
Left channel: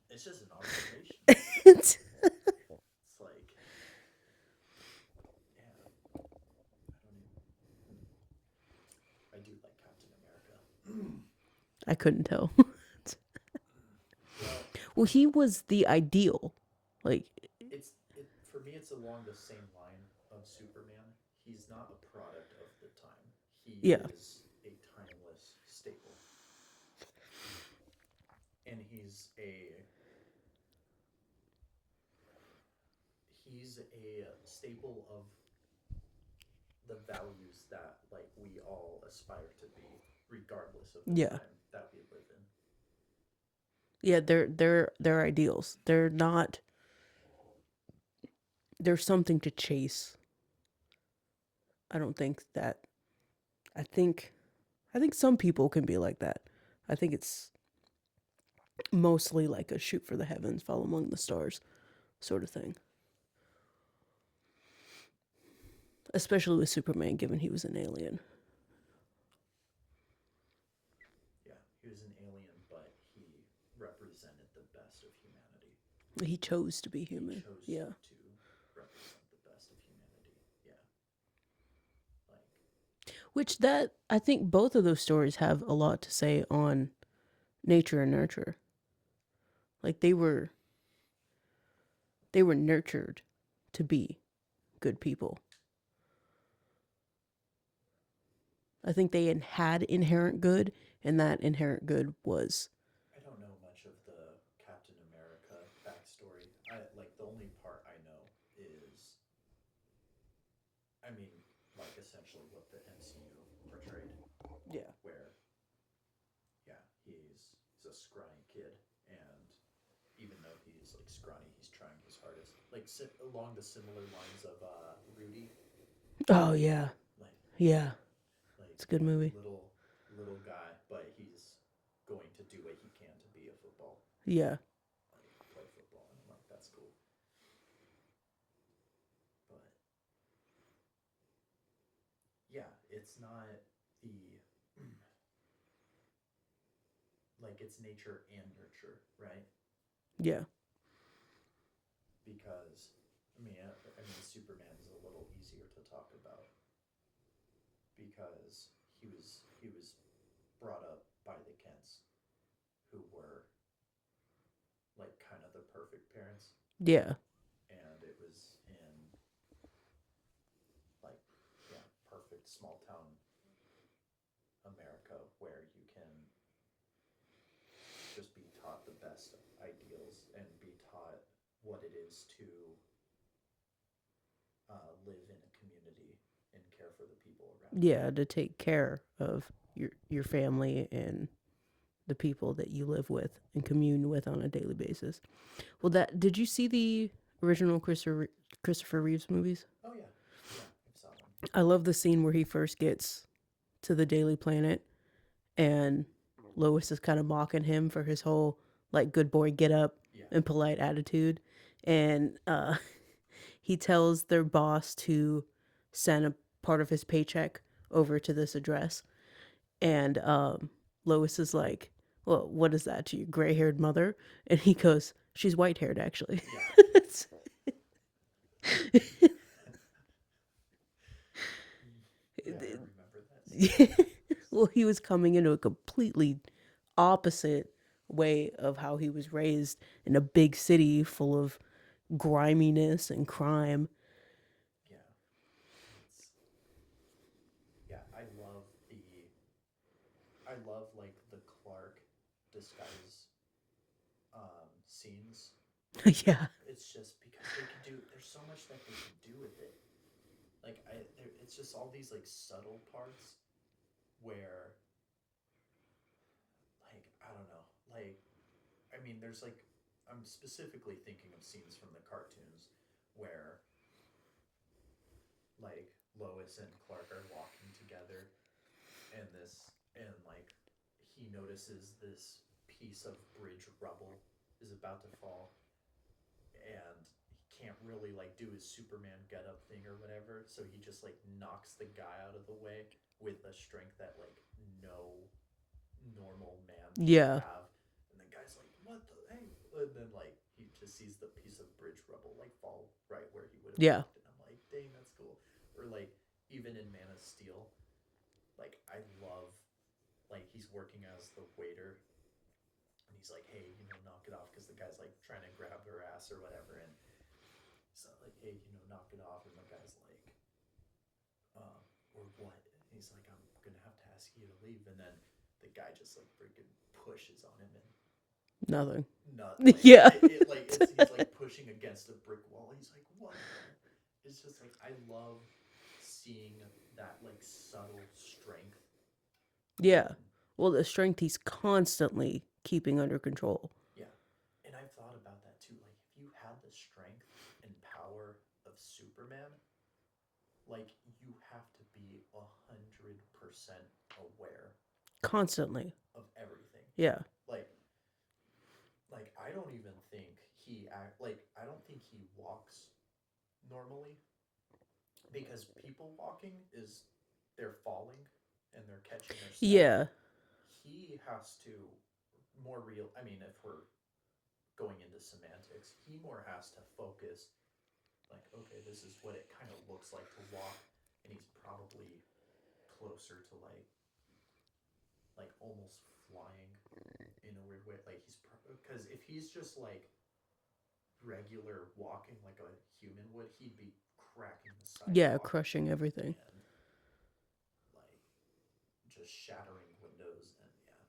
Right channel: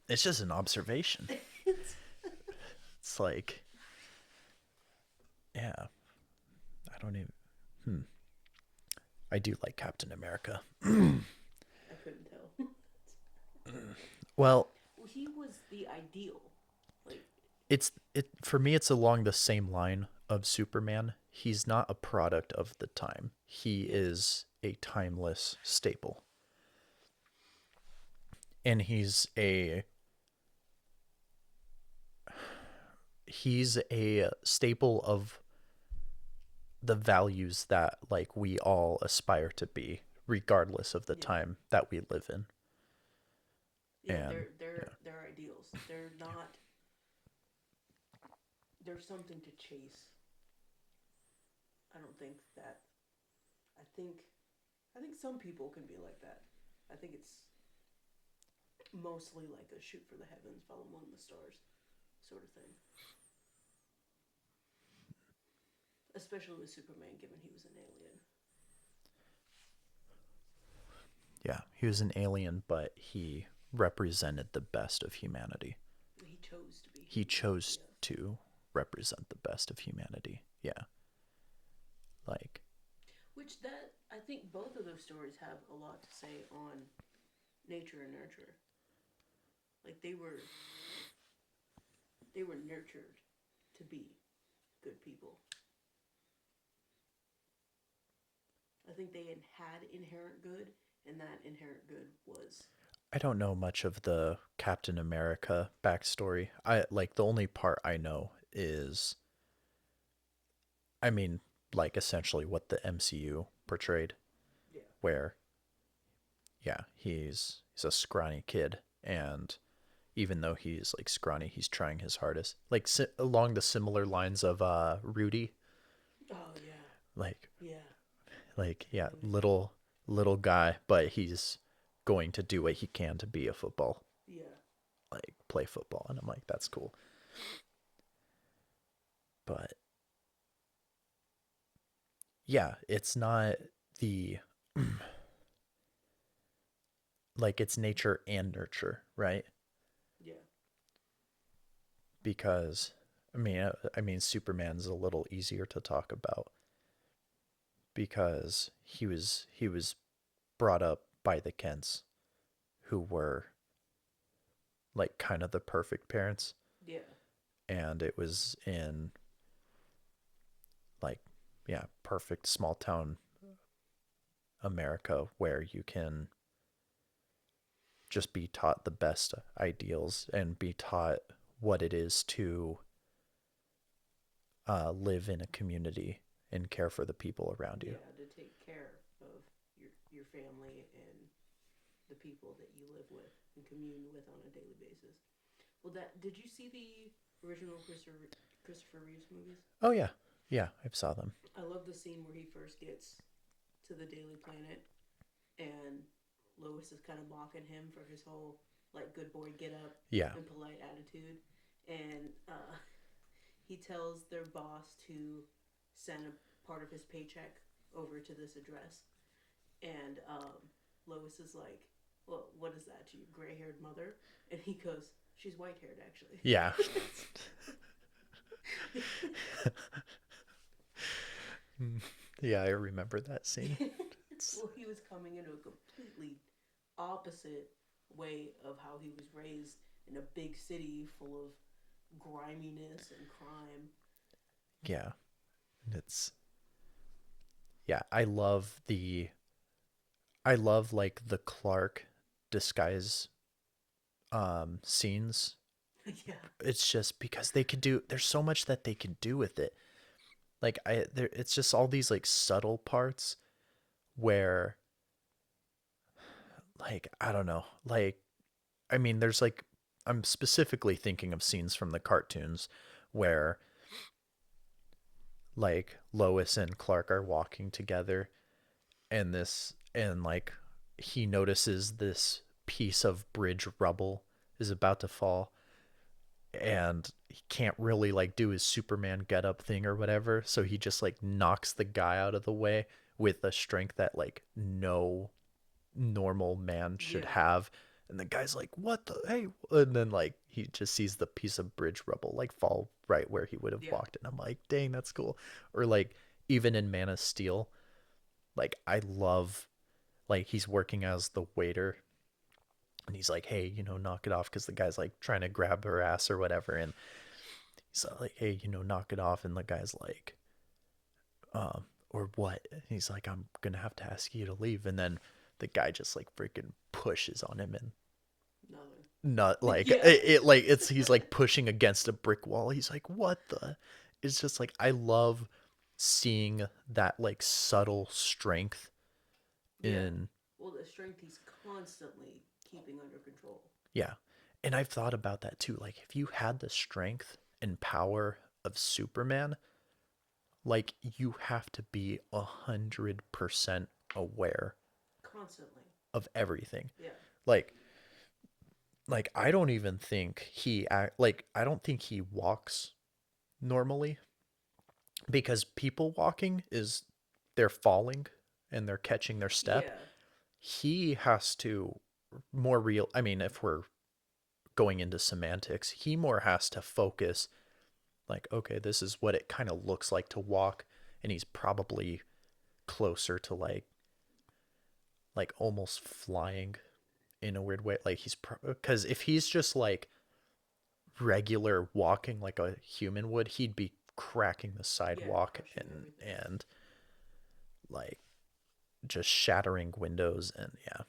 It's just an observation. It's like, yeah, I don't even. I do like Captain America. I couldn't tell. Well, he was the ideal. Like, for me, it's along the same line of Superman. He's not a product of the time. He is a timeless staple. And he's a staple of the values that like we all aspire to be regardless of the Yeah. time that we live in. Yeah, And they're ideals. They're not there's something to chase. I don't think that I think I think some people can be like that. I think it's mostly like a shoot for the heavens, fall among the stars sort of thing. Especially with Superman, given he was an alien. yeah, he was an alien, but he represented the best of humanity. He chose to be He human. chose Yeah. to represent the best of humanity. Yeah. Like, Which that I think both of those stories have a lot to say on nature and nurture. Like they were nurtured to be good people. I think they had inherent good, and that inherent good was I don't know much of the Captain America backstory. I like the only part I know is, I mean, like essentially what the MCU portrayed, yeah. where yeah, he's a scrawny kid, and even though he's like scrawny, he's trying his hardest. Like along the similar lines of Rudy, Oh yeah, like yeah. It's like a good yeah, movie. little guy, but he's going to do what he can to be a football, Yeah, like play football, and I'm like that's cool. But yeah, it's not the like it's nature and nurture, right? yeah, Because I mean Superman's a little easier to talk about because he was brought up by the Kents who were like kind of the perfect parents, yeah, and it was in like yeah, perfect small town America where you can just be taught the best ideals and be taught what it is to live in a community and care for the people around you. yeah. To take care of your family and the people that you live with and commune with on a daily basis. Well, that did you see the original Christopher Reeves movies? Oh yeah, yeah, I saw them. I love the scene where he first gets to the Daily Planet and Lois is kind of mocking him for his whole like good boy get up Yeah, and polite attitude, and he tells their boss to send a part of his paycheck over to this address, and Lois is like, "Well, what is that to your gray-haired mother?" And he goes, "She's white-haired, actually." yeah, yeah. I remember that scene. Well, he was coming into a completely opposite way of how he was raised in a big city full of griminess and crime. Yeah, it's yeah. I love like the Clark disguise scenes. Yeah, It's just because they could do. There's so much that they could do with it. Like it's just all these like subtle parts where like I don't know. Like I mean, there's like I'm specifically thinking of scenes from the cartoons where like Lois and Clark are walking together and like he notices this piece of bridge rubble is about to fall and he can't really like do his Superman get up thing or whatever, so he just like knocks the guy out of the way with a strength that like no normal man should yeah, have. And the guy's like, "What the hey?" And then like he just sees the piece of bridge rubble like fall right where he would have yeah, walked, and I'm like, "Dang, that's cool." Or like even in Man of Steel, like I love like he's working as the waiter and he's like, "Hey, knock it off," because the guy's like trying to grab her ass or whatever, and he's like, "Hey, knock it off," and the guy's like, or what? And he's like, "I'm gonna have to ask you to leave," and then the guy just like freaking pushes on him and nothing. not like Yeah, it like he's like pushing against a brick wall. He's like, "What the?" It's just like I love. seeing that like subtle strength Yeah. in, Well, the strength he's constantly keeping under control. yeah. And I've thought about that too. Like if you had the strength and power of Superman, like you have to be 100% aware Constantly. of everything. Yeah. Like I don't even think I don't think he walks normally, because people walking is they're falling and they're catching their step. Yeah. He has to more real, I mean, if we're going into semantics, he more has to focus like, okay, this is what it kind of looks like to walk, and he's probably closer to like almost flying in a weird way. Like because if he's just like regular walking like a human would, he'd be cracking the Yeah. sidewalk Crushing everything. and like just shattering windows and yeah.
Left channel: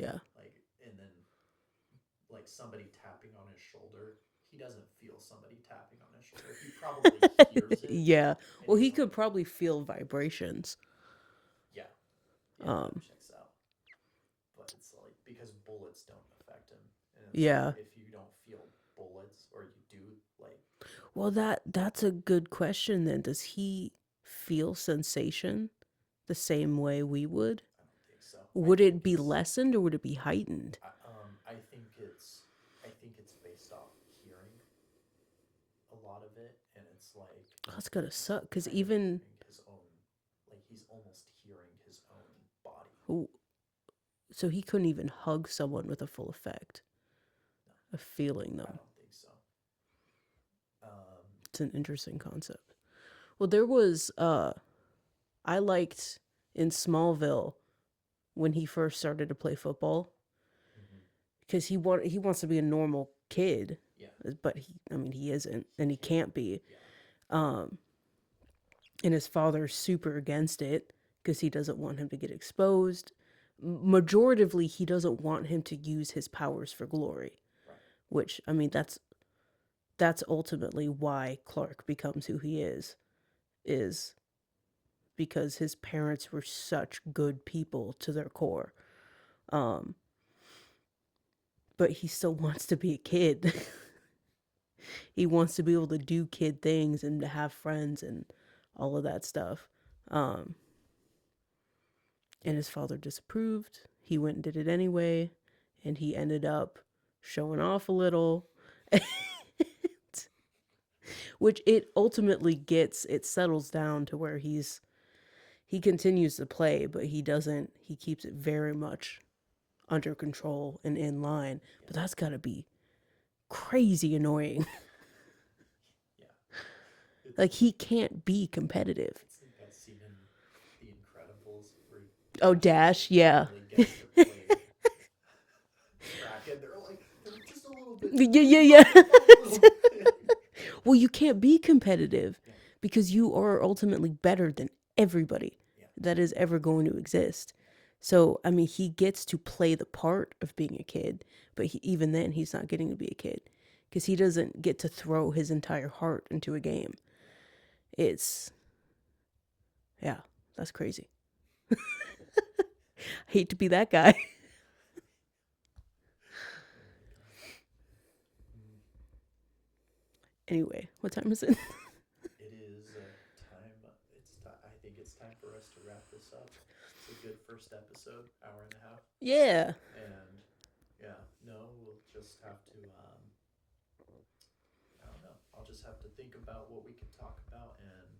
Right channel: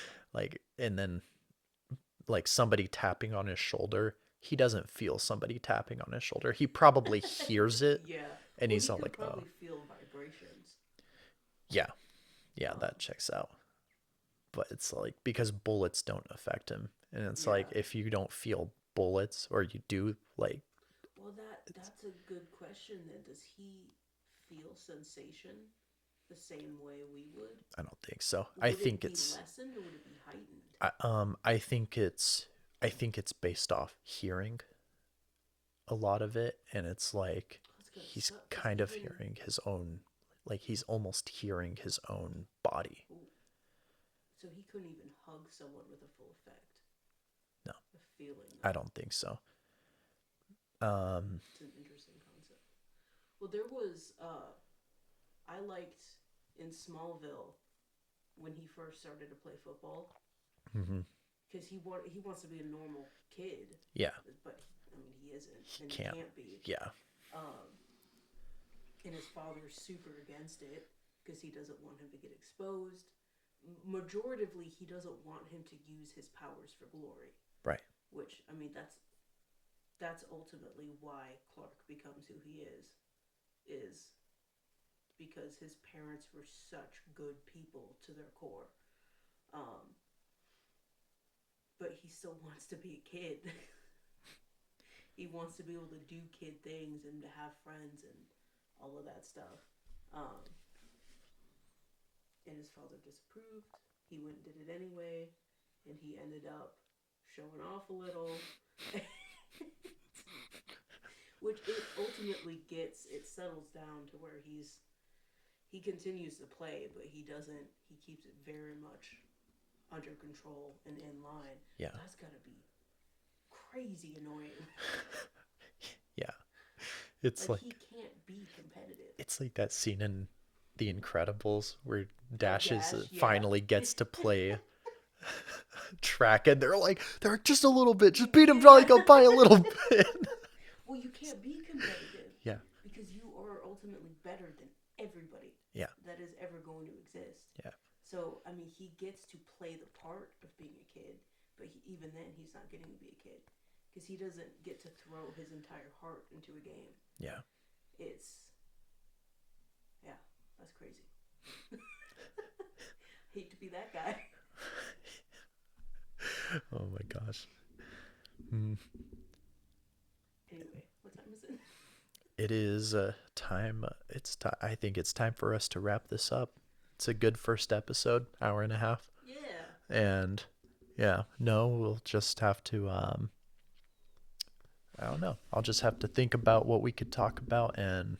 Yeah. Like and then like somebody tapping on his shoulder, he doesn't feel somebody tapping on his shoulder. He probably hears it Yeah. and Well, he's he all could like, probably oh, feel vibrations. yeah. Yeah, that Um. checks out. But it's like because bullets don't affect him. And it's like Yeah. if you don't feel bullets or you do like Well, that's a good question then. Does he feel sensation the same way we would? I don't think so. I Would it think be it's lessened or would it be heightened? I think it's based off hearing a lot of it, and it's like Oh, that's gonna he's suck because kind of even hearing his own, like he's almost hearing his own body. ooh, so he couldn't even hug someone with a full effect No, of feeling I them. don't think so. It's an interesting concept. Well, there was I liked in Smallville when he first started to play football hmm because he wants to be a normal kid, Yeah, but he isn't, he and he can't. can't be. Yeah, Um, and his father's super against it because he doesn't want him to get exposed. Majoritively, he doesn't want him to use his powers for glory, right. which that's ultimately why Clark becomes who he is because his parents were such good people to their core. Um, but he still wants to be a kid. He wants to be able to do kid things and to have friends and all of that stuff. Um, and his father disapproved. He went and did it anyway, and he ended up showing off a little. Which it ultimately gets, it settles down to where he continues to play, but he keeps it very much under control and in line. Yeah, But that's gotta be crazy annoying. yeah. It's Like like he can't be competitive. it's like that scene in The Incredibles where Oh, Dash Dash, yeah. finally gets to play track, and they're like, they're just a little bit, just Yeah, beat him yeah, back yeah. up by a little bit. Well, you can't be competitive Yeah, because you are ultimately better than everybody yeah, that is ever going to exist. yeah, So, he gets to play the part of being a kid, but even then, he's not getting to be a kid because he doesn't get to throw his entire heart into a game. yeah. It's, yeah, that's crazy. I hate to be that guy. Oh my gosh. Mm. Anyway, what time is it? It is time. It's time. I think it's time for us to wrap this up. It's a good first episode, hour and a half, Yeah. and yeah, no, we'll just have to. I don't know. I'll just have to think about what we could talk about and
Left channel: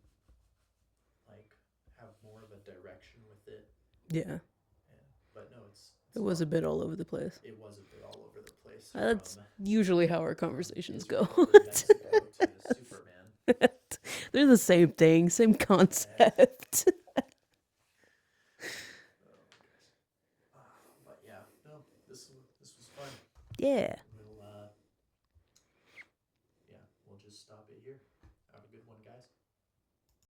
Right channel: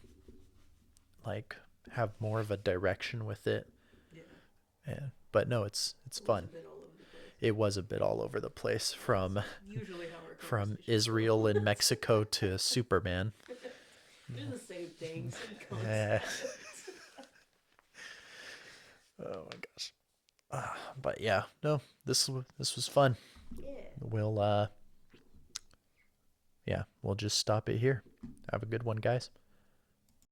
like have more of a direction with it. Yeah. And but no, it's It was a fun. bit all over the place. It was a bit all over the place That's from usually how our from conversations Israel go. and Mexico to Superman. They're the same thing, same Eh. concept. Oh my gosh. But yeah, no, this was fun. Yeah. We'll yeah, we'll just stop it here. Have a good one, guys.